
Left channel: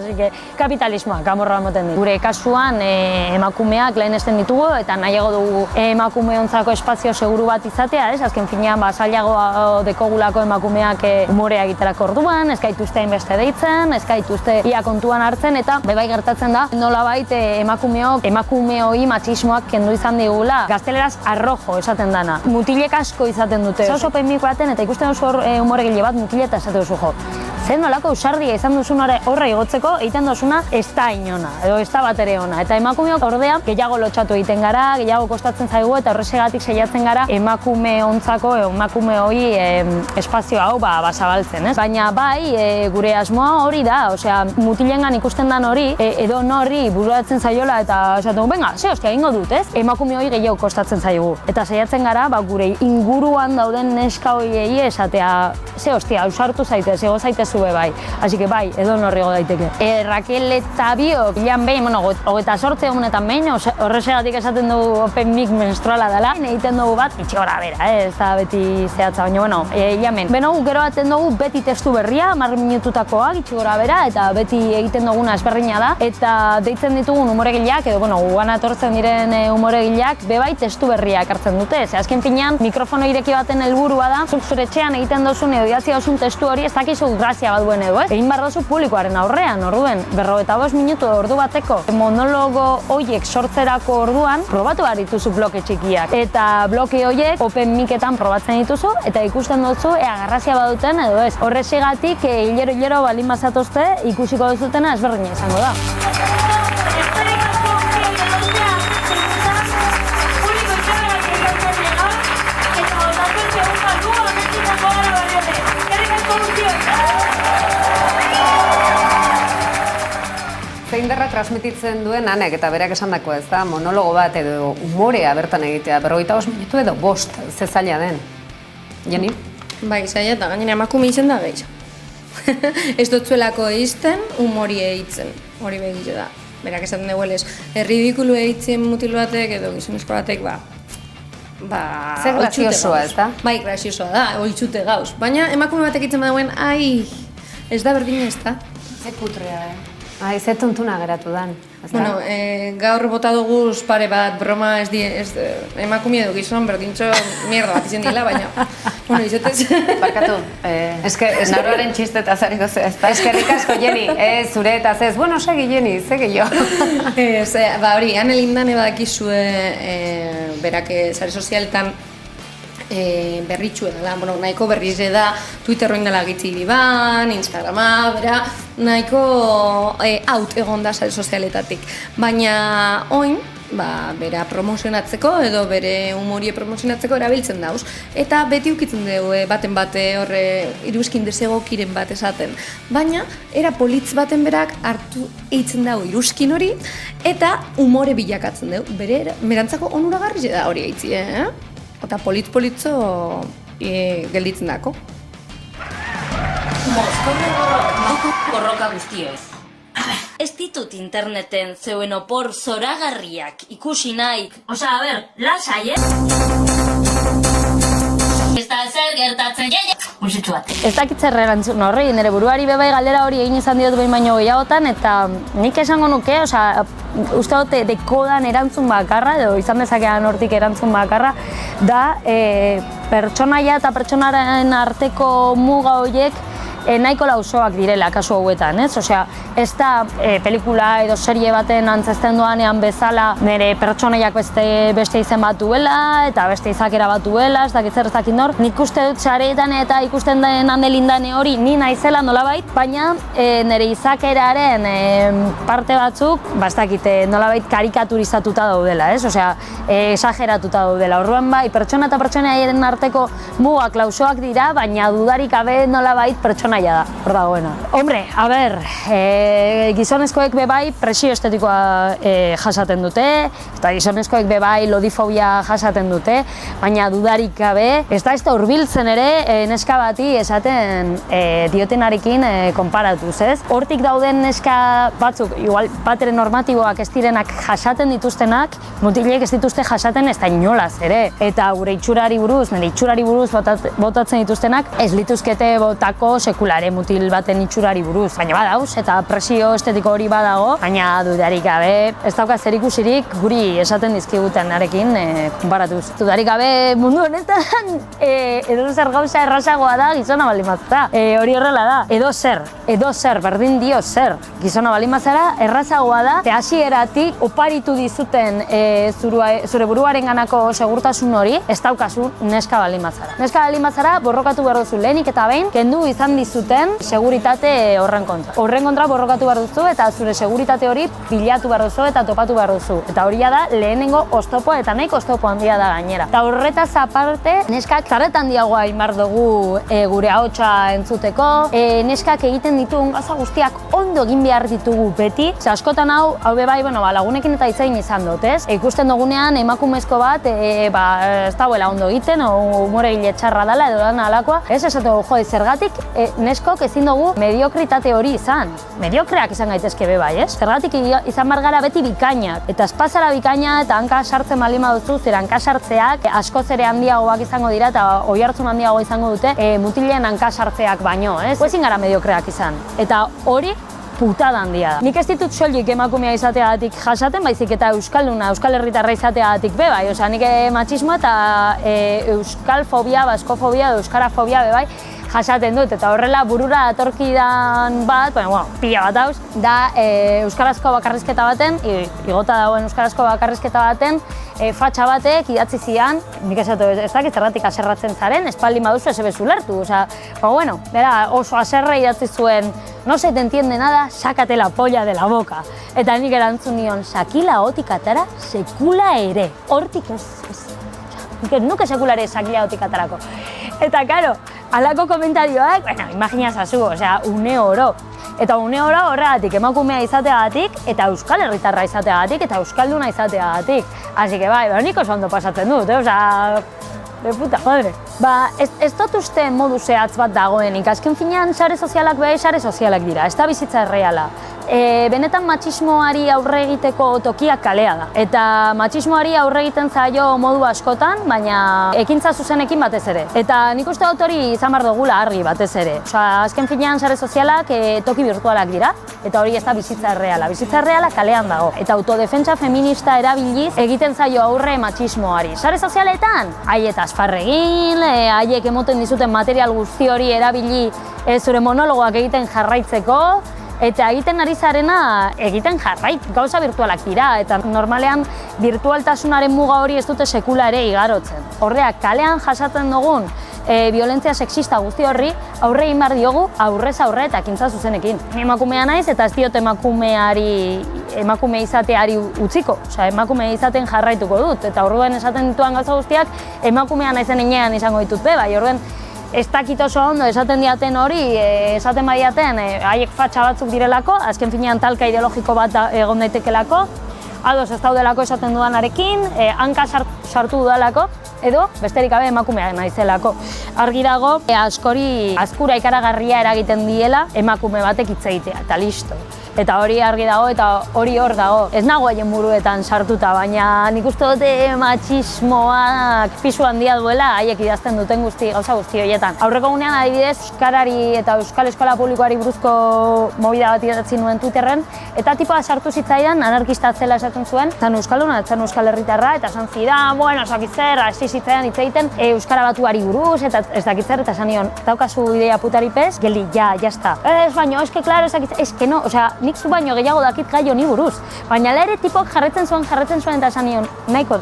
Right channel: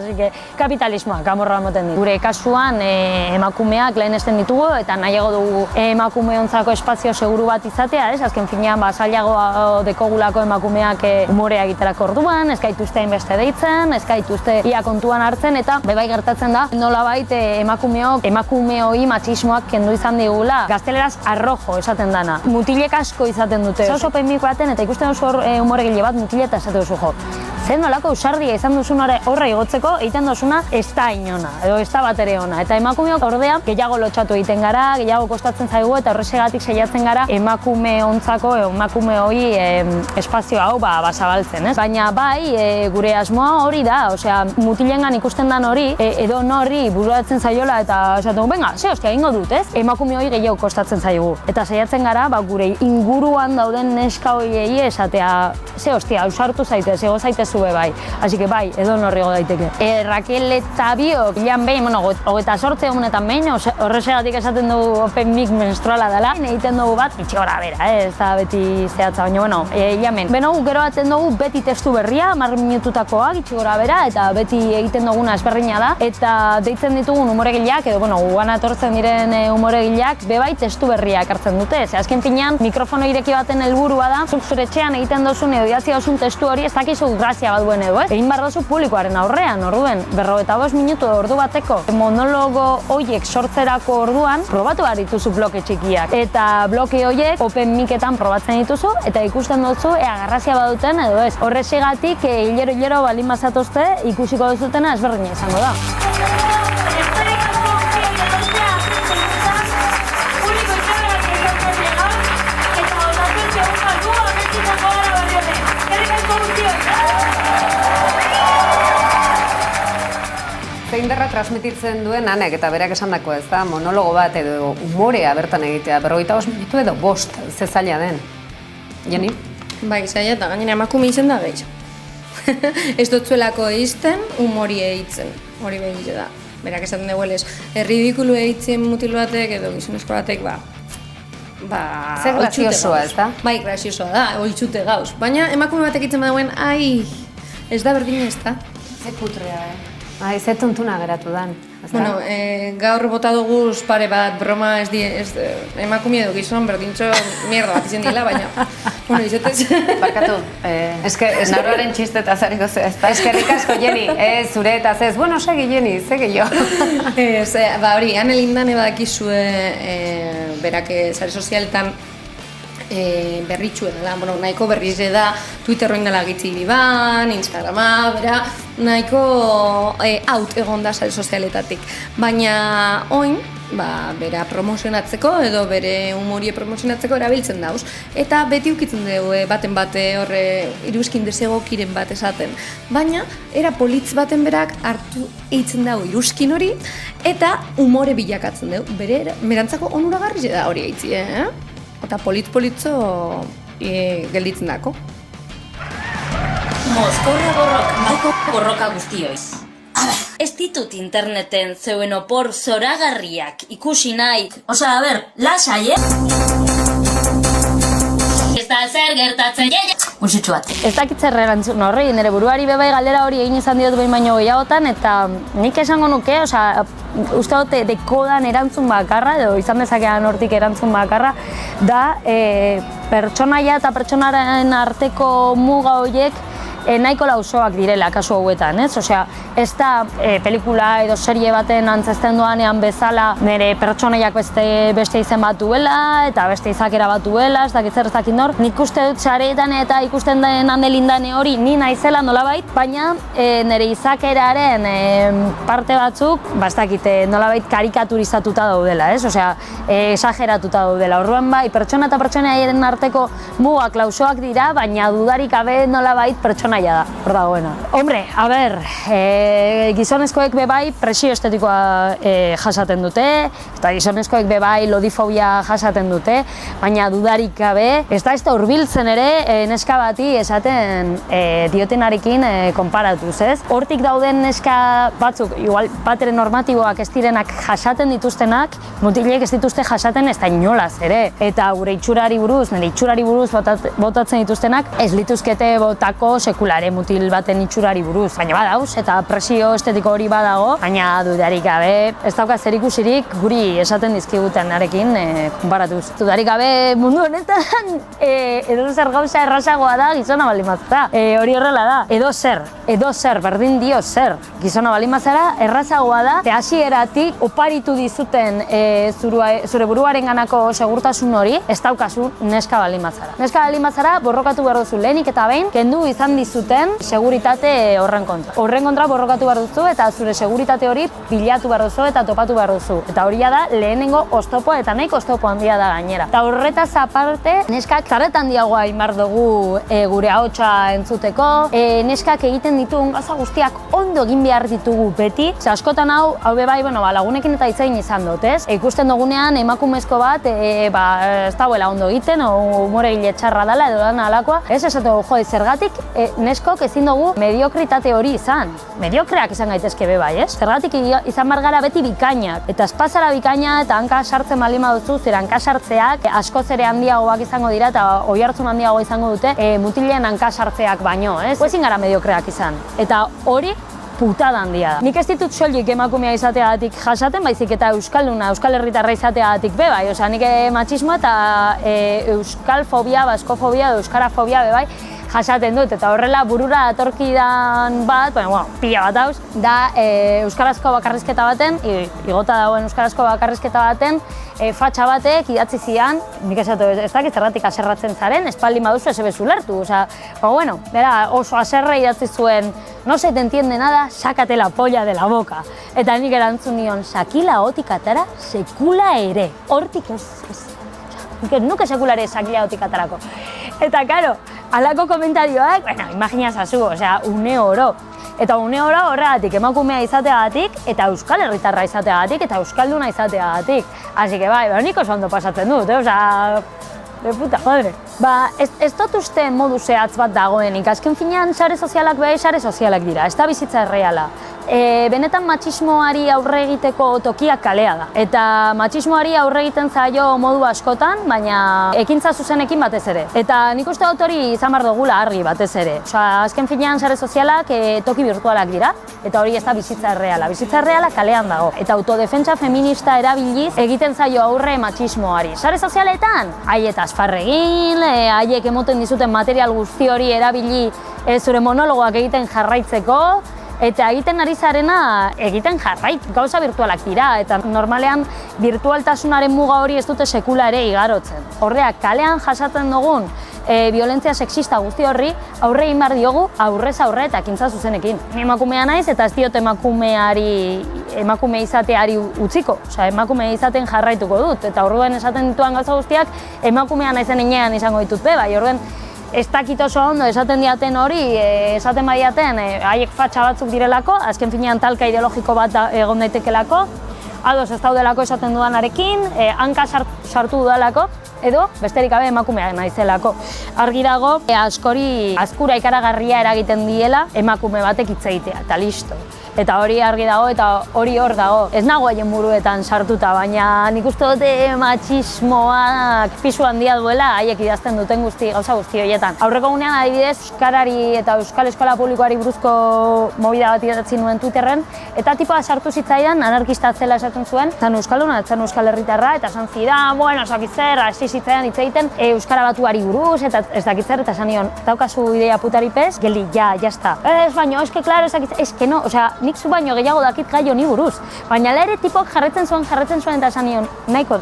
kapitalismoak amorroa emoten dit. Gure kasuan emakumeak lehenesten ditugu eta nahiago dugu emakumeontzako espazio seguru bat izatea, azken finean zailago dekogulako emakumeak umorea egiterako orduan, ez gaituzte hainbeste deitzen, ez gaituzte ia kontuan hartzen, eta bai gertatzen da nolabait emakumeoi matxismoak kendu izan digula. Gazteleraz arrojo esaten dana. Mutilek asko izaten dute. Oso open mic baten eta ikusten duzu hor umoregile bat mutile eta esate duzu jo. zer nolako ausardia izan duzun horre igotzeko, egiten duzuna ez da inona, edo ez da batere ona. Eta emakumeok ordea gehiago lotxatu egiten gara, gehiago kostatzen zaigu eta horregatik saiatzen gara emakume ontzako, emakume hori espazio hau zabaltzen, ez? Baina bai, gure asmoa hori da, osea, mutilengan ikusten dan hori, edo norri bururatzen zaiola eta esaten, venga, ze hostia, egingo dut, ez? Emakume hori gehiago kostatzen zaigu. Eta saiatzen gara, gure inguruan dauden neska horiei esatea, ze hostia, ausartu zaitez, ego zaitez zube bai. Así que bai, edo norri ego daiteke. Raquel eta biok, ilan behin, 28 egunetan behin, horregatik esaten dugu open mic menstruala dela, egiten dugu bat, itxi gora bera, ez da beti zehatza, baina, ilan behin. Beno, gero baten dugu beti testu berria, 10 minututakoak, itxi gora bera, eta beti egiten duguna ezberdina da, eta deitzen ditugun umoregileak, edo, gugan atortzen diren umoregileak, bebai testu berriak hartzen dute. Ze azken finean, mikrofono ireki baten helburua da, zuk zure etxean egiten duzun edo idatzi duzun testu hori ez dakizu grazia bat duen edo, ez? Egin behar duzu publikoaren aurrean, orduen, 45 minutu ordu bateko monologo hoiek sortzerako orduan, probatu behar dituzu bloke txikiak. Eta bloke hoiek open miketan probatzen dituzu, eta ikusten duzu ea grazia baduten edo ez. Horregatik, hilero baldin bazatozte, ikusiko duzutena ezberdina izango da. Zein derra transmititzen duen Anek eta berak esandakoa, ez da, monologo bat edo umorea bertan egitea, 45 minutu edo 5, ze zaila den. Jenny? Bai, zaila eta gainera emakume izen da gehiago. Ez dutzuelako egiten, umorie egiten, hori begitze da. Berak esaten dugu ez, erridikulu egiten mutil batek edo gizonezko batek, Zer graziosoa, ez da? Bai, graziosoa da, oitzute gauz. Baina emakume batek egiten badauen, ez da berdina ez da. Ze kutrea, ze tontuna geratu dan. Bueno, gaur bota dugu pare bat broma emakume edo gizon berdintxo mierda bat izan dila, baina bueno, izotez... Barkatu, naroaren txistetaz hariko zea, ez da? Eskerrik asko, Jenny, zure eta zez, bueno, segi Jenny, segi jo. Hori, Ane Lindane badakizue berak sare sozialetan berritxu edala, nahiko berriz da, Twitter roin dela gitzili ban, Instagrama, bera, nahiko out egon da sare sozialetatik. Baina oin, bera promozionatzeko edo bere humorie promozionatzeko erabiltzen dauz. Eta beti ukitzen dugu baten bate horre iruzkin desegokiren bat esaten. Baina, era politz baten berak hartu eitzen dago iruzkin hori eta humore bilakatzen dugu. Berantzako onuragarri da hori eitzi, Eta politzo gelditzen dako. Borroka guztioz. Ez ditut interneten zeuen opor zoragarriak ikusi nahi. Osa, lasai, Ez da zer gertatzen Musitxu bat. Ez dakit zer erantzun horri, nire buruari bebai galdera hori egin izan diot behin baino gehiagotan, eta nik esango nuke, uste dute dekodan erantzun bakarra, edo izan dezakean hortik erantzun bakarra, da pertsonaia eta pertsonaren arteko muga horiek nahiko lausoak direla kasu hauetan, ez? Osea, ez da pelikula edo serie baten antzezten doanean bezala nire pertsonaiak beste izen bat duela eta beste izakera bat duela, ez dakit zer ez dakit nor. Nik uste dut sareetan eta ikusten den Ane Lindane hori ni naizela nolabait, baina nire izakeraren parte batzuk, ez dakit nolabait karikaturizatuta daudela, ez? Osea, esageratuta daudela. Orduan bai, pertsona eta pertsonaiaren arteko mugak lausoak dira, baina dudarik gabe nolabait pertsona da, hor dagoena. Hombre, gizonezkoek bebai presio estetikoa jasaten dute, eta gizonezkoek bebai lodifobia jasaten dute, baina dudarik gabe, ez da hurbiltzen ere neska bati esaten diotenarekin konparatuz, ez? Hortik dauden neska batzuk, igual batere normatiboak ez direnak jasaten dituztenak, mutilek ez dituzte jasaten ez da inolaz ere. Eta gure itxurari buruz, nire itxurari buruz botatzen dituztenak, ez lituzkete botako mutil baten itxurari buruz. Baina badauz, eta presio estetiko hori badago, baina dudarik gabe, ez dauka zer ikusirik guri esaten dizkiguten arekin konparatuz. Dudarik gabe mundu honetan edo zer gauza errazagoa da gizona baldin bat da. Hori horrela da. Edo zer edo zer, berdin dio zer. Gizona baldin bazara, errazagoa da, ze hasieratik oparitu dizuten zure buruaren ganako segurtasun hori, ez daukazu neska baldin bazara. Neska baldin bazara, borrokatu behar duzu lehenik eta behin, kendu izan dizuten seguritate horren kontra. Horren kontra borrokatu behar duzu eta zure seguritate hori bilatu behar duzu eta topatu behar duzu. Eta hori da lehenengo oztopoa eta nahiko oztopo handia da gainera. Eta horretaz aparte, neskak zarretan diagoa inbar dugu gure ahotsa entzuteko, neskak egiten ditugun gauza guztiak ondo egin behar ditugu beti. Ze askotan hau bai, lagunekin eta itzain izan dut, ez? Ikusten dugunean emakumezko bat, ez dauela ondo egiten, umore gile txarra dela edo dana alakoa. Ez esatu, zergatik neskok ezin dugu mediokritate hori izan. Mediokreak izan gaitezke bai, ez? Zergatik izan bar gara beti bikainak. Eta espazara bikaina eta hanka sartzen baldin baduzu, zera hanka sartzeak askoz ere handiagoak izango dira eta oihartzun handiago izango dute mutilen hanka sartzeak baino, ez? Ezin gara mediokreak izan. Eta hori putada handia da. Nik ez ditut soilik emakumea izateagatik jasaten, baizik eta euskalduna, euskal herritarra izateagatik bai. Osea, nik matxismoa eta euskal fobia, baskofobia edo euskarafobia bai jasaten dut, eta horrela burura datorkidan bat, pila bat hauz, da euskarazko bakarrizketa baten, igota dagoen euskarazko bakarrizketa baten, fatxa batek idatzi zian, nik esatu ez dakit zergatik aserratzen zaren, espaldin baduzu ez ebezu lertu, bera oso aserre idatzi zuen, no se te entiende nada, sácate la polla de la boca. Eta nik erantzun nion, sakila hotik atara, sekula ere, hortik ez. Nuke sekula ere sakila hotik atarako. Eta, karo, halako komentarioak, imaginazazu, une oro. Eta une oro horregatik emakumea izateagatik, eta euskal herritarra izateagatik, eta euskalduna izateagatik. Así que bai, nik oso ondo pasatzen dut, de puta madre. Ez dut uste modu zehatz bat dagoenik, azken finean sare sozialak sare sozialak dira, ez da bizitza erreala. Benetan matxismoari aurre egiteko tokiak kalea da. Eta matxismoari aurre egiten zaio modu askotan, baina ekintza zuzenekin batez ere. Eta nik uste dut hori izan behar dugula argi batez ere. Azken finean sare sozialak toki virtualak dira, eta hori ez da bizitza erreala. Bizitza erreala kalean dago. Eta autodefentsa feminista erabiliz egiten zaio aurre matxismoari. Sare sozialetan, haietaz farregin, haiek emoten dizuten material guzti hori erabili zure monologoak egiten jarraitzeko, eta egiten ari zarena egiten gauza virtualak dira, eta normalean virtualtasunaren muga hori ez dute sekula ere igarotzen. Horreak, kalean jasatzen dugun violentzia sexista guzti horri aurre egin behar diogu aurrez aurre eta ekintza zuzenekin. Ni emakumea naiz eta ez diot emakume izateari utziko, emakume izaten jarraituko dut, eta orduan esaten dituan gauza guztiak emakumea naizen inean izango ditut bai, orduan ez dakit oso ondo esaten diaten hori, esaten badiaten haiek fatxa batzuk direlako, azken finean talka ideologiko bat egon daitekelako, ados ez daudelako esaten dudanarekin, hanka sartu dudalako, edo besterik gabe emakumea naizelako. Argi dago, askori azkura ikaragarria eragiten diela emakume batek hitz egitea, eta listo. Eta hori argi dago, eta hori hor dago. Ez nago haien buruetan sartuta, baina nik uste dute matxismoak pisu handia duela haiek idazten duten gauza guzti horietan. Aurreko gunean adibidez, euskarari eta euskal eskola publikoari buruzko movida bat idatzi nuen Twitterren, eta tipoa sartu zitzaidan, anarkista atzela esaten zuen, zan euskalduna, zan euskal herritarra, eta esan zidan, sakitzer, hasi zitzaidan hitz egiten euskara batuari buruz, eta ez dakitzer, eta esan nion, daukazu idea putari pez, geldi, ya está. Ez baino, eske, klaro, ez que no, nik zu baino gehiago dakit gai honi buruz. Baina ere tipok jarretzen zuen eta esan nion, nahiko,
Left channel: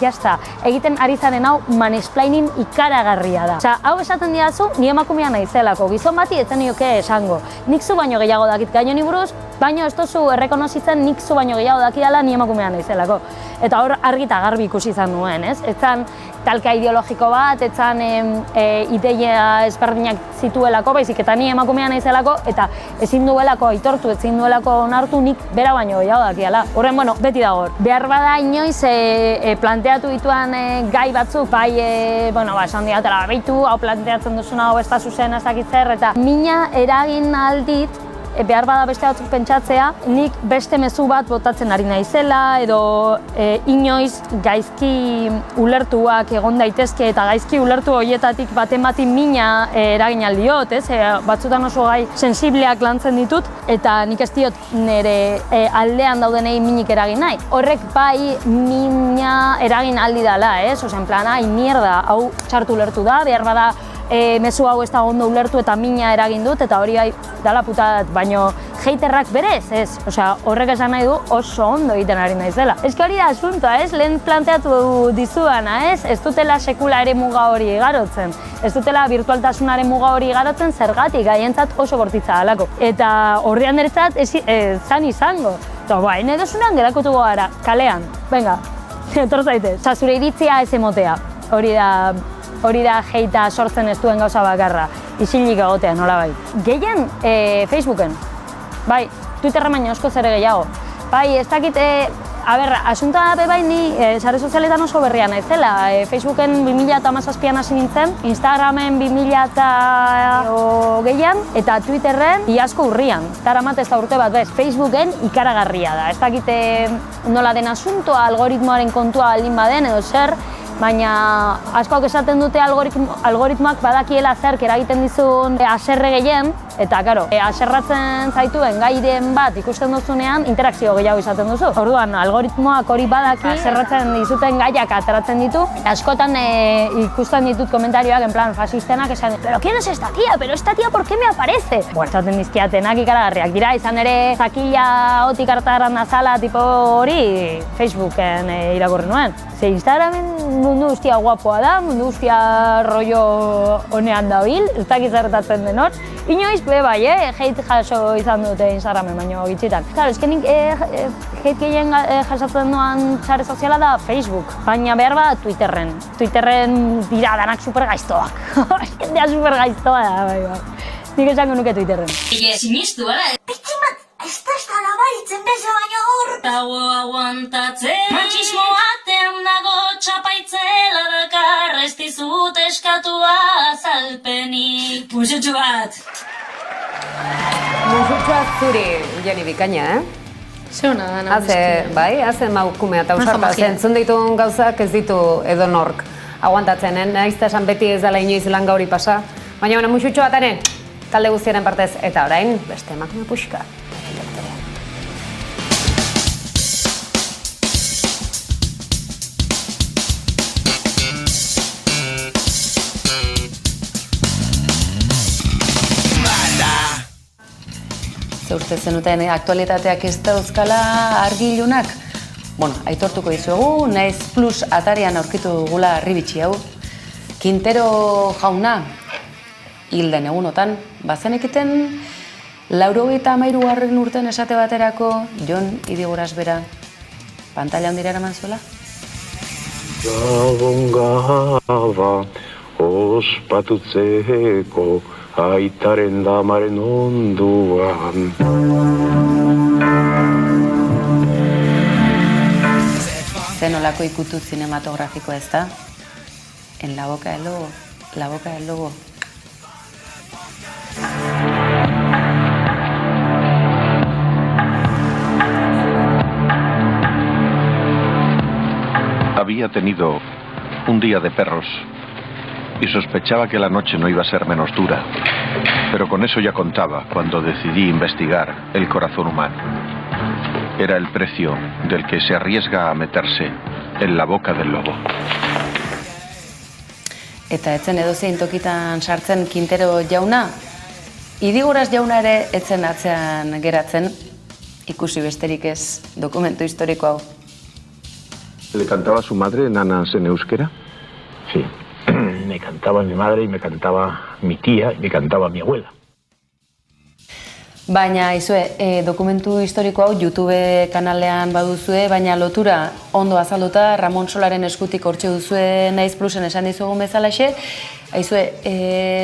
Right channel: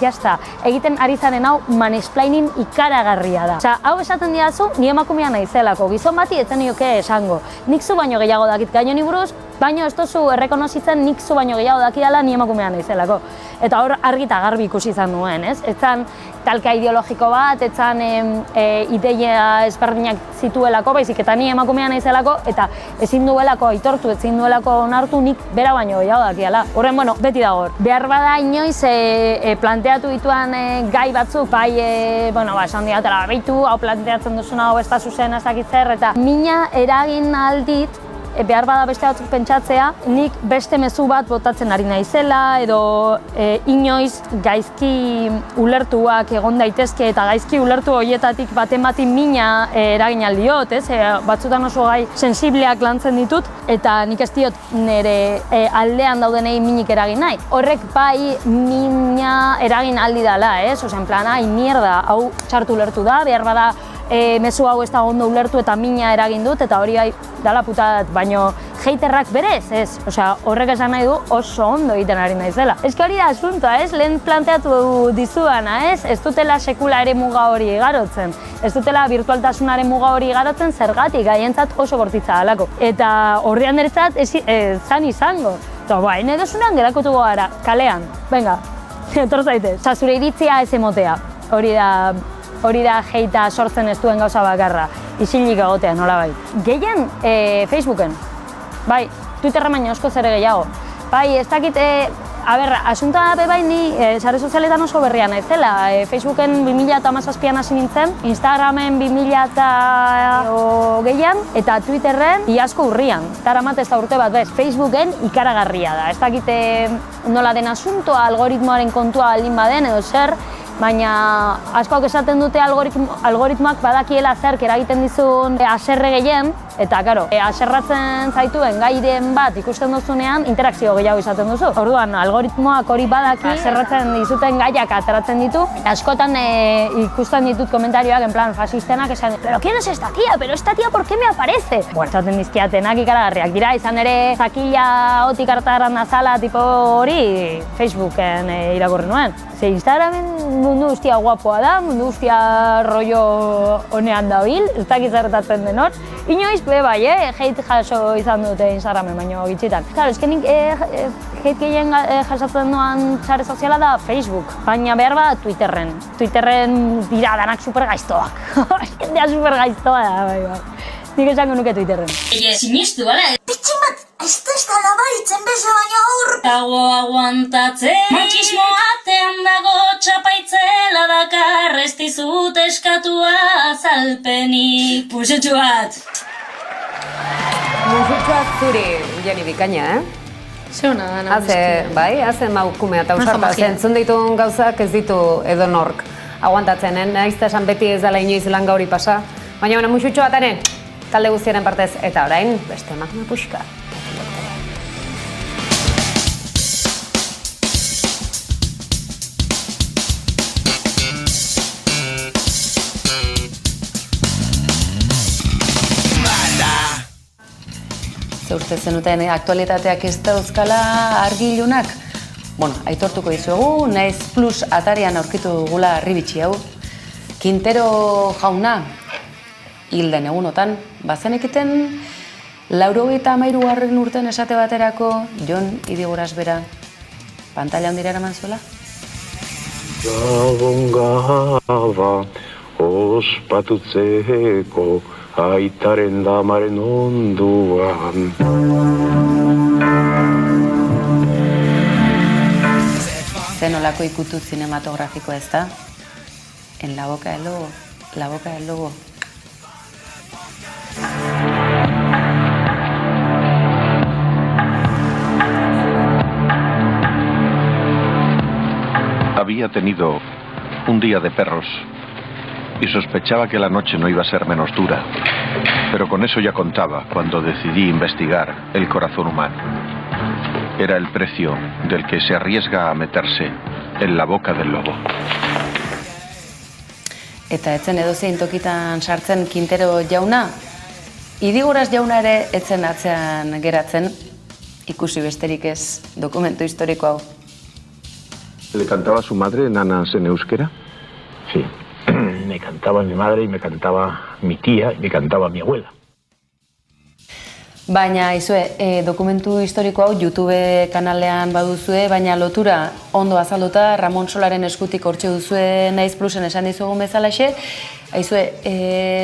jazta, egiten ari zaren hau mansplaining ikaragarria da. Hau esaten didazu, ni emakumea naizelako, gizon bati etzen nioke esango. Nik zu baino gehiago dakit gai honi buruz, baino ez duzu errekonozitzen nik zu baino gehiago dakidala ni emakumea naizelako. Eta hor argi eta garbi ikusi izan nuen, ez? Etzan talka ideologiko bat, etzan ideia ezberdinak zituelako, baizik eta ni emakumea naizelako, eta ezin duelako aitortu, ezin duelako onartu nik bera baino gehiago dakiala. Horren, beti dago. Behar bada inoiz planteatu dituan gai batzuk, bai, esan diatela, behitu, hau planteatzen duzuna, hau ez da zuzen ez dakit zer, eta mina eragin aldit, behar bada beste batzuk pentsatzea, nik beste mezu bat botatzen ari naizela, edo inoiz gaizki ulertuak egon daitezke, eta gaizki ulertu horietatik baten bati mina eragin aldiot, batzutan oso gai sensibleak lantzen ditut, eta nik ez diot nire aldean daudenei minik eragin nahi. Horrek bai mina eragin aldi dela, en plan, mierda, hau txartu ulertu da, behar bada mezu hau ez da ondo ulertu eta mina eragin dut, eta hori dala putat, baino haterrak berez, ez? Osea, horrek esan nahi du oso ondo egiten ari naiz dela. Ez hori da asuntoa, ez? Lehen planteatu dizuana, ez? Ez dutela sekula ere muga hori igarotzen. Ez dutela virtualtasunaren muga hori igarotzen zergatik, haientzat oso bortitza dalako. Eta horrean eretzat zan izango. Eta baina edosunean gerakotu gara, kalean. Venga, etor zaitez. Osa, zure iritzia ez emotea. Hori da heita sortzen ez duen gauza bakarra. Isilik egotea, nolabait. Gehien Facebooken. Bai, Twitterra baina askoz ere gehiago. Bai, ez dakit, asuntoa bai ni sare sozialetan oso berria naizela. Facebooken 2017an hasi nintzen, Instagramen 2020an eta Twitterren iazko urrian. Daramat ez da urte bat bez, Facebooken ikaragarria da. Ez dakit nola den asuntoa, algoritmoaren kontua aldin baden edo zer, baina askoak esaten dute algoritmoak badakiela zerk eragiten dizun haserre gehien, eta karo, haserratzen zaituen gairen bat ikusten duzunean interakzio gehiago izaten duzu. Orduan, algoritmoak hori badaki haserratzen dizuten gaiak ateratzen ditu. Askotan ikusten ditut komentarioak en plan fasistenak esan, pero ¿quién es esta tía? Pero esta tía ¿por qué me aparece? Bueno, esaten dizkiatenak ikaragarriak dira, izan ere zakila otik hartaran azala tipo hori Facebooken irakurri nuen. Ze Instagramen mundu guztia guapoa da, mundu guztia rollo honean dabil, ez dakit zertatzen den hor. Inoiz be bai, hate jaso izan dute Instagramen, baino gitxitan. Claro, eske nik hate gehien jasatzen duan sare soziala da Facebook, baina behar bat Twitterren. Twitterren dira danak supergaiztoak. Jendea supergaiztoa da, bai. Nik esango nuke Twitterren. Sinistu, ala? Bitximat, ez da labaritzen beze baino hor. Dago aguantatzen, machismo atean dago txapaitzela dakar, ez dizut eskatua azalpenik. Musutxu bat! Musutxua zuri, Jeni Bikaina, Ze hona da, nahi. Bai, hazen maukumea eta usarta, zentzun dituen gauzak ez ditu edonork aguantatzen, nahiz eta esan beti ez dela inoiz lan gauri pasa. Baina musutxu bataren, talde guztiaren partez, eta orain, beste emakume puxka. Ze uste zenuten aktualitateak ez dauzkala argi ilunak? Bueno, aitortuko dizuegu, Naiz Plus atarian aurkitu dugula harribitxi hau. Quintero jauna, hilden egunotan, bazenekiten 93. urten esate baterako Jon Idigoras bera pantalla handira eraman zuela? Gabongaba ospatutzeko aitaren damaren onduan. Zenolako ikutu zinematografiko ez da? En la boca del lobo, la boca del lobo. Había tenido un día de perros y sospechaba que la noche no iba a ser menos dura, pero con eso ya contaba cuando decidí investigar el corazón humano. Era el precio del que se arriesga a meterse en la boca del lobo. Eta etzen edozein tokitan sartzen Quintero jauna, Idigoras jauna ere etzen atzean geratzen, ikusi besterik ez dokumentu historiko hau. ¿Le cantaba a su madre nanas en euskera? Sí, me cantaba mi madre y me cantaba mi tía y me cantaba mi abuela. Baina, izue, dokumentu historiko hau YouTube kanalean baduzue, baina lotura ondo azalduta Ramon Solaren eskutik hortxe duzue Naiz Plusen esan dizugun bezalaxe, aizue,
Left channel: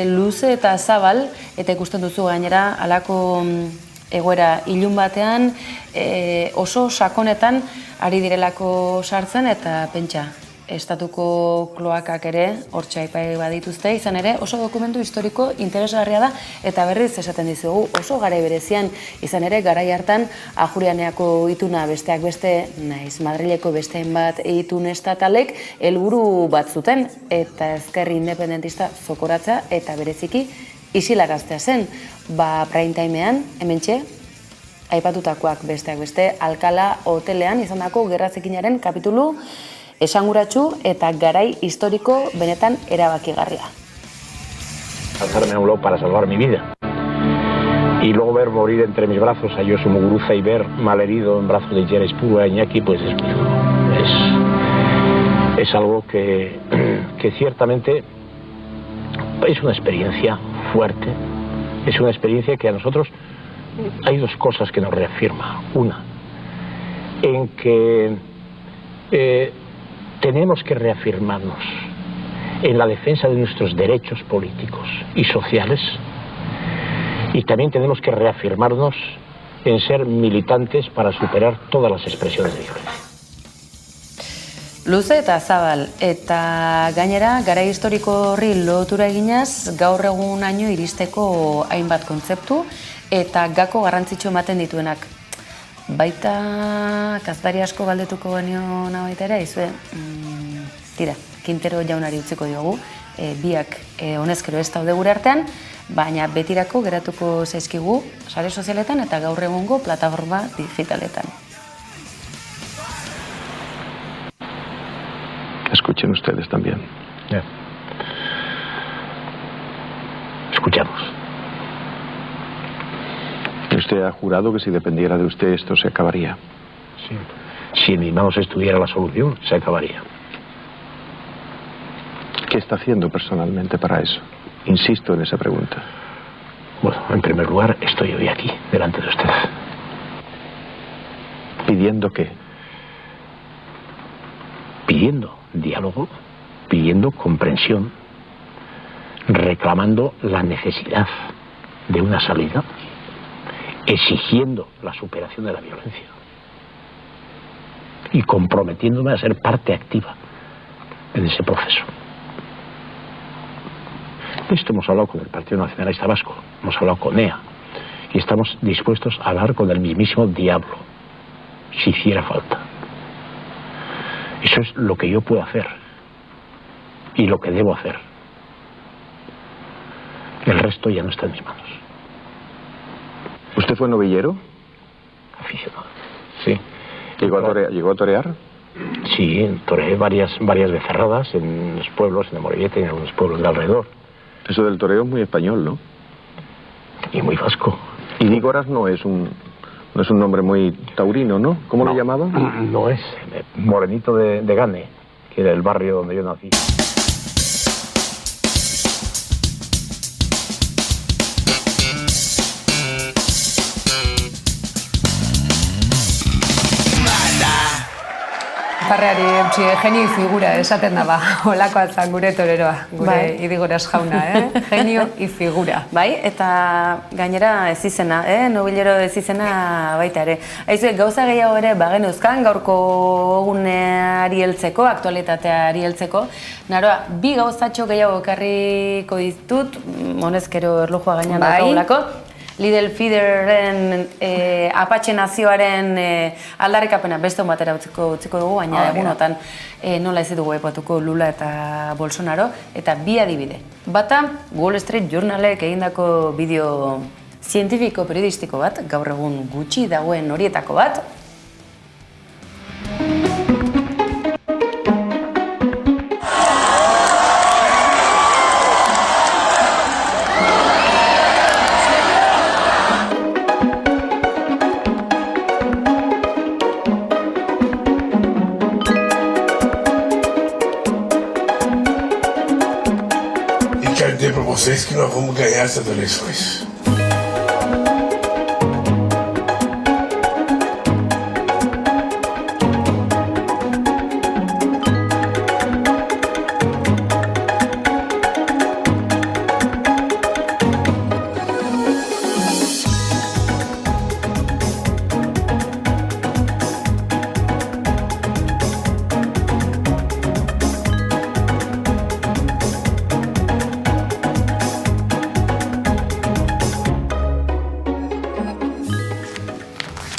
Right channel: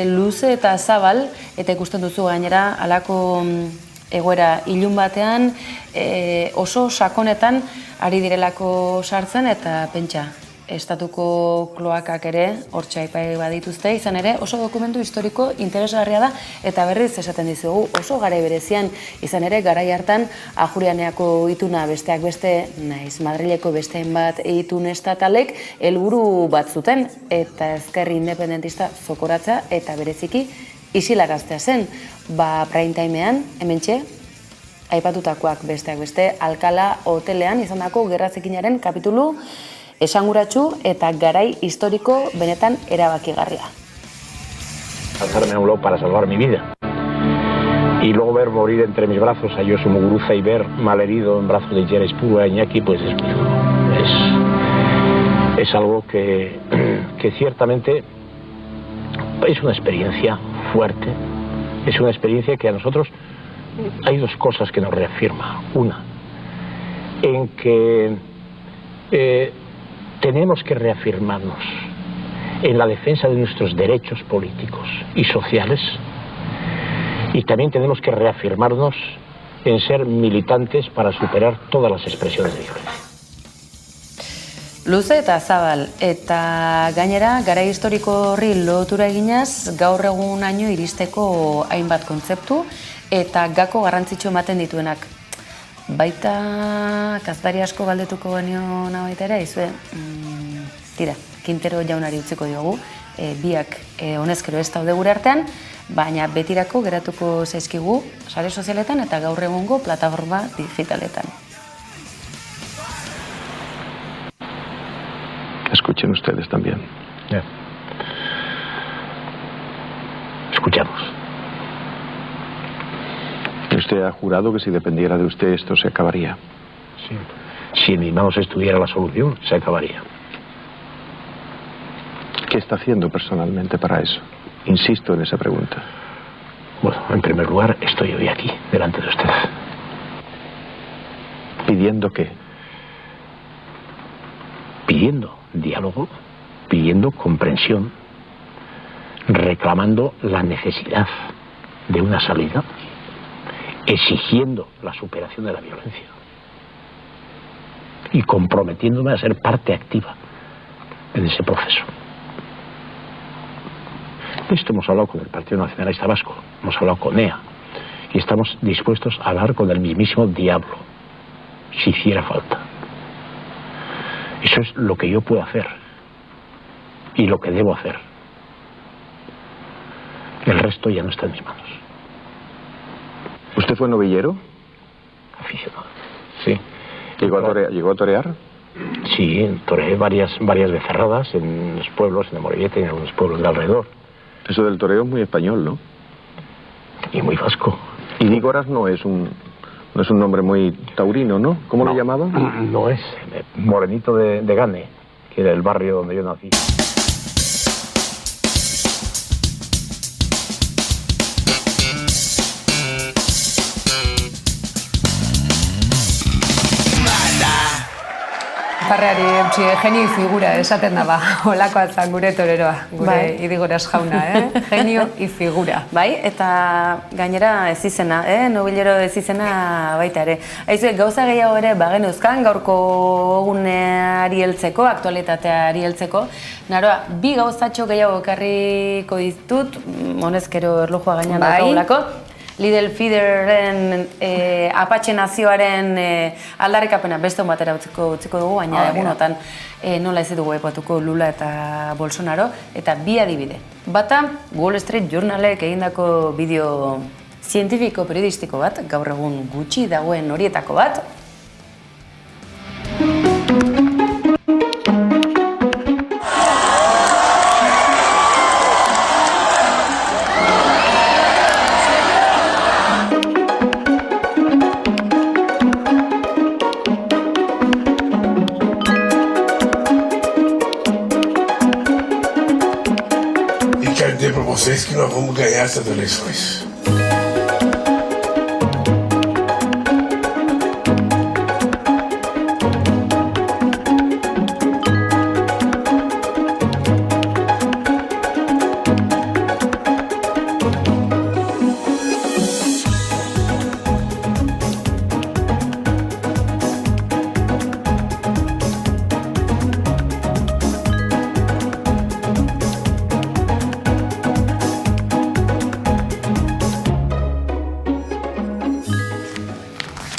luze eta zabal, eta ikusten duzu gainera, halako egoera ilun batean, oso sakonetan ari direlako sartzen, eta pentsa, estatuko kloakak ere hortxe aipai badituzte, izan ere oso dokumentu historiko interesgarria da, eta berriz esaten dizugu oso garai berezian, izan ere garai hartan Ajurianeako ituna besteak beste, naiz Madrileko bestein bat itun estatalek helburu bat zuten, eta ezkerri independentista zokoratza eta bereziki isilaraztea zen, prime timean, hementxe, aipatutakoak besteak beste, Alkala hotelean izandako gerra zikinaren kapitulu esanguratsu eta garai historiko benetan erabakigarria. saltarme a un lado para salvar mi vida. Y luego ver morir entre mis brazos a Josu Muguruza y ver malherido en brazos de Jera Ispurua y Iñaki, pues es muy duro. Es algo que ciertamente es una experiencia fuerte, es una experiencia que a nosotros hay dos cosas que nos reafirma. Una, en que tenemos que reafirmarnos en la defensa de nuestros derechos políticos y sociales, y también tenemos que reafirmarnos en ser militantes para superar todas las expresiones de violencia. Luze eta zabal, eta gainera, gara historiko horri lotura eginaz, gaur egunaino iristeko hainbat kontzeptu, eta gako garrantzitsu ematen dituenak. Baita, kazetari asko galdetuko genio baita ere, izue, tira, Quintero jaunari utziko diogu, biak honezkero ez daude gure artean, baina betirako geratuko zaizkigu sare sozialetan eta gaur egungo plataforma digitaletan. Escuchen ustedes también. Escuchamos. Usted ha jurado que si dependiera de usted esto se acabaría. Sí. Si en mis manos estuviera la solución, se acabaría. ¿Qué está haciendo personalmente para eso? Insisto en esa pregunta. Bueno, en primer lugar, estoy hoy aquí, delante de usted. ¿Pidiendo qué? Pidiendo diálogo, pidiendo comprensión, reclamando la necesidad de una salida, exigiendo la superación de la violencia y comprometiéndome a ser parte activa en ese proceso. De esto hemos hablado con el Partido Nacionalista Vasco, hemos hablado con EA y estamos dispuestos a hablar con el mismísimo diablo, si hiciera falta. Eso es lo que yo puedo hacer y lo que debo hacer. El resto ya no está en mis manos. ¿Usted fue novillero? Aficionado, sí. ¿Llegó a torear? Sí, toreé varias becerradas en los pueblos, en Amorebieta y en algunos pueblos de alrededor. Eso del toreo es muy español, ¿no? Y muy vasco. Y Nígoras no es un nombre muy taurino, ¿no? ¿Cómo lo llamaban? No es. Morenito de Gane, que era el barrio donde yo nací. Parreari genio figura esaten daba, holakoa zan gure toreroa, gure Idigoras jauna, genio y figura. Bai, eta gainera ez izena, nobilero ez izena baita ere. Aizu, gauza gehiago ere bagenuzkan, gaurko egunari heltzeko, aktualitateari heltzeko. Naroa, bi gauzatxo gehiago ekarriko ditut, honezkero erlojua gainean daukagulako. Lidl Feederren Apache nazioaren aldarrikapena beste batera utziko dugu, baina egunotan nola ez dugu epatuko Lula eta Bolsonaro, eta bi adibide. Bata, Wall Street Journalek egindako bideo zientifiko periodistiko bat, gaur egun gutxi dagoen horietako bat. Vocês que nós vamos ganhar essas eleições.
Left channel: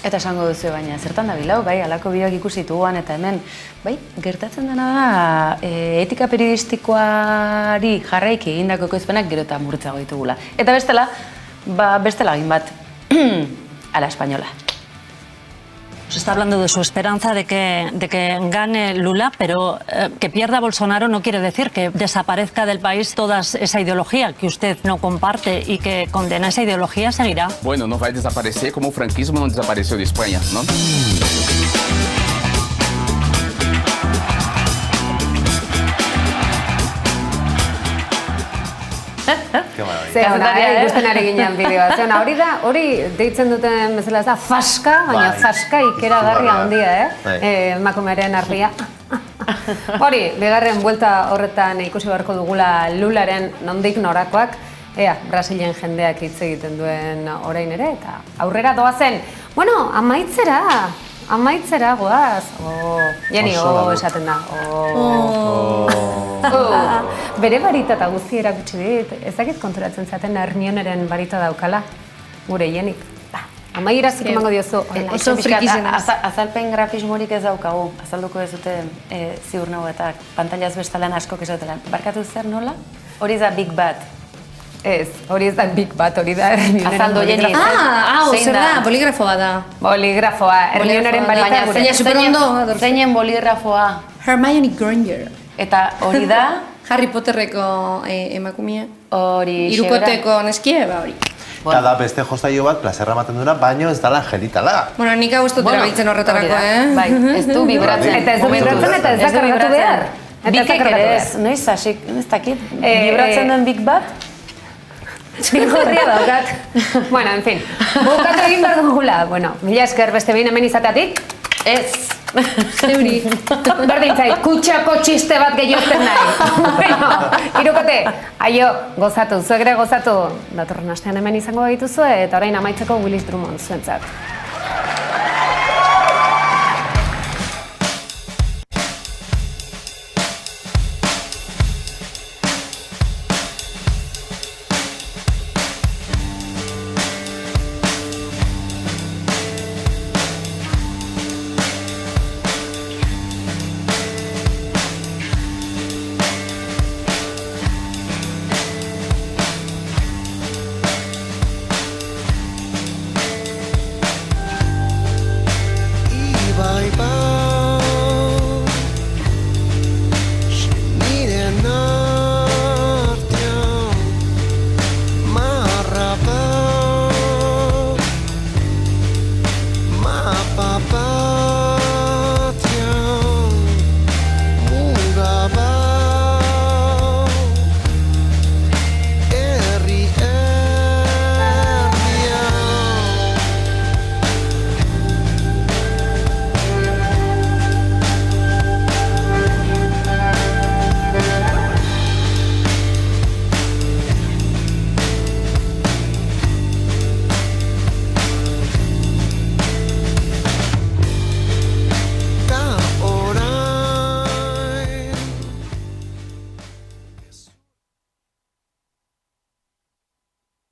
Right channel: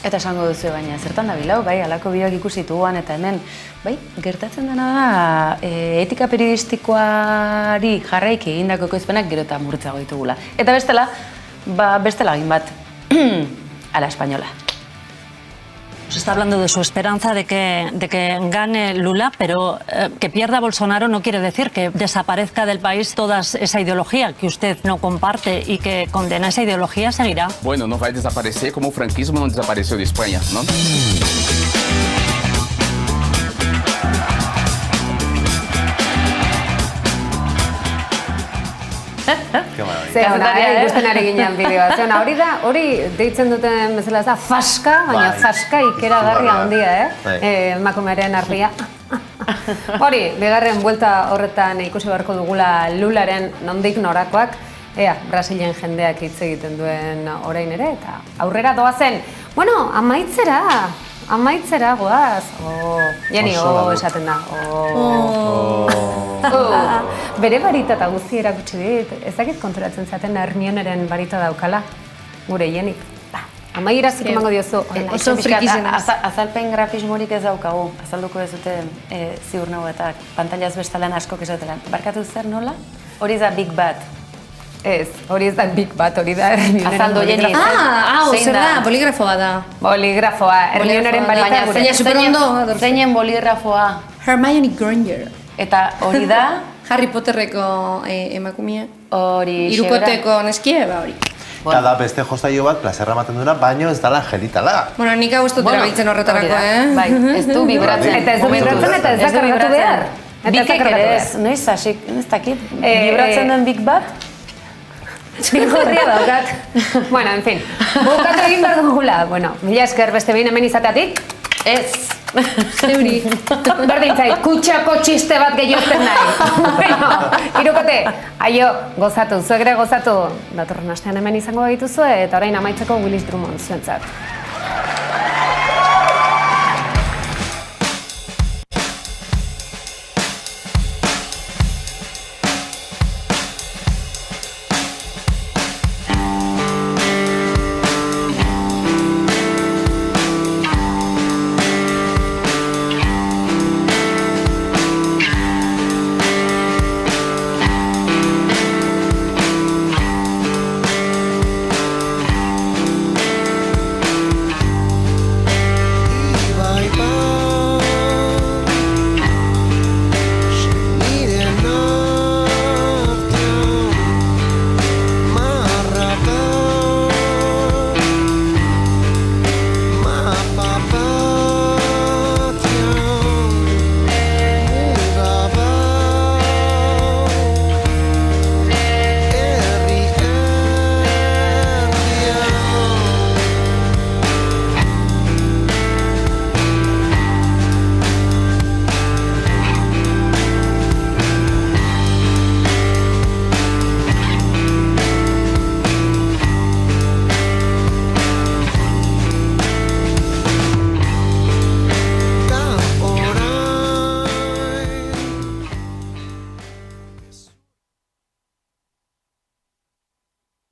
Eta esango duzu, baina zertan da bilau, bai, alako bideoak ikusi dituguan eta hemen, bai, gertatzen dena da, etika periodistikoari jarraiki egindako ekoizpenak gero eta murtzago ditugula. Eta bestela, bestela egin bat, a la española. Se está hablando de su esperanza de que gane Lula, pero que pierda Bolsonaro no quiere decir que desaparezca del país toda esa ideología que usted no comparte y que condena esa ideología seguirá. Bueno, no va a desaparecer como el franquismo no desapareció de España, ¿no? Ikusten ari ginen bideoa. Ze ona, hori deitzen duten bezala ez da faska, baina faska ikeragarria handia, emakumearen argia. Hori, bigarren buelta horretan ikusi beharko dugula Lularen nondik norakoak, ea, Brasilen jendeak hitz egiten duen orain ere, eta aurrera doazen. Bueno, amaitzera goaz. Jeni, esaten da. Bere barita eta guzti erakutsi dit, ezakit konturatzen zaten Hermioneren barita daukala, gure Jenik. Amaierazuk emango diozu. Oso frikizena. Azalpen grafismorik ez daukagu, azalduko ez dute ziur nago eta pantailaz bestalan askok esatela. Barkatu zer nola? Hori da Big Bat. Ez, hori ez da Big Bat, hori da Hermioneren Azaldo Jeni. Zer da, boligrafoa da. Boligrafoa, Hermioneren barita gure. Baina superondo. Zeinen boligrafoa. Hermione Granger. Eta hori da? Harry Potterreko emakumea. Hori Hirukoteko neskie, hori. Eta da beste jostaio bat, plazerra ematen duena, baino ez dala angelitala. Bueno, nik hau ez dut erabiltzen horretarako, Bai, ez du vibratzen. Eta ez du vibratzen eta ez da kargatu behar. Bikek ere ez, noiz hasik, ez dakit, vibratzen duen Big Bat? Big horria daukat. Bueno, en fin, bukatu egin behar dugula. Bueno, mila esker beste behin hemen izateatik. Ez. Zeuri. Berdin zait, kutsako txiste bat gehiozten nahi. Bueno, Hirukote, aio, gozatu, zuek ere gozatu. Datorren astean hemen izango gaituzue, eta orain amaitzeko Willis Drummond zuentzat.